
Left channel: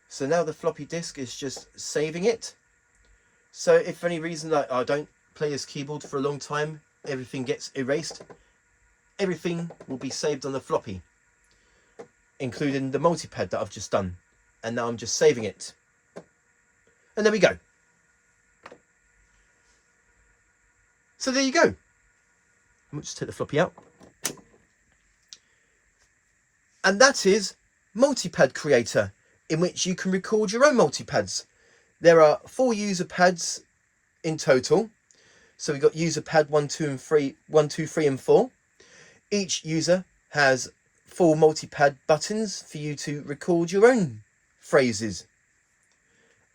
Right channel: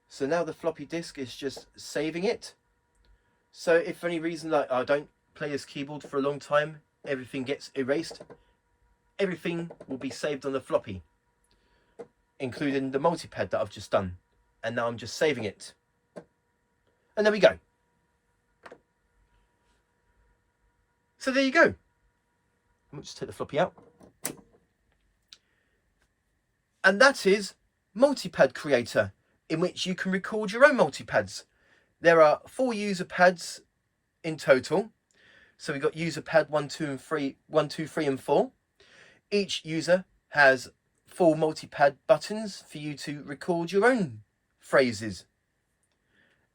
So now the floppy disk is just saving it. So if for any reason that I don't play this keyboard for a long time, everything gets erased, everything will be saved on the floppy, including the multipad that I've just done. And now I'm just saving it. And there we go. So there you go. I'll just take the floppy out. And that is Multipad Creator, in which you can record your own multipads. There are 4 user pads in total. So we've got user pad 1, 2, and 3, 1, 2, 3, and 4. Each user has 4 multipad buttons for you to record your own phrases.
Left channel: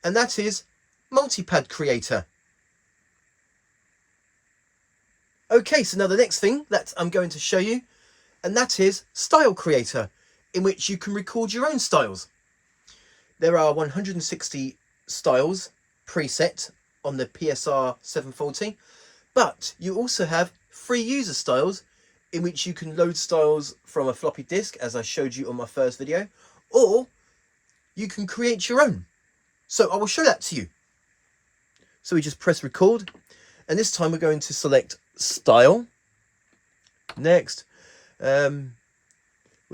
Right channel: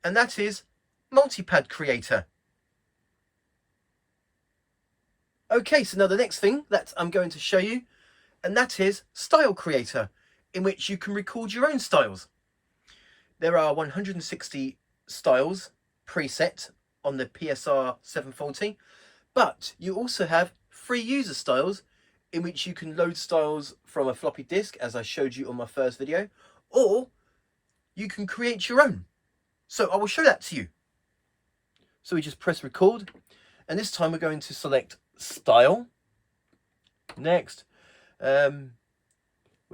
And that is Multipad Creator. Okay, so now the next thing that I'm going to show you, and that is Style Creator, in which you can record your own styles. There are 160 styles preset on the PSR-740, but you also have free user styles in which you can load styles from a floppy disk, as I showed you on my first video, or you can create your own. So I will show that to you. So we just press record, and this time we're going to select style. Next, we're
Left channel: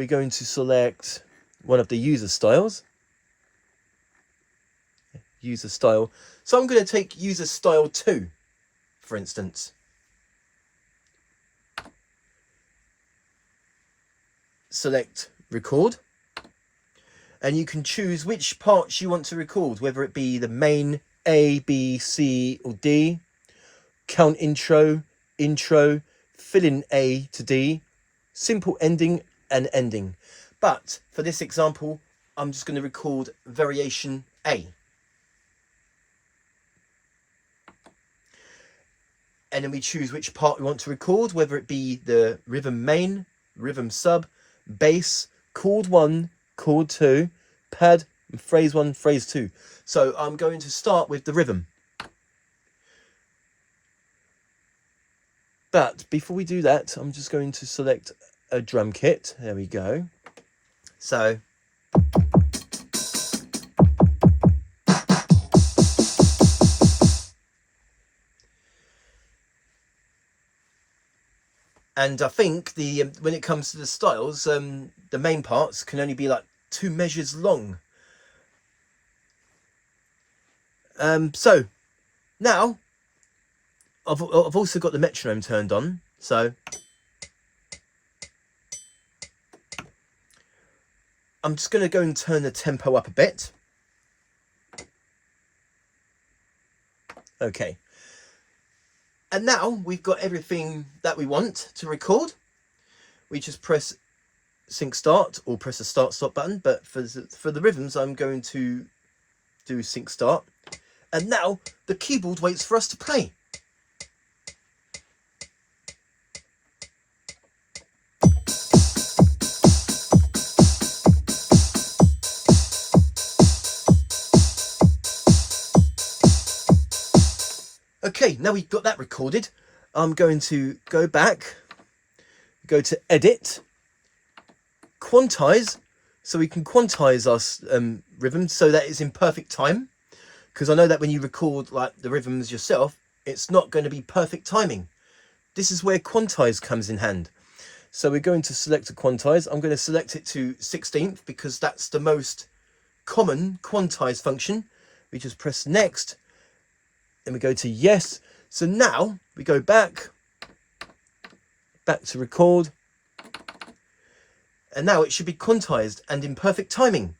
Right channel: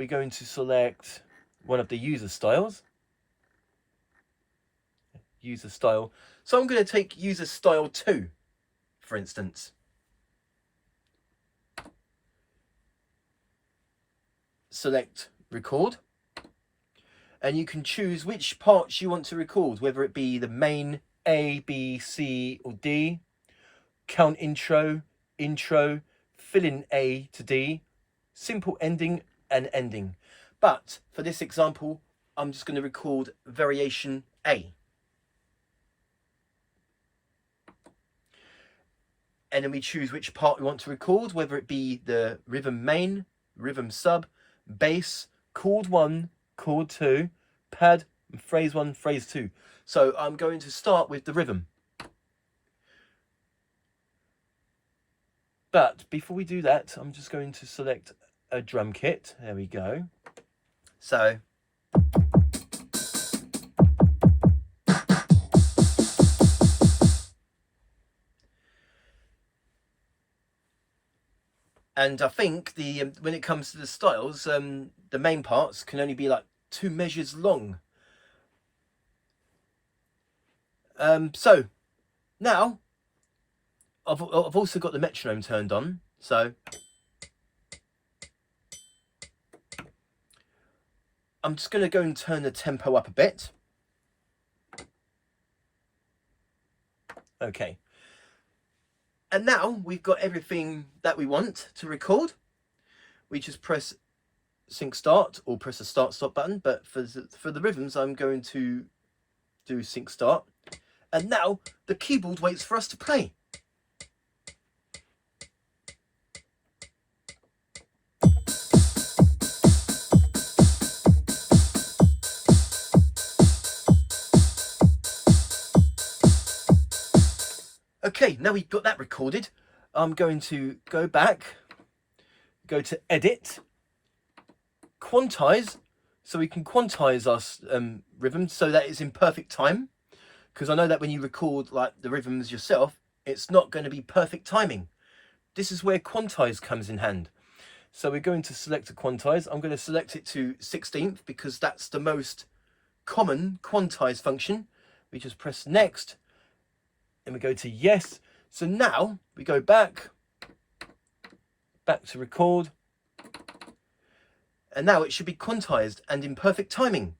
going to select one of the user styles. User style. So I'm going to take user style 2, for instance. Select record. And you can choose which parts you want to record, whether it be the main, A, B, C, or D, count intro, intro, fill in A to D, simple ending, and ending. But for this example, I'm just going to record variation A. And then we choose which part we want to record, whether it be the rhythm main, rhythm sub, bass, chord 1, chord 2, pad, and phrase 1, phrase 2. So I'm going to start with the rhythm. But before we do that, I'm just going to select a drum kit. There we go. So and I think the when it comes to the styles, the main parts can only be like 2 measures long. So now I've also got the metronome turned on, so I'm just going to go and turn the tempo up a bit. Okay. And now we've got everything that we want to record. We just press sync start or press the start stop button, but for the rhythms I'm going to do sync start. And now the keyboard waits for us to play. Okay, now we've got that recorded, I'm going to go back, go to edit, quantize, so we can quantize our rhythm so that it's in perfect time. Because I know that when you record like the rhythms yourself, it's not going to be perfect timing. This is where quantize comes in hand. So we're going to select a quantize. I'm going to select it to 16th because that's the most common quantize function. We just press next. Then we go to yes. So now we go back to record. And now it should be quantized and in perfect timing.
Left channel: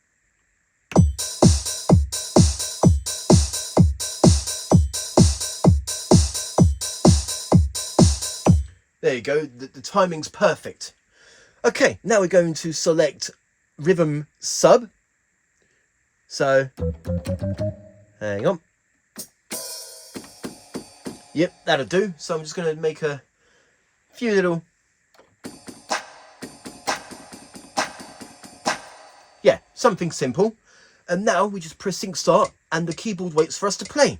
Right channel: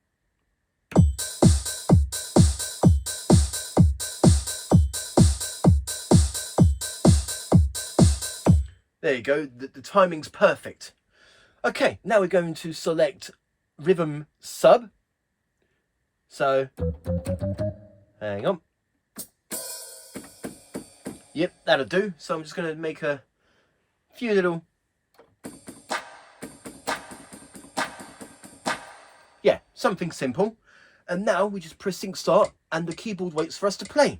There you go, the timing's perfect. Okay, now we're going to select rhythm sub. So, hang on. Yep, that'll do. So I'm just going to make a few little... Yeah, something simple. And now we just press sync start and the keyboard waits for us to play.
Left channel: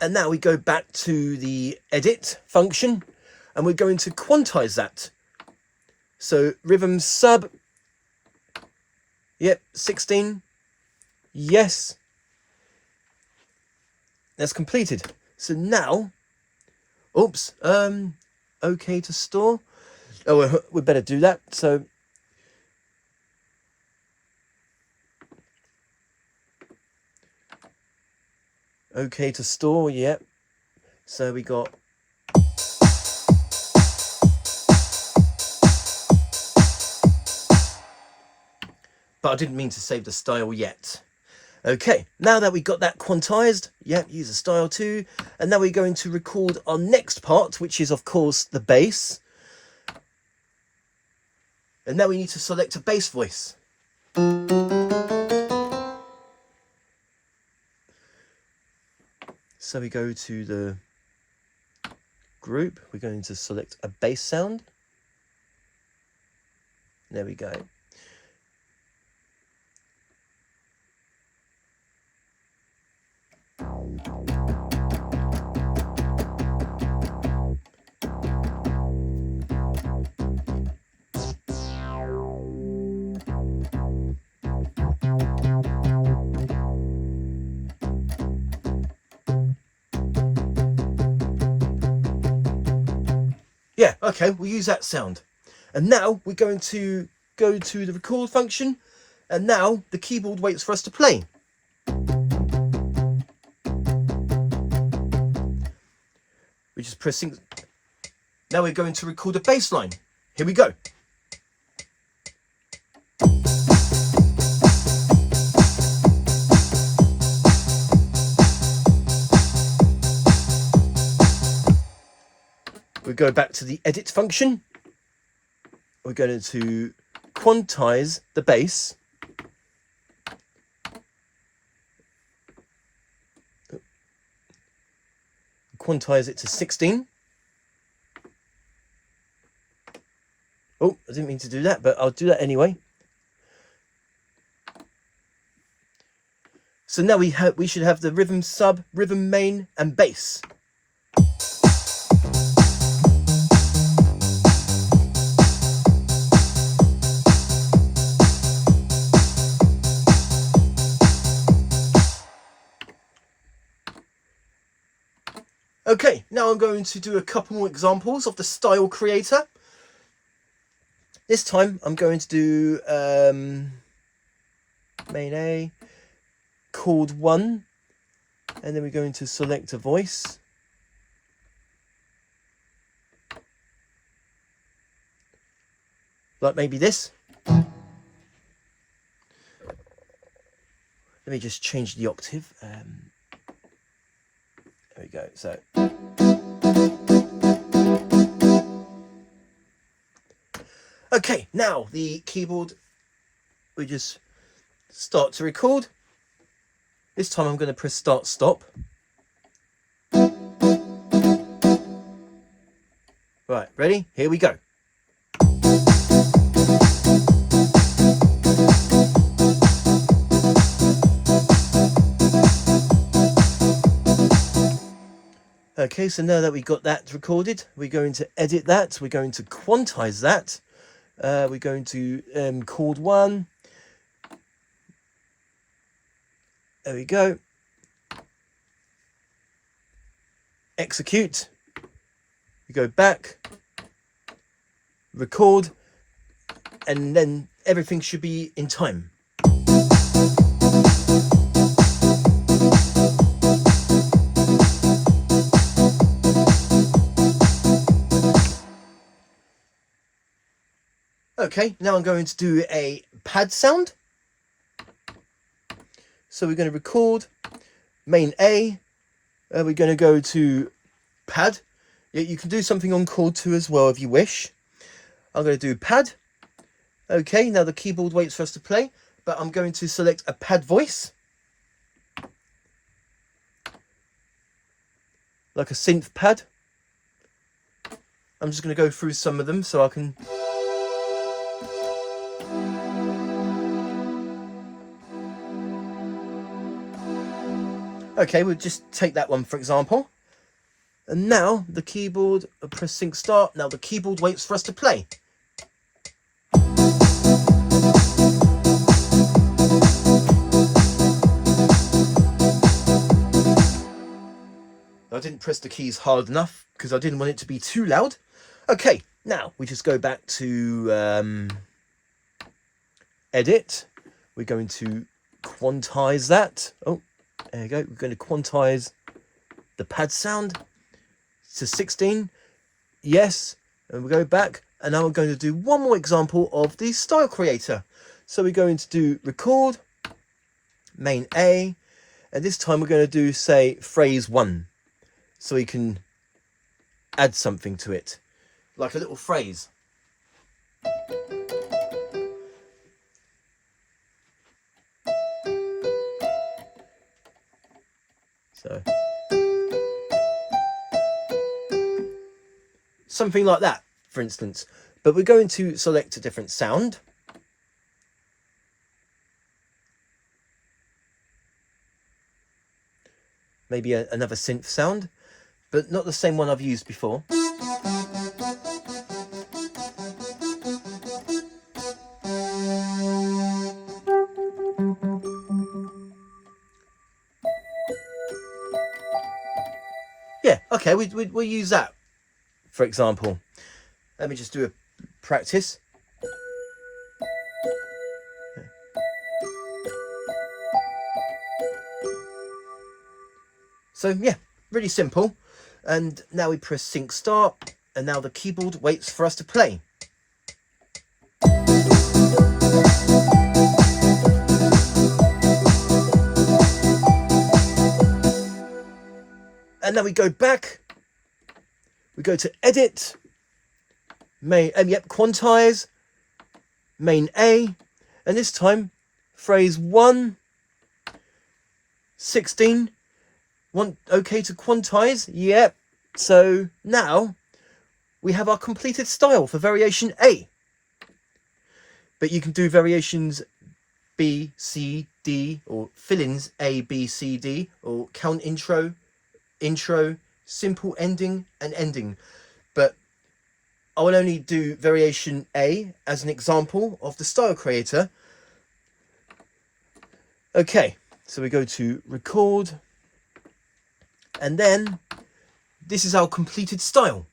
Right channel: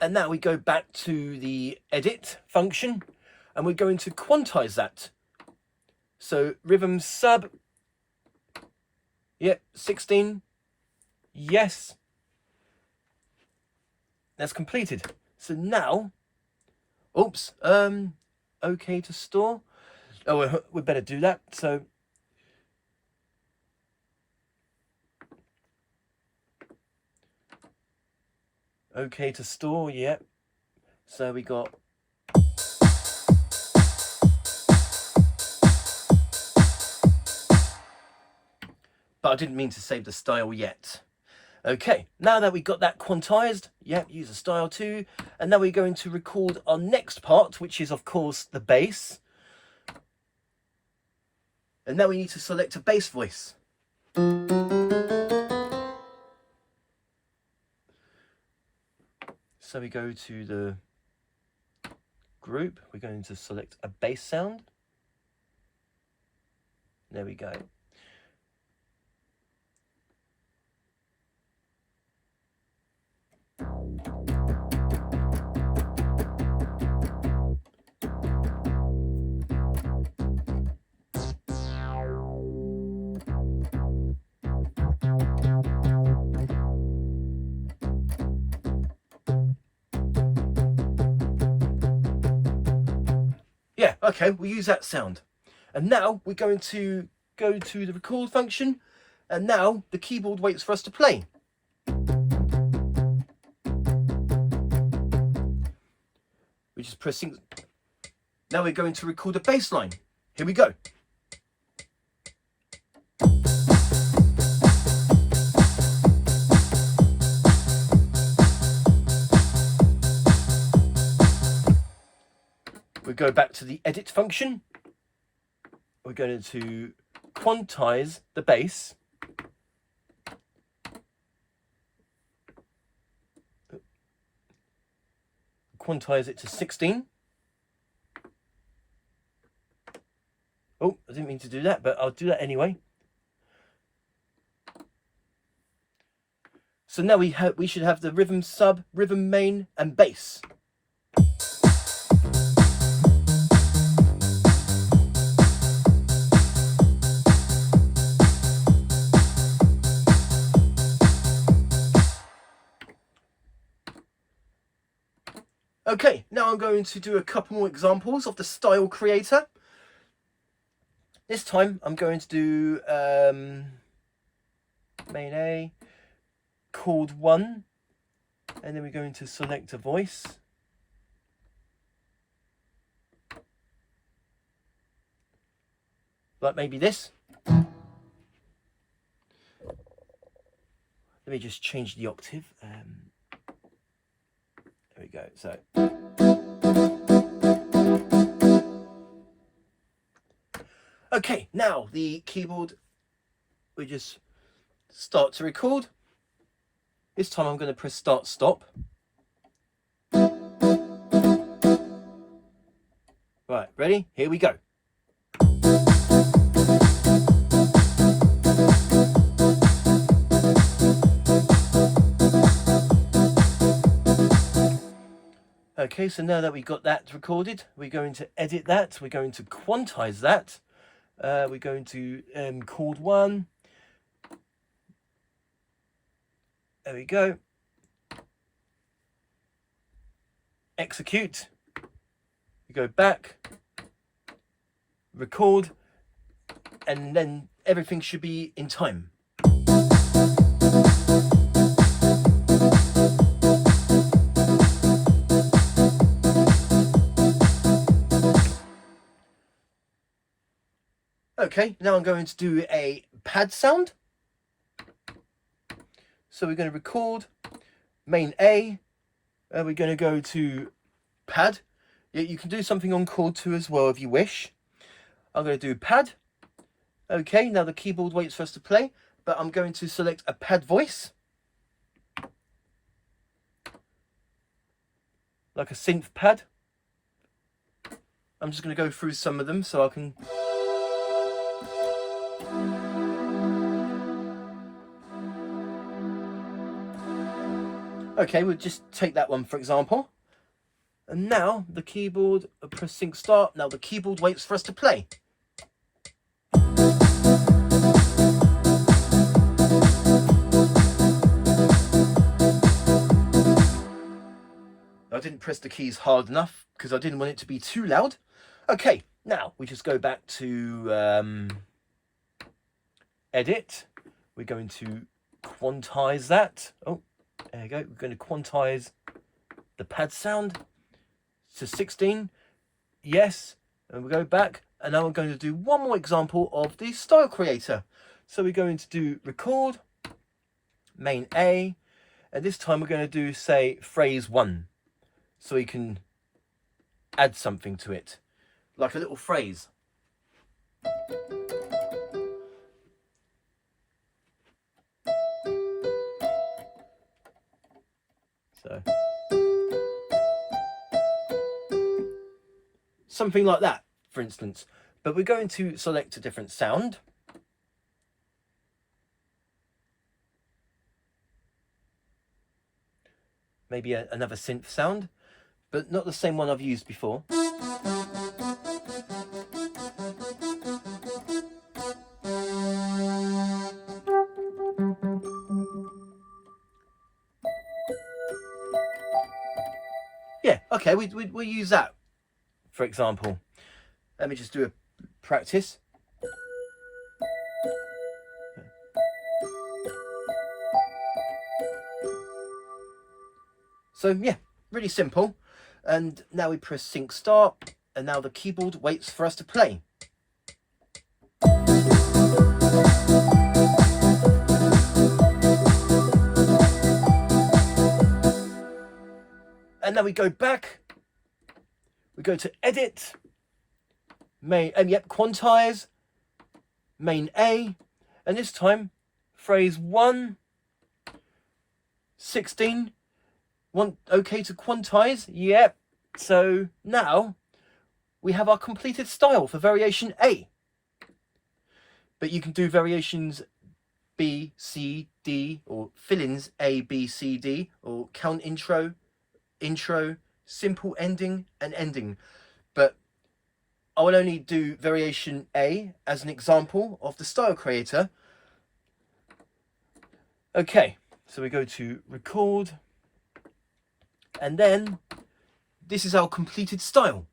And now we go back to the edit function and we're going to quantize that. So rhythm sub. Yep, 16. Yes. That's completed. So now, oops, okay to store. Oh, we better do that. So okay to store, yep. So we got but I didn't mean to save the style yet. Okay, now that we got that quantized, yep, use a style too. And now we're going to record our next part, which is of course the bass. And now we need to select a bass voice. So we go to the group, we're going to select a bass sound. There we go. Yeah, okay, we'll use that sound. And now we're going to go to the record function, and now the keyboard waits for us to play. We're just pressing. Now we're going to record a bass line. Here we go. We go back to the edit function. We're going to quantize the bass. Quantize it to 16. Oh, I didn't mean to do that, but I'll do that anyway. So now we should have the rhythm sub, rhythm main, and bass. Okay, now I'm going to do a couple more examples of the style creator. This time I'm going to do main A, chord 1, and then we're going to select a voice. Like maybe this. Let me just change the octave. There we go. So. Okay, now the keyboard, we just start to record. This time I'm going to press start stop. Right, ready? Here we go. Okay, so now that we got that recorded, we're going to edit that. We're going to quantize that. We're going to chord 1. There we go. Execute. We go back. Record. And then everything should be in time. Okay, now I'm going to do a pad sound. So we're going to record main A. We're going to go to pad. Yeah, you can do something on chord 2 as well if you wish. I'm going to do pad. Okay, now the keyboard waits for us to play, but I'm going to select a pad voice. Like a synth pad. I'm just going to go through some of them so I can... Okay, we'll just take that one for example. And now the keyboard, press sync start. Now the keyboard waits for us to play. didn't press the keys hard enough because I didn't want it to be too loud. Okay, now we just go back to edit. We're going to quantize that. Oh, there you go. We're going to quantize the pad sound to 16. Yes, and we go back, and now we're going to do one more example of the style creator. So we're going to do record, main A, and this time we're going to do, say, phrase 1, so we can add something to it, like a little phrase. So something like that, for instance. But we're going to select a different sound. Maybe another synth sound, but not the same one I've used before. Yeah, okay, we'll use that, for example. Let me just do a practice. So yeah, really simple. And now we press sync start, and now the keyboard waits for us to play. And now we go back, we go to edit, main, quantize, main A, and this time phrase 1, 16, okay to quantize, yep. So now we have our completed style for variation A. But you can do variations B, C, D, or fill-ins A, B, C, D, or count intro, simple ending, and ending. But I will only do variation A as an example of the style creator. Okay, so we go to record, and then this is our completed style.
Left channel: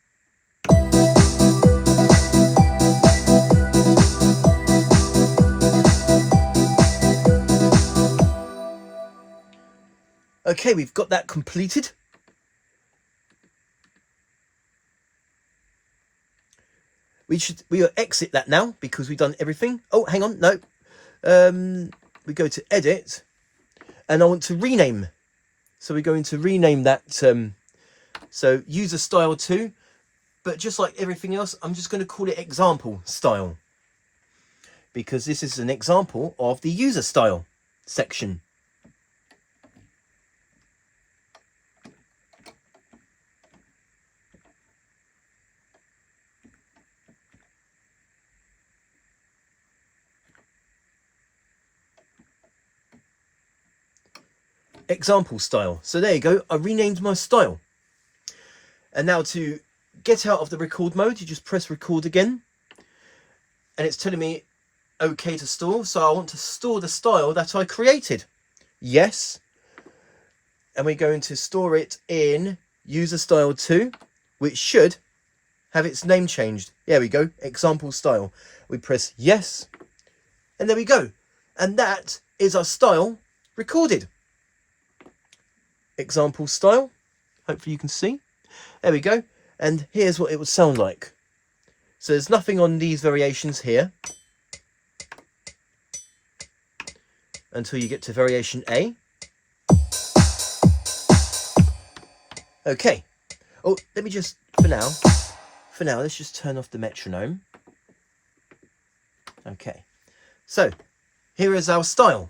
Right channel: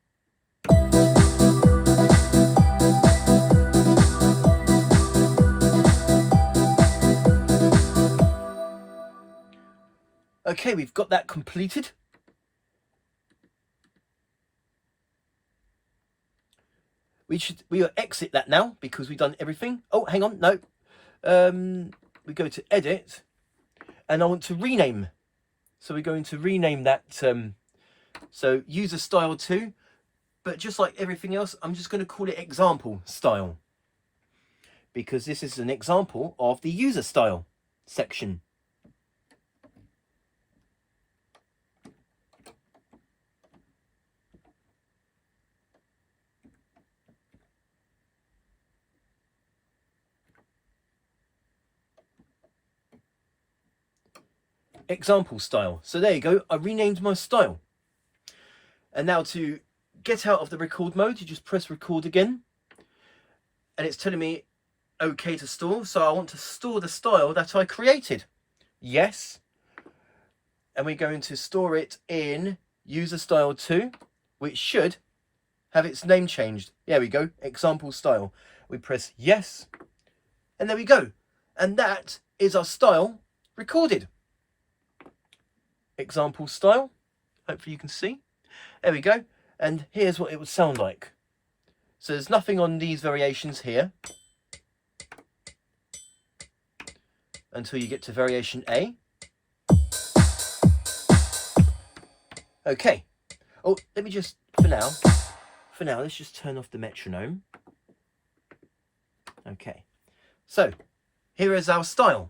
Okay, we've got that completed. We'll exit that now because we've done everything. Oh, hang on, no. We go to edit, and I want to rename. So we're going to rename that. So user style 2, but just like everything else, I'm just going to call it example style, because this is an example of the user style section. Example style. So there you go, I renamed my style. And now to get out of the record mode, you just press record again, and it's telling me okay to store. So I want to store the style that I created. Yes. And we're going to store it in user style 2, which should have its name changed. There we go, example style. We press yes, and there we go. And that is our style recorded. Example style, hopefully you can see. There we go, and here's what it would sound like. So there's nothing on these variations here until you get to variation A. Okay, oh, let me just, for now, let's just turn off the metronome. Okay, so here is our style.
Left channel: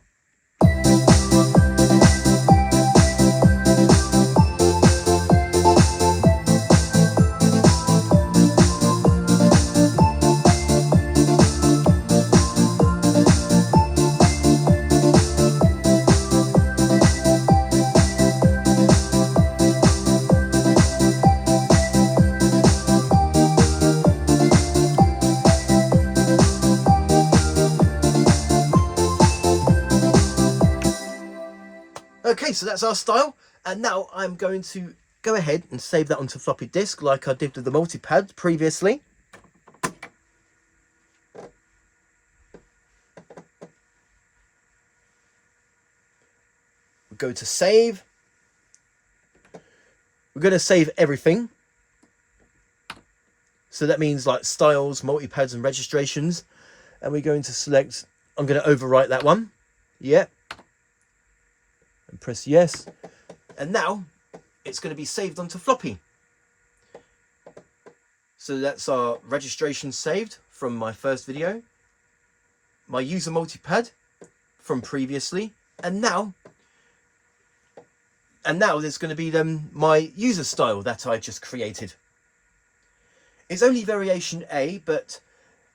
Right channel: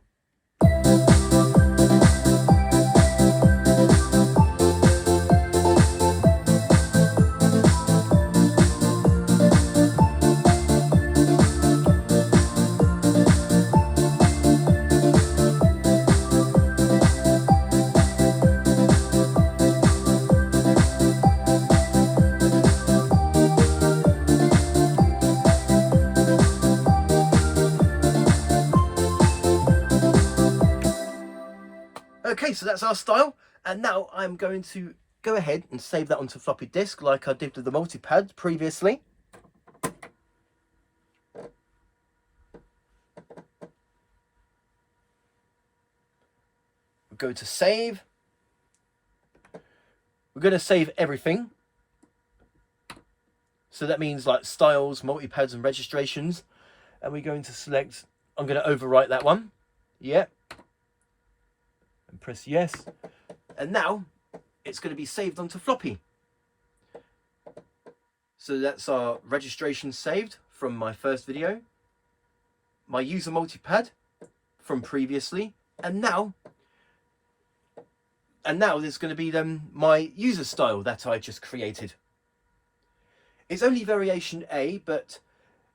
Okay, so that's our style, and now I'm going to go ahead and save that onto floppy disk like I did with the multi-pad previously. We'll go to save. We're going to save everything. So that means like styles, multi-pads and registrations. And we're going to select, I'm going to overwrite that one. Yeah. And press yes. And now it's going to be saved onto floppy. So that's our registration saved from my first video. My user multi-pad from previously. And now there's going to be my user style that I just created. It's only variation A, but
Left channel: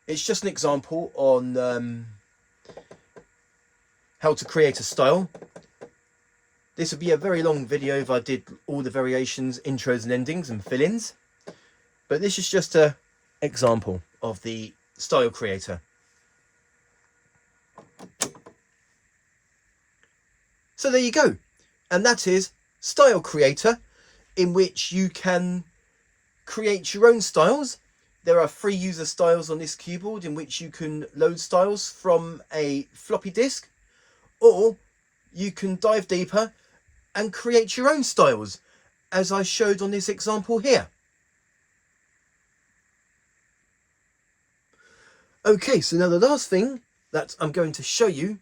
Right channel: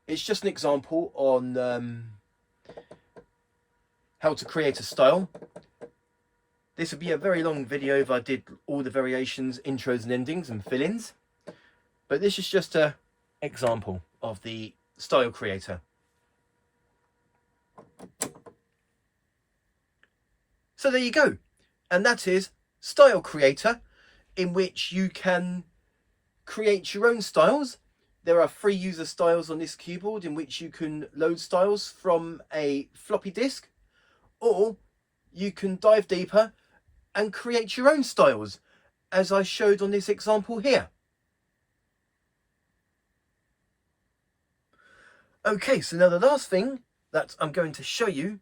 it's just an example on how to create a style. This would be a very long video if I did all the variations, intros and endings and fill-ins. But this is just an example of the style creator. So there you go. And that is Style Creator, in which you can create your own styles. There are free user styles on this keyboard in which you can load styles from a floppy disk, or you can dive deeper and create your own styles, as I showed on this example here. Okay, so now the last thing that I'm going to show you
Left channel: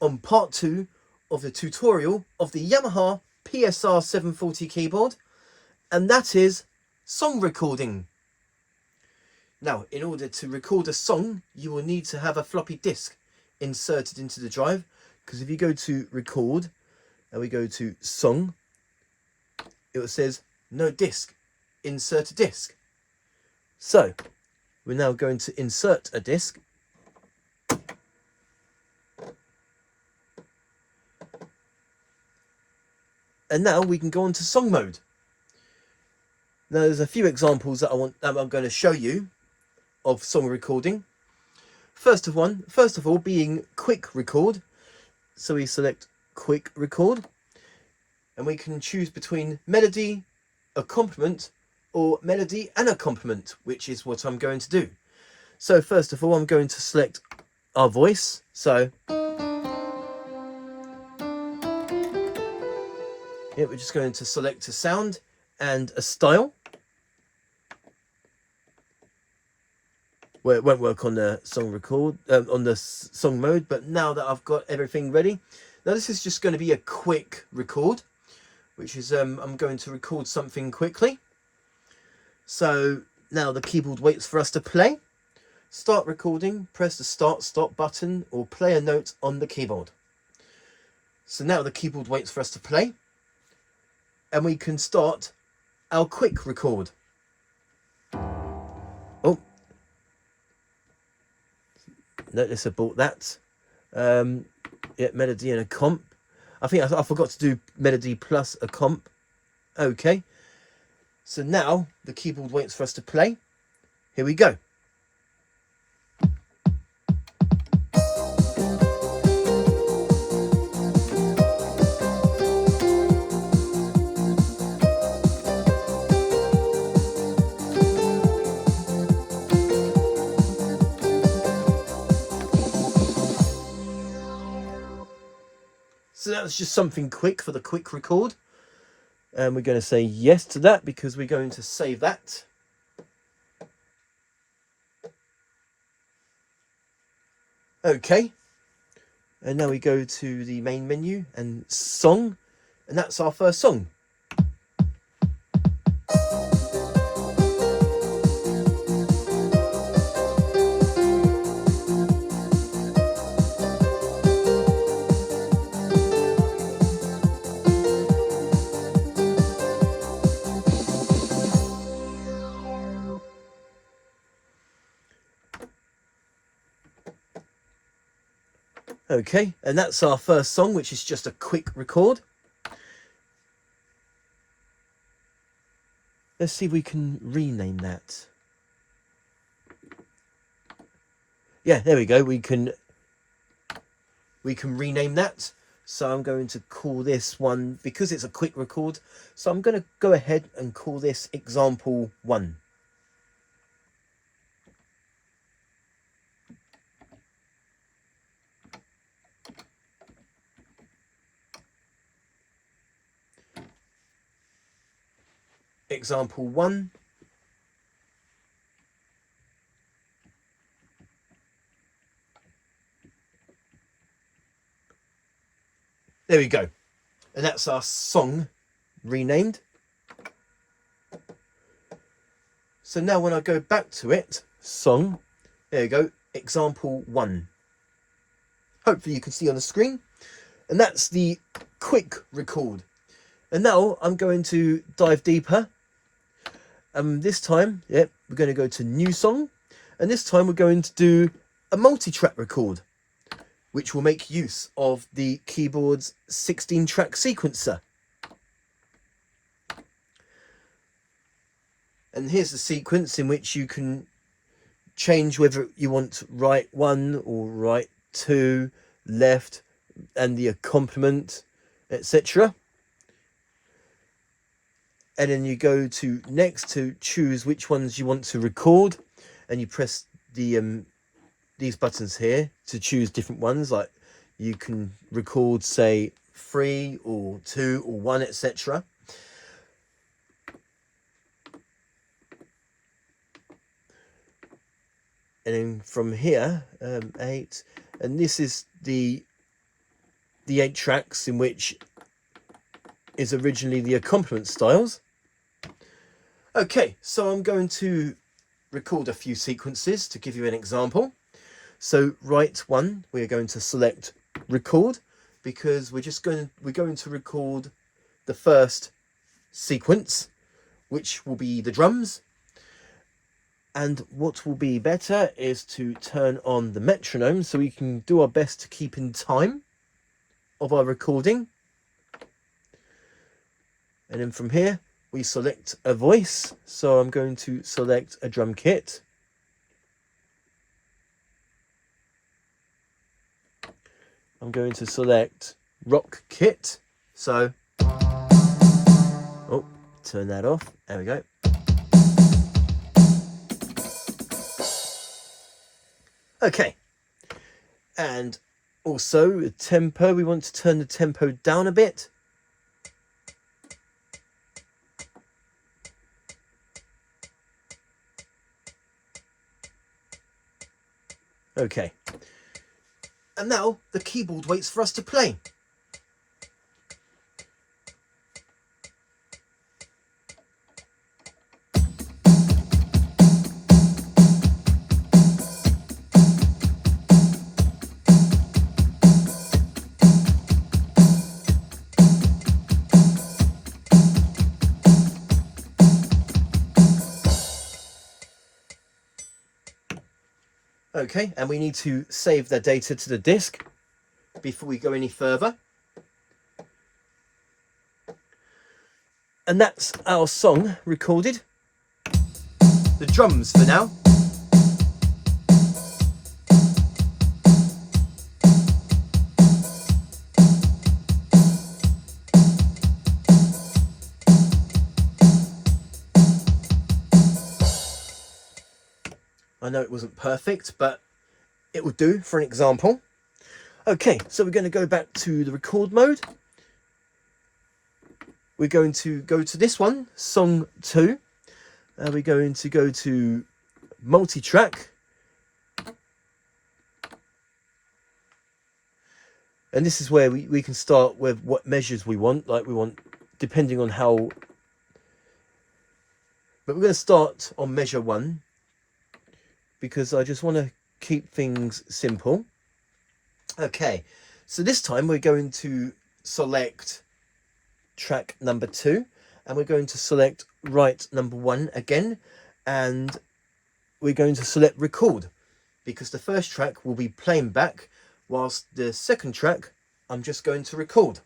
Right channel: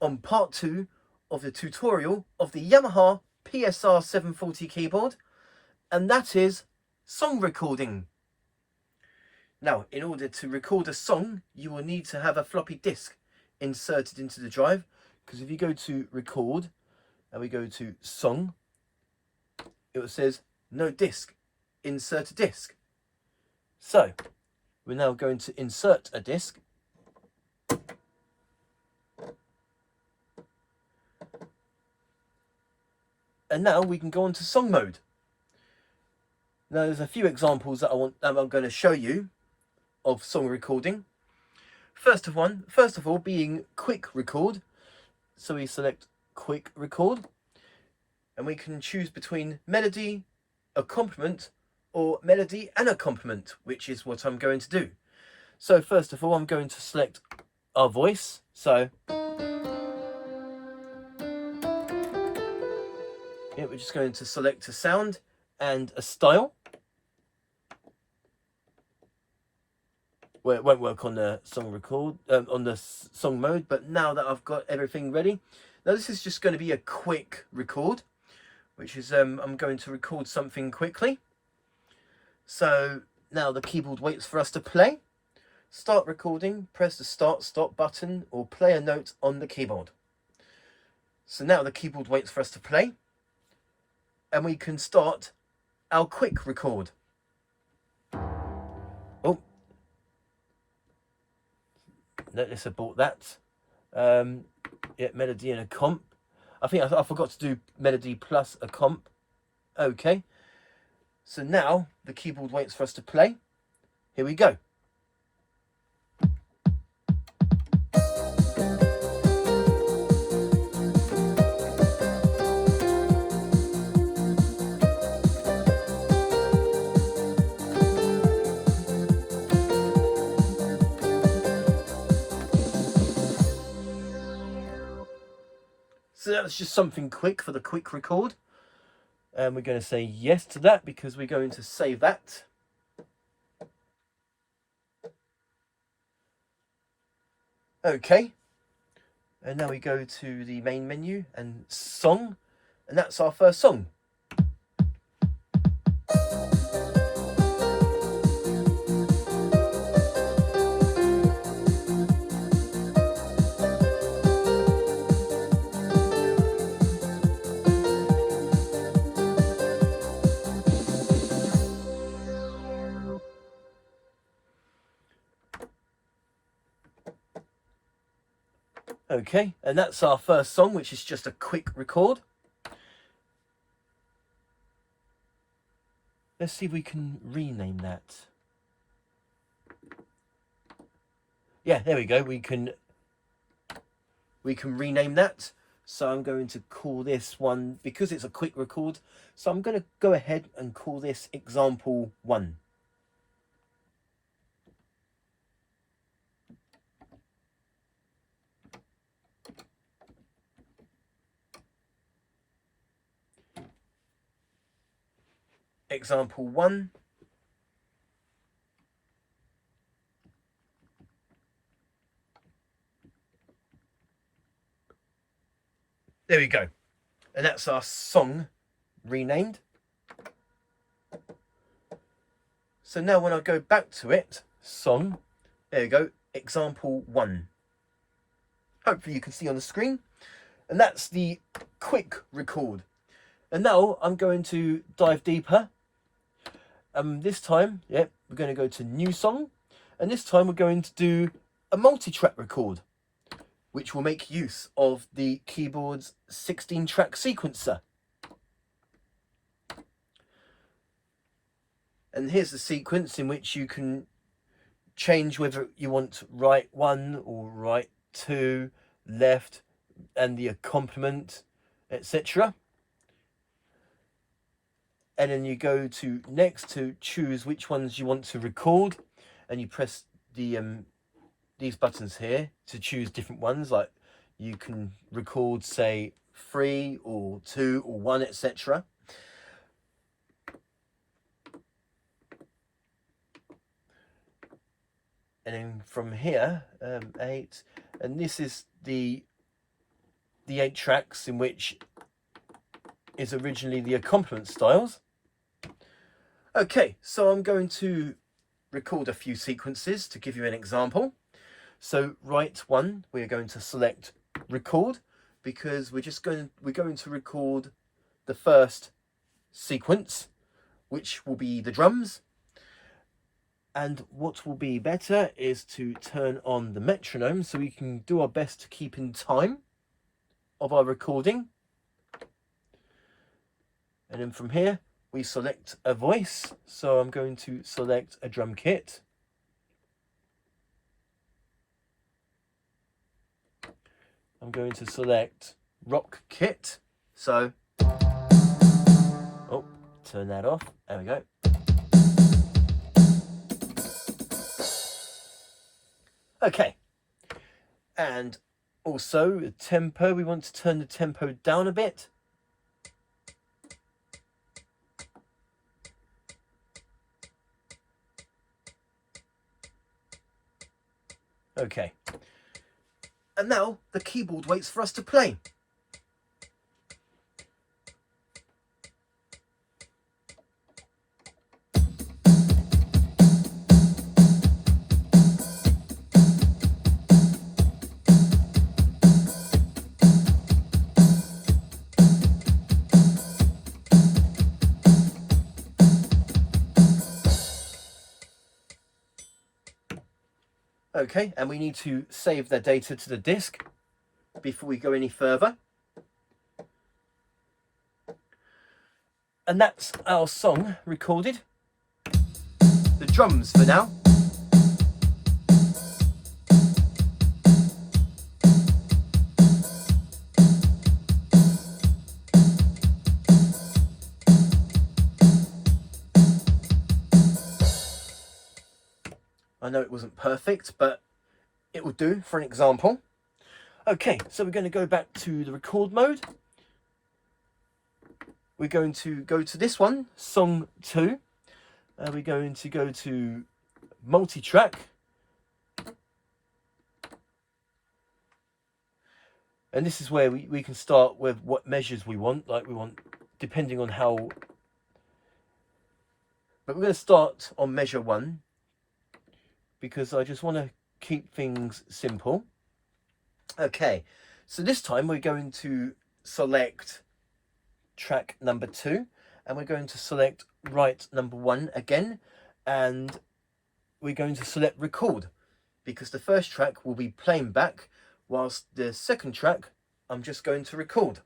on part 2 of the tutorial of the Yamaha PSR-740 keyboard, and that is song recording. Now, in order to record a song, you will need to have a floppy disk inserted into the drive, because if you go to record and we go to song, it says no disk, insert a disk. So we're now going to insert a disk. And now we can go on to song mode. Now there's a few examples that I'm going to show you of song recording. First of all being quick record. So we select quick record, and we can choose between melody, accompaniment, or melody and accompaniment, which is what I'm going to do. So first of all, I'm going to select our voice. So yeah, we're just going to select a sound and a style. Well, it won't work on the song record, on the song mode, but now that I've got everything ready, now this is just going to be a quick record, which is I'm going to record something quickly. So now the keyboard waits for us to play. Start recording, press the start stop button or play a note on the keyboard. So now the keyboard waits for us to play, and we can start our quick record. Oh, notice I bought that. Yeah, melody and a comp. I think I forgot to do melody plus a comp. Okay, so now the keyboard waits for us to play. Here we go. So that was just something quick for the quick record. And we're going to say yes to that because we're going to save that. Okay. And now we go to the main menu and song. And that's our first song. Okay, and that's our first song, which is just a quick record. Let's see if we can rename that. Yeah, there we go. We can rename that. So I'm going to call this one, because it's a quick record, so I'm going to go ahead and call this example 1. Example 1. There we go. And that's our song renamed. So now when I go back to it, song, there you go, example 1. Hopefully you can see on the screen. And that's the quick record. And now I'm going to dive deeper. This time, we're going to go to new song. And this time we're going to do a multi-track record, which will make use of the keyboard's 16-track sequencer. And here's the sequence in which you can change whether you want right 1 or right 2, left, and the accompaniment, etc. And then you go to next to choose which ones you want to record, and you press the these buttons here to choose different ones. Like you can record, say, 3 or 2 or 1, etc. And then from here, 8, and this is the 8 tracks in which is originally the accompaniment styles. Okay, so I'm going to record a few sequences to give you an example. So right 1, we're going to select record, because we're going to record the first sequence, which will be the drums. And what will be better is to turn on the metronome so we can do our best to keep in time of our recording. And then from here we select a voice, so I'm going to select a drum kit. I'm going to select rock kit, so turn that off, there we go. Okay, and also tempo, we want to turn the tempo down a bit. Okay, and now the keyboard waits for us to play. Okay, and we need to save the data to the disk before we go any further. And that's our song recorded. The drums for now. I know it wasn't perfect, but it will do for an example. Okay, so we're going to go back to the record mode. We're going to go to this one, song 2. And we're going to go to multi-track. And this is where we can start with what measures we want. Like we want, depending on how... But we're going to start on measure 1, because I just want to keep things simple. Okay, so this time we're going to select track number 2, and we're going to select right number 1 again, and we're going to select record, because the first track will be playing back, whilst the second track I'm just going to record.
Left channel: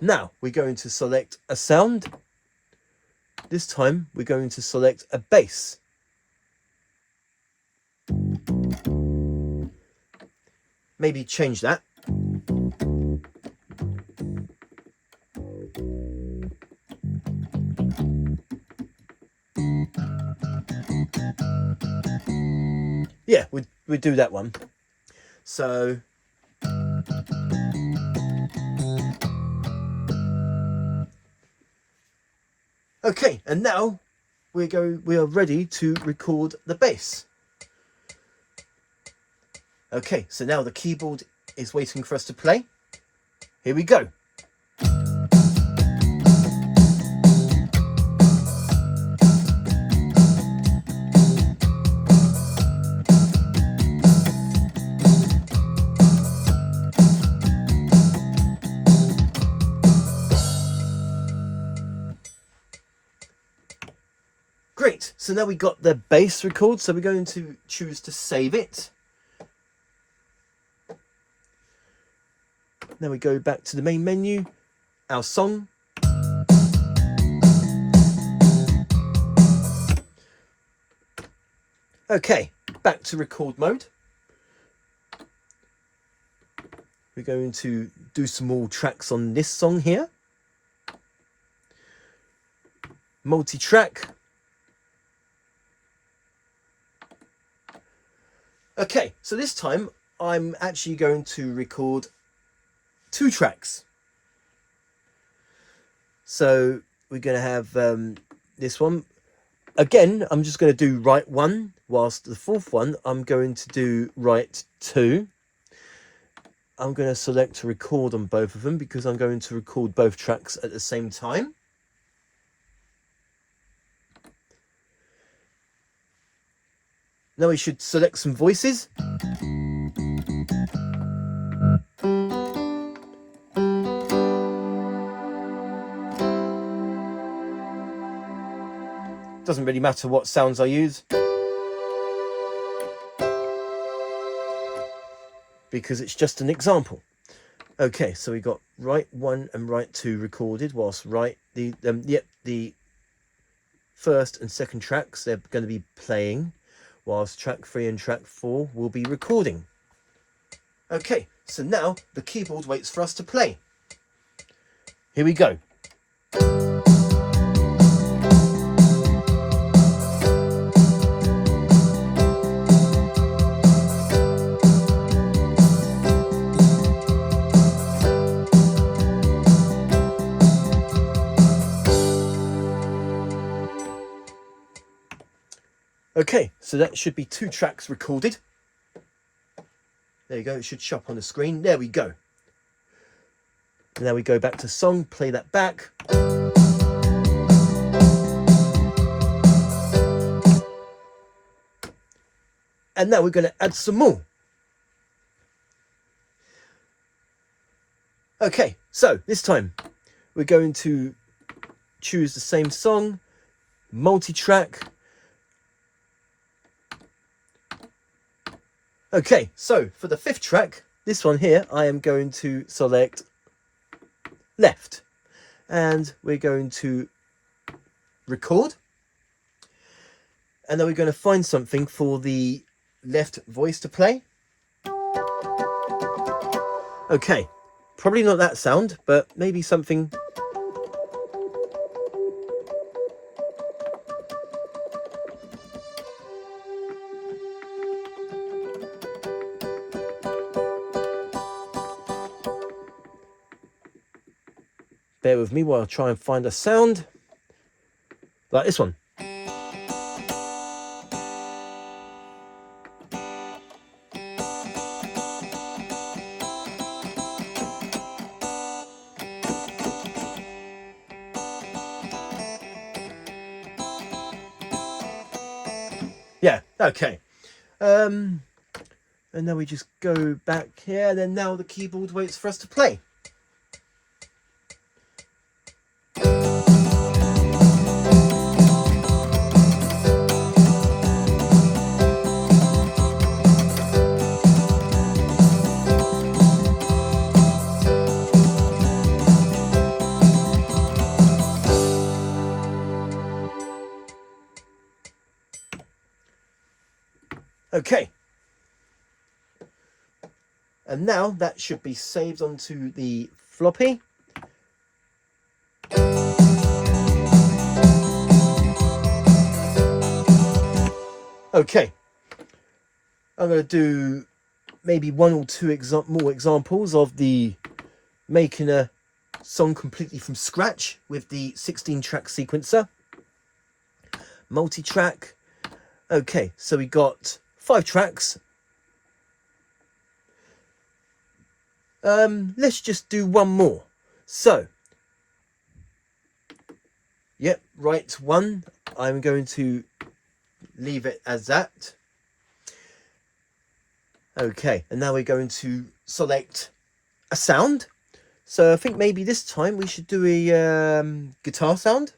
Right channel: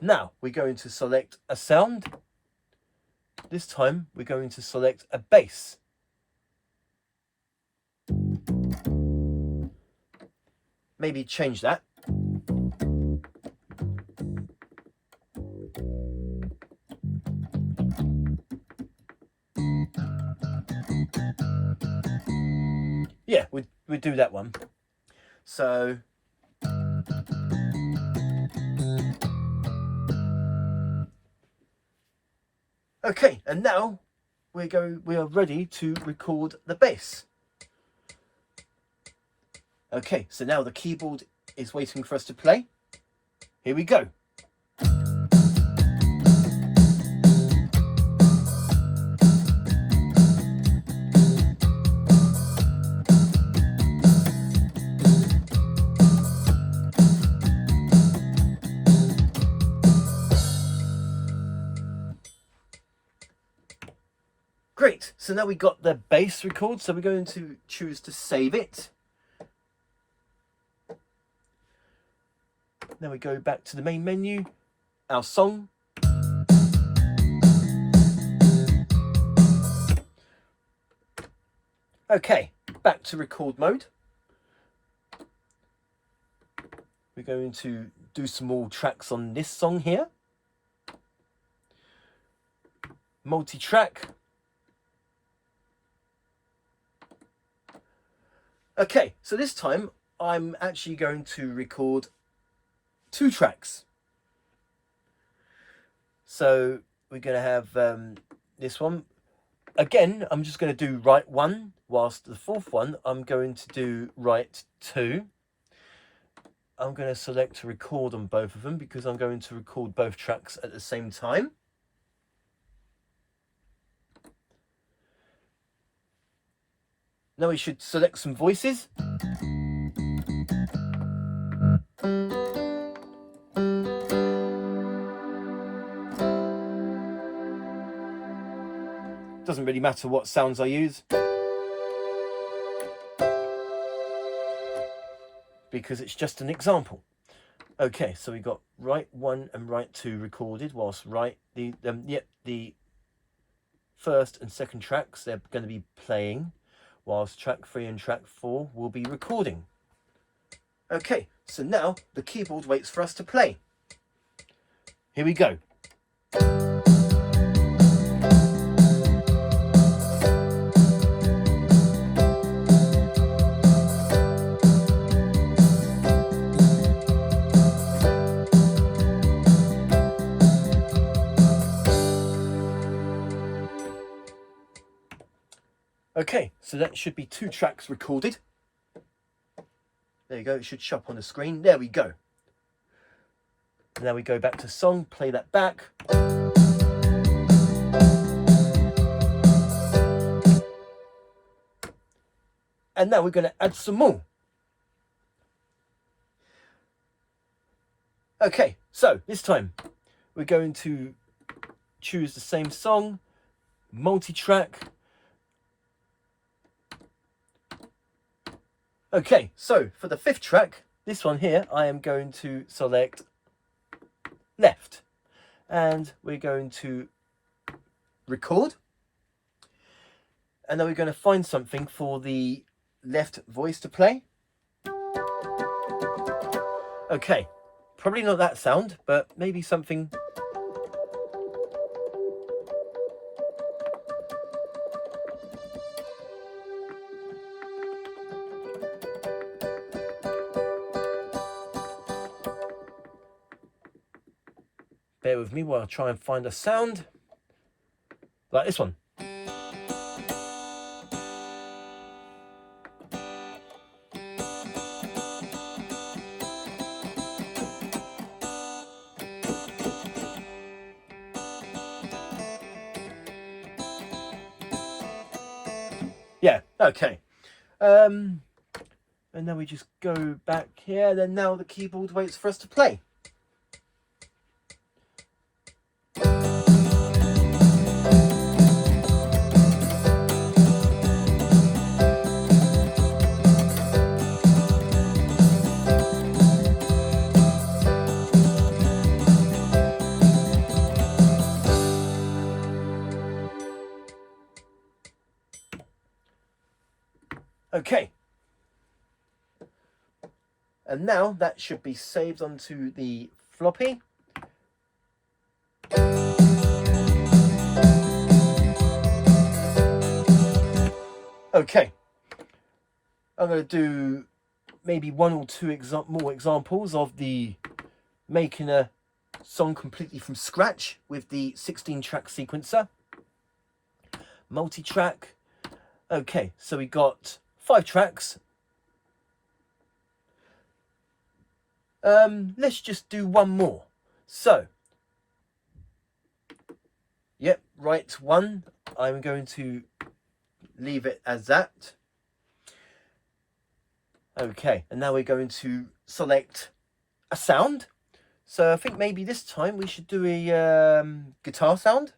Now we're going to select a sound. This time we're going to select a bass. Maybe change that. we do that one. So okay, and now we are ready to record the bass. Okay, so now the keyboard is waiting for us to play. Here we go. Great, so now we got the bass record, so we're going to choose to save it. Then we go back to the main menu, our song. Okay, back to record mode. We're going to do some more tracks on this song here. Multi-track. Okay, so this time I'm actually going to record 2 tracks. So we're going to have this one. Again, I'm just going to do right 1, whilst the 4th one I'm going to do right 2. I'm going to select to record on both of them because I'm going to record both tracks at the same time. Now we should select some voices. Doesn't really matter what sounds I use, because it's just an example. Okay, so we got right 1 and right 2 recorded, whilst the first and second tracks they're going to be playing, whilst track 3 and track 4 will be recording. Okay, so now the keyboard waits for us to play. Here we go. Okay, so that should be 2 tracks recorded. There you go, it should show up on the screen. There we go. And now we go back to song, play that back. And now we're going to add some more. Okay, so this time we're going to choose the same song, multi-track. Okay, so for the 5th track, this one here, I am going to select left. And we're going to record. And then we're going to find something for the left voice to play. Okay, probably not that sound, but maybe something. Bear with me while I try and find a sound like this one. Yeah, okay. And then we just go back here, and then now the keyboard waits for us to play. Okay, and now that should be saved onto the floppy. Okay, I'm going to do maybe one or two more examples of the making a song completely from scratch with the 16-track sequencer. Multi-track. Okay, so we got 5 tracks. Let's just do one more. So, yep, right, 1. I'm going to leave it as that. Okay, and now we're going to select a sound. So I think maybe this time we should do a guitar sound.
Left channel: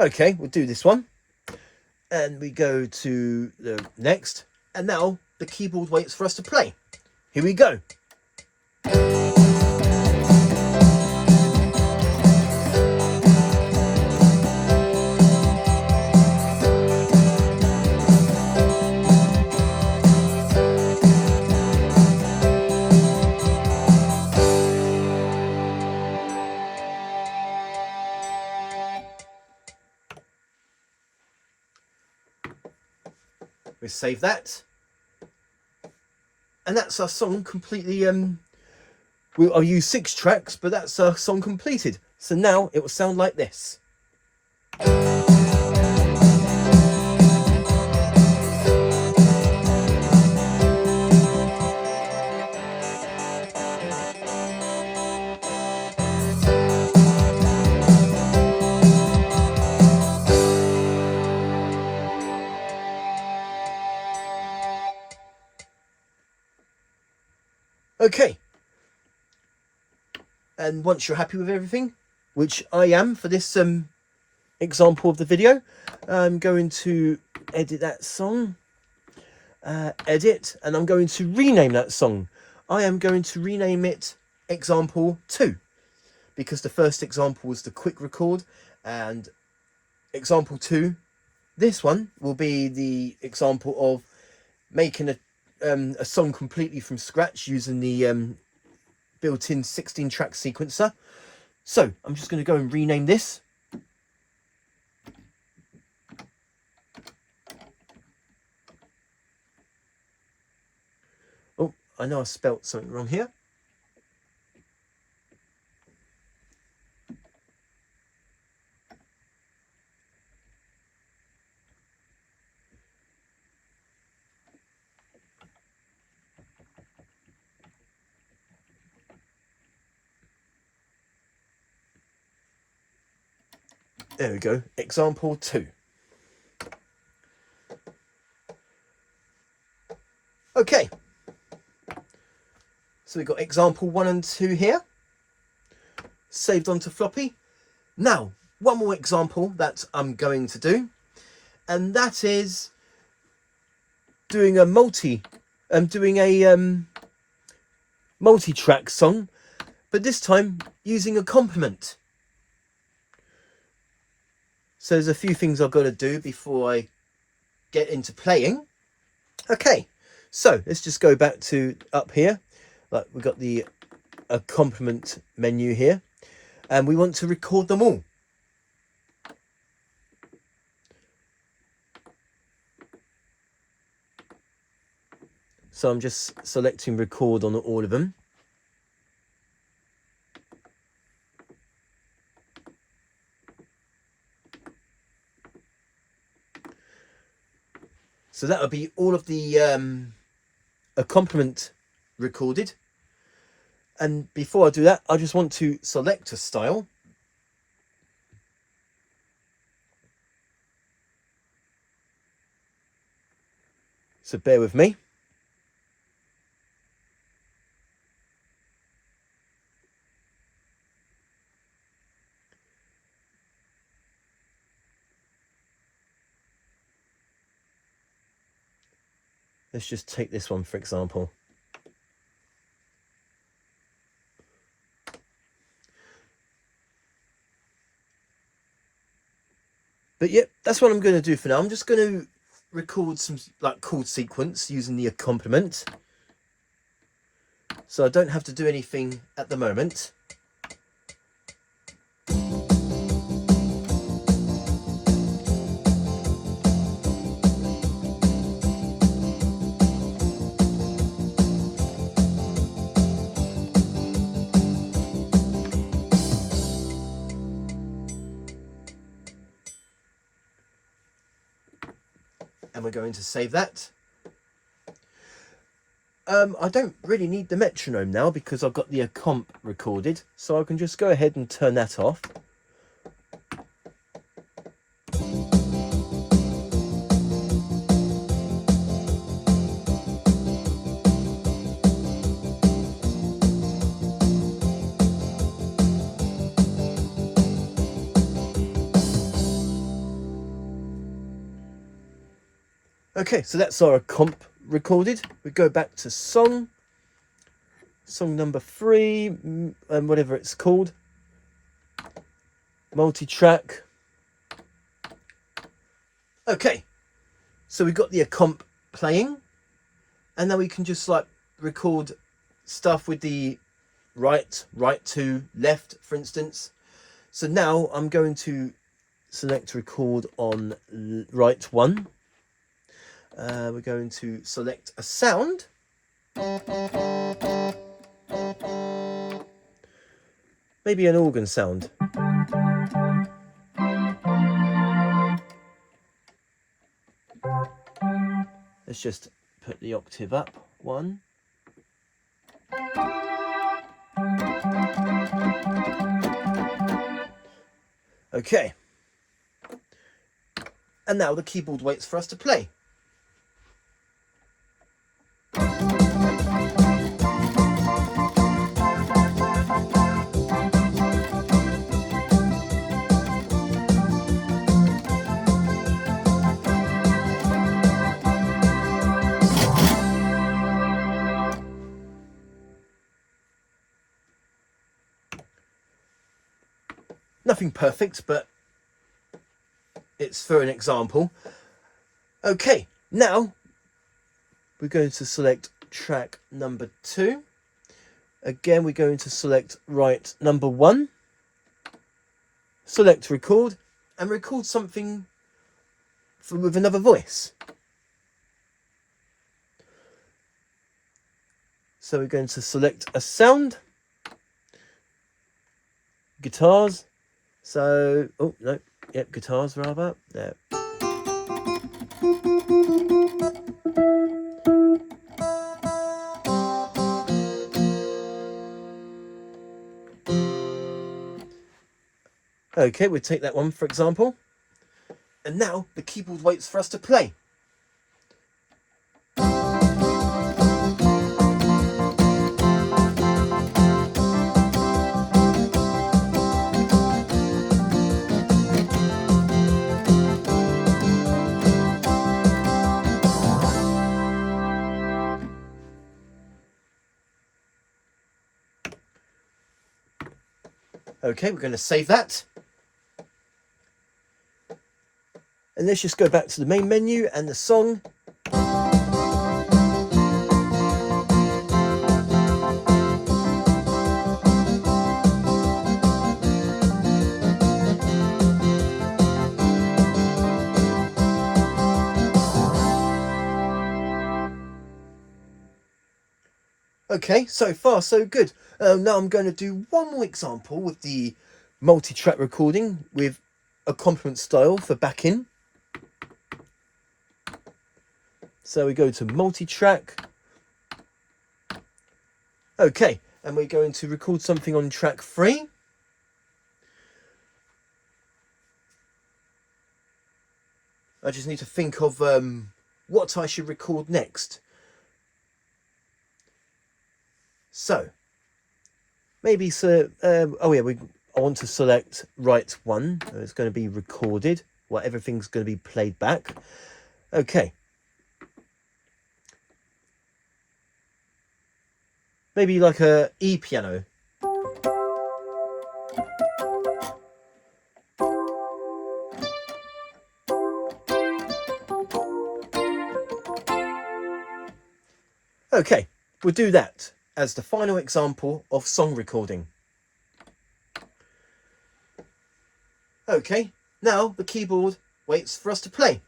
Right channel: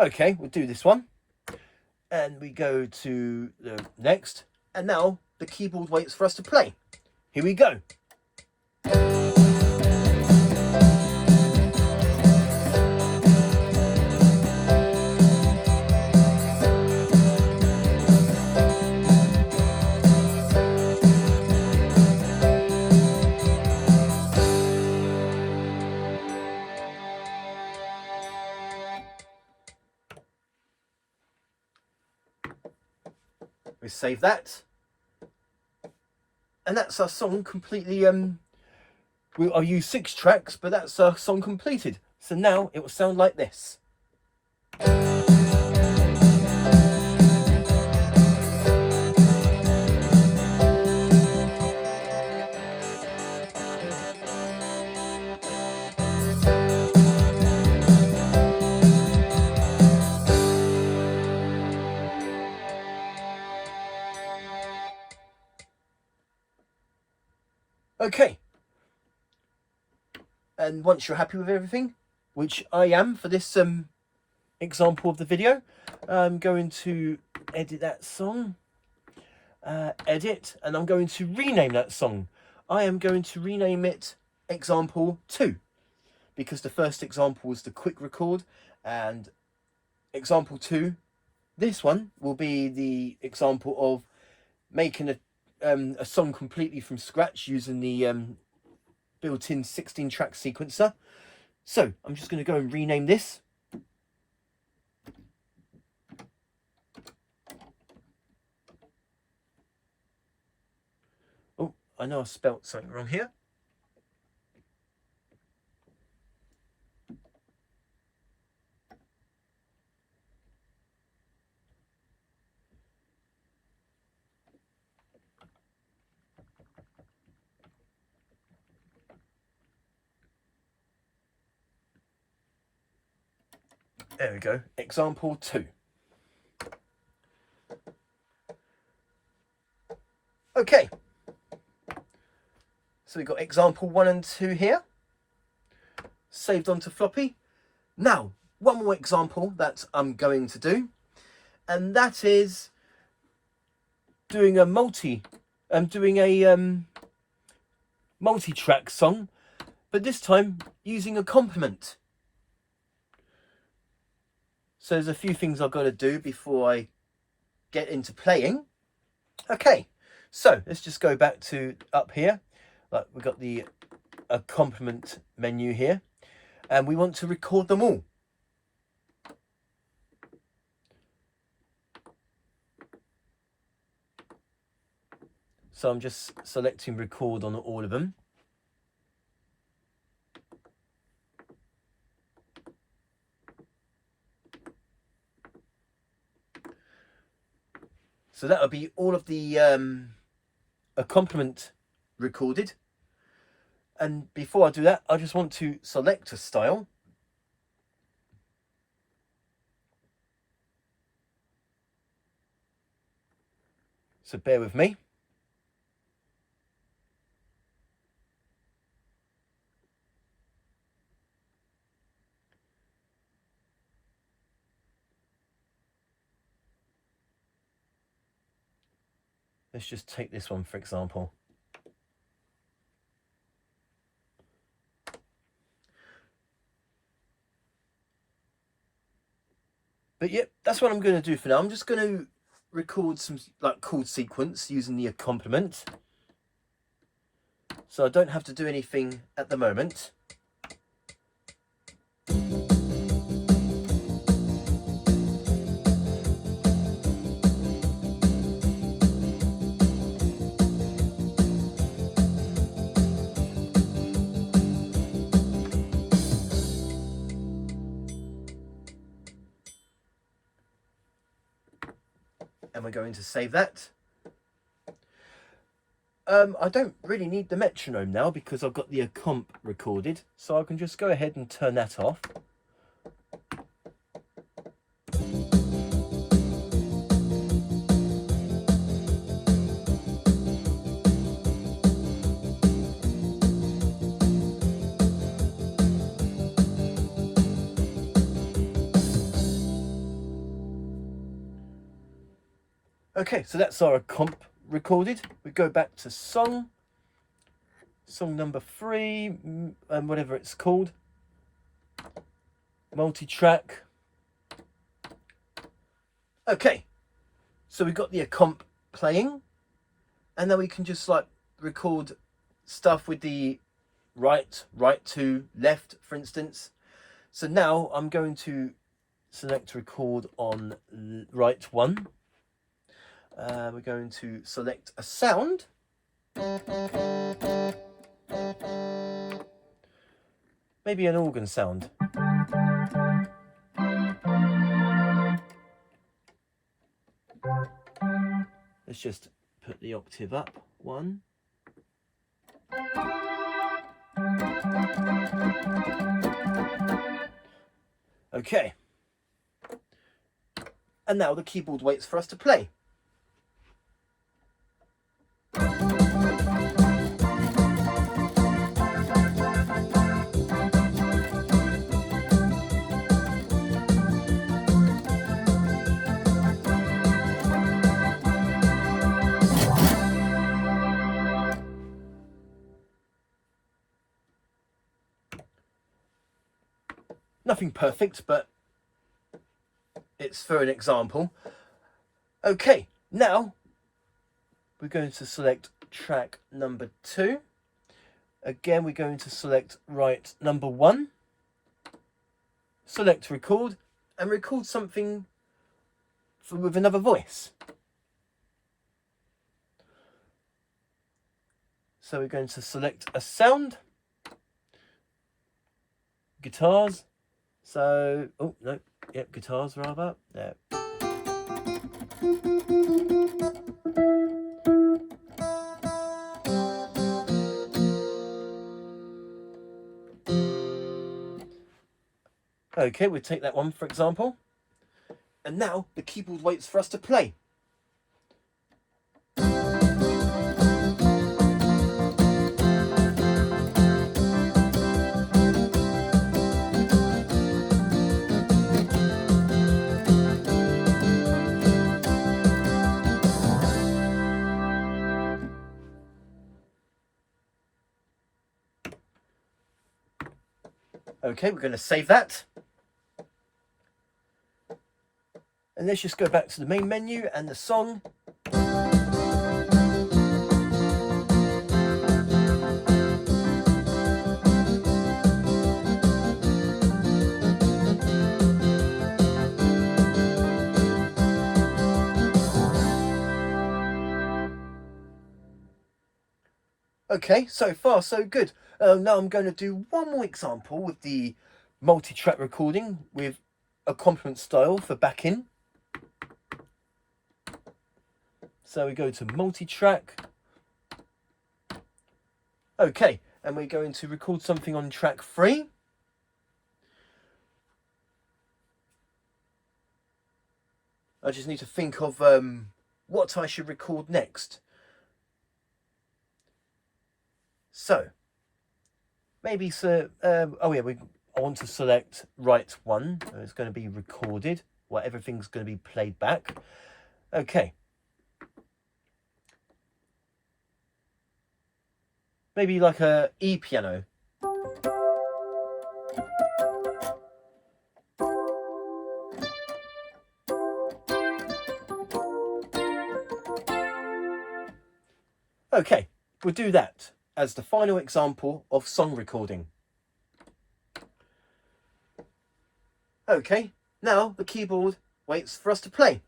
Okay, we'll do this one. And we go to the next. And now the keyboard waits for us to play. Here we go. We save that. And that's our song completely. I'll use 6 tracks, but that's our song completed. So now it will sound like this. Okay. And once you're happy with everything, which I am for this example of the video, I'm going to edit that song. Edit, and I'm going to rename that song. I am going to rename it example 2, because the first example was the quick record, and example 2, this one, will be the example of making a song completely from scratch using the built-in 16-track sequencer. So I'm just going to go and rename this. Oh, I know I spelt something wrong here. There we go, example 2. Okay, so we've got example 1 and 2 here, saved onto Floppy. Now, one more example that I'm going to do, and that is doing a multi-track song, but this time using a complement. So there's a few things I've got to do before I get into playing. Okay, so let's just go back to up here. Like, we've got the complement menu here, and we want to record them all. So I'm just selecting record on all of them. So that'll be all of the complement recorded. And before I do that, I just want to select a style. So bear with me. Let's just take this one, for example. But yeah, that's what I'm going to do for now. I'm just going to record some like chord sequence using the accompaniment. So I don't have to do anything at the moment. And we're going to save that. I don't really need the metronome now because I've got the comp recorded, so I can just go ahead and turn that off. Okay, so that's our comp recorded. We go back to song number 3, and whatever it's called, multi-track. Okay, so we've got the comp playing, and then we can just like record stuff with the right to left, for instance. So now I'm going to select record on right 1. We're going to select a sound. Maybe an organ sound. Let's just put the octave up 1. Okay. And now the keyboard waits for us to play. Nothing perfect, but it's for an example. Okay, now we're going to select track number 2. Again, we're going to select right number 1. Select record, and record something with another voice. So we're going to select a sound. Guitars. So, oh no, yep, guitars rather. There. Okay, we'll take that one for example. And now the keyboard waits for us to play. Okay, we're going to save that. And let's just go back to the main menu and the song. Okay, so far so good. Now I'm going to do one more example with the multi-track recording with accompaniment style for backing. So we go to multi-track. Okay, and we're going to record something on track 3. I just need to think of what I should record next. So, maybe oh yeah, I want to select right 1. It's going to be recorded. Well, everything's going to be played back. Okay. Maybe like a E piano. Okay, we'll do that as the final example of song recording. Okay, now the keyboard waits for us to play.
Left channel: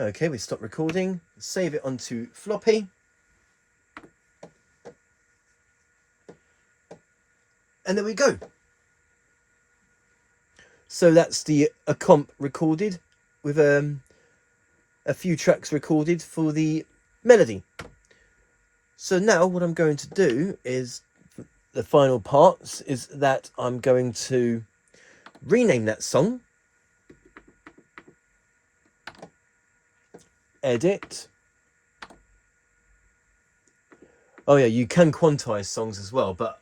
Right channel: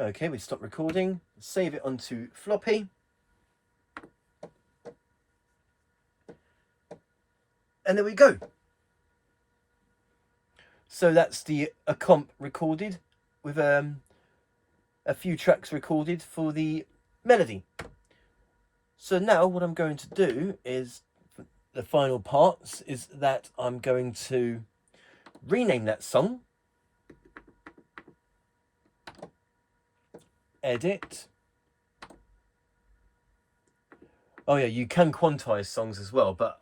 Okay, we stop recording, save it onto Floppy. And there we go. So that's the a comp recorded with a few tracks recorded for the melody. So now what I'm going to do is, the final parts, is that I'm going to rename that song. Edit. Oh yeah, you can quantize songs as well, but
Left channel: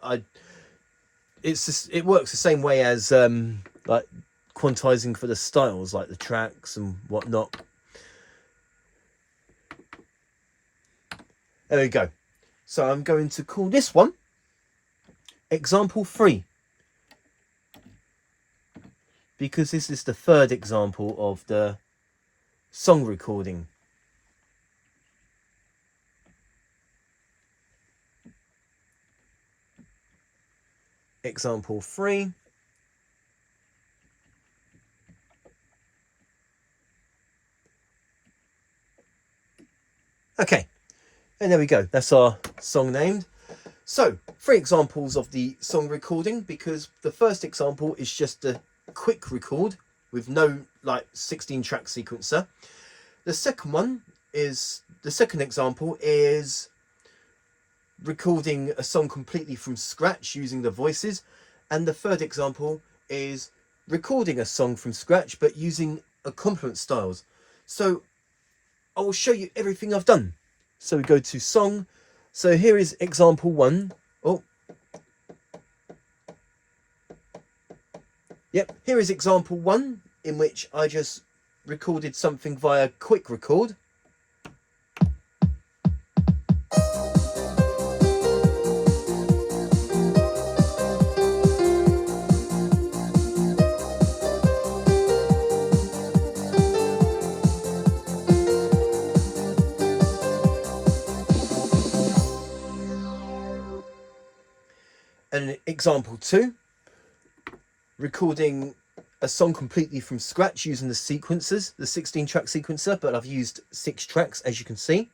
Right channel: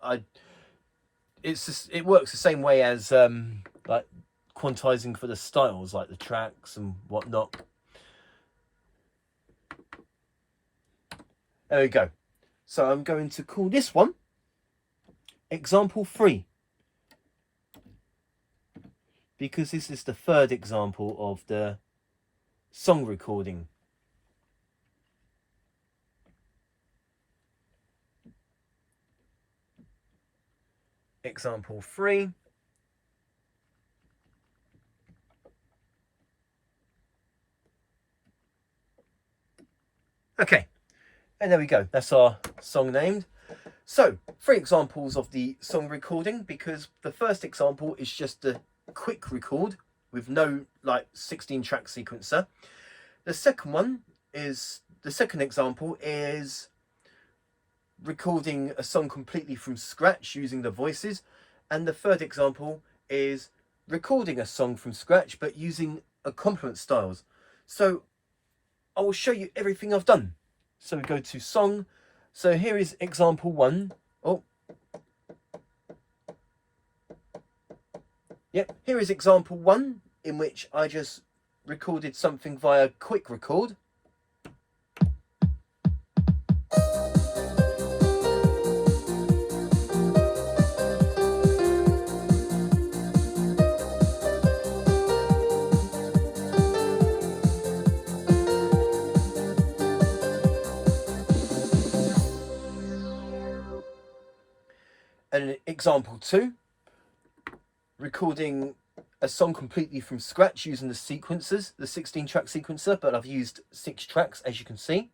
it works the same way as like quantizing for the styles, like the tracks and whatnot. There we go. So I'm going to call this one example 3, because this is the third example of the song recording. Example 3. Okay, and there we go. That's our song named. So, 3 examples of the song recording, because the first example is just a quick record with no like 16 track sequencer. The second example is recording a song completely from scratch using the voices, and the third example is recording a song from scratch but using accompaniment styles. So I will show you everything I've done. So we go to song. So here is example 1. Oh, yep, here is example 1, in which I just recorded something via quick record. And example 2, recording a song completely from scratch using the sequencers, the 16 track sequencer, but I've used 6 tracks, as you can see.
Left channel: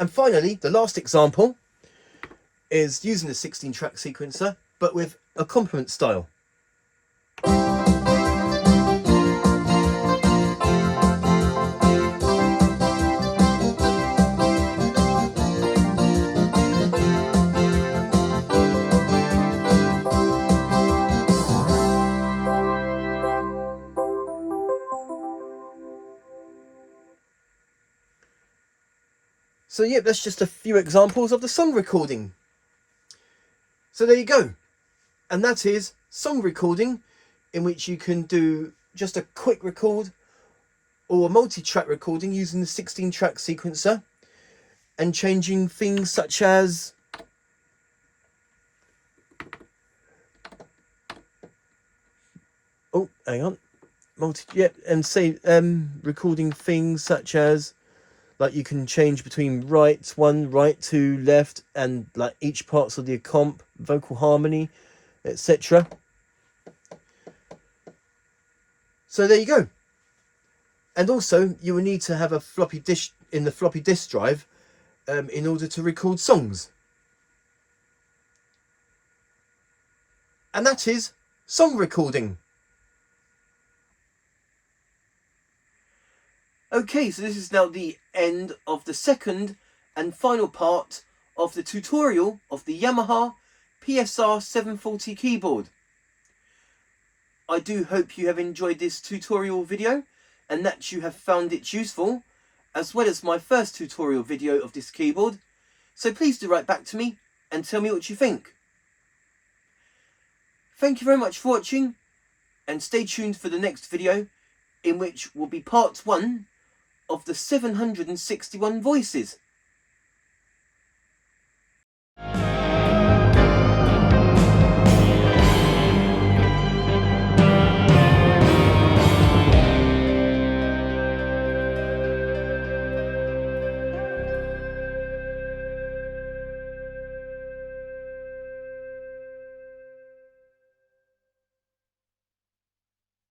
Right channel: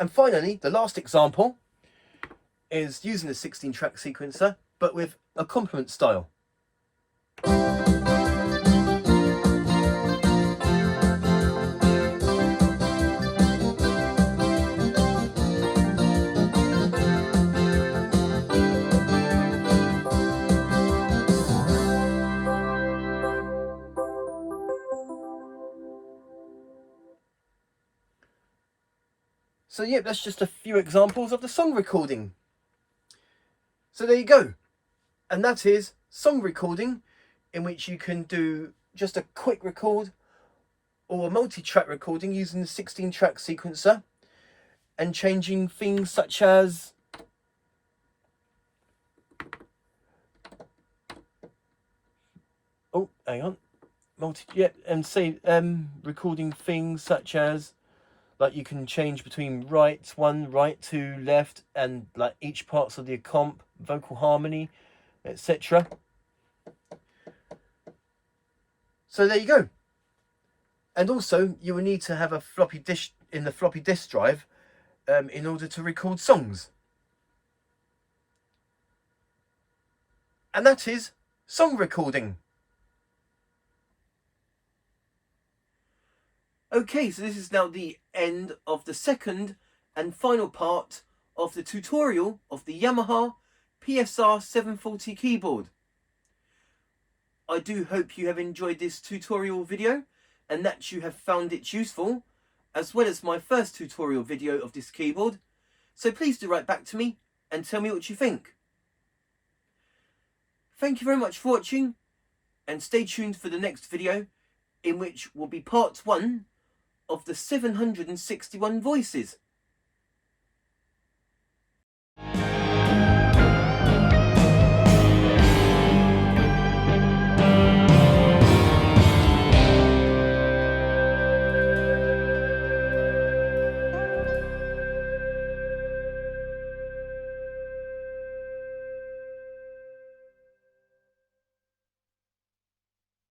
And finally, the last example is using the 16 track sequencer, but with accompaniment style. So yeah, that's just a few examples of the song recording. So there you go. And that is song recording, in which you can do just a quick record or a multi-track recording using the 16 track sequencer and changing things such as and say recording things such as, like, you can change between right 1, right 2, left, and like each parts of the comp, vocal harmony, etc. So there you go. And also you will need to have a floppy disk in the floppy disk drive in order to record songs. And that is song recording. Okay, so this is now the end of the second and final part of the tutorial of the Yamaha PSR-740 keyboard. I do hope you have enjoyed this tutorial video and that you have found it useful, as well as my first tutorial video of this keyboard. So please do write back to me and tell me what you think. Thank you very much for watching, and stay tuned for the next video, in which will be part 1 of the 761 voices.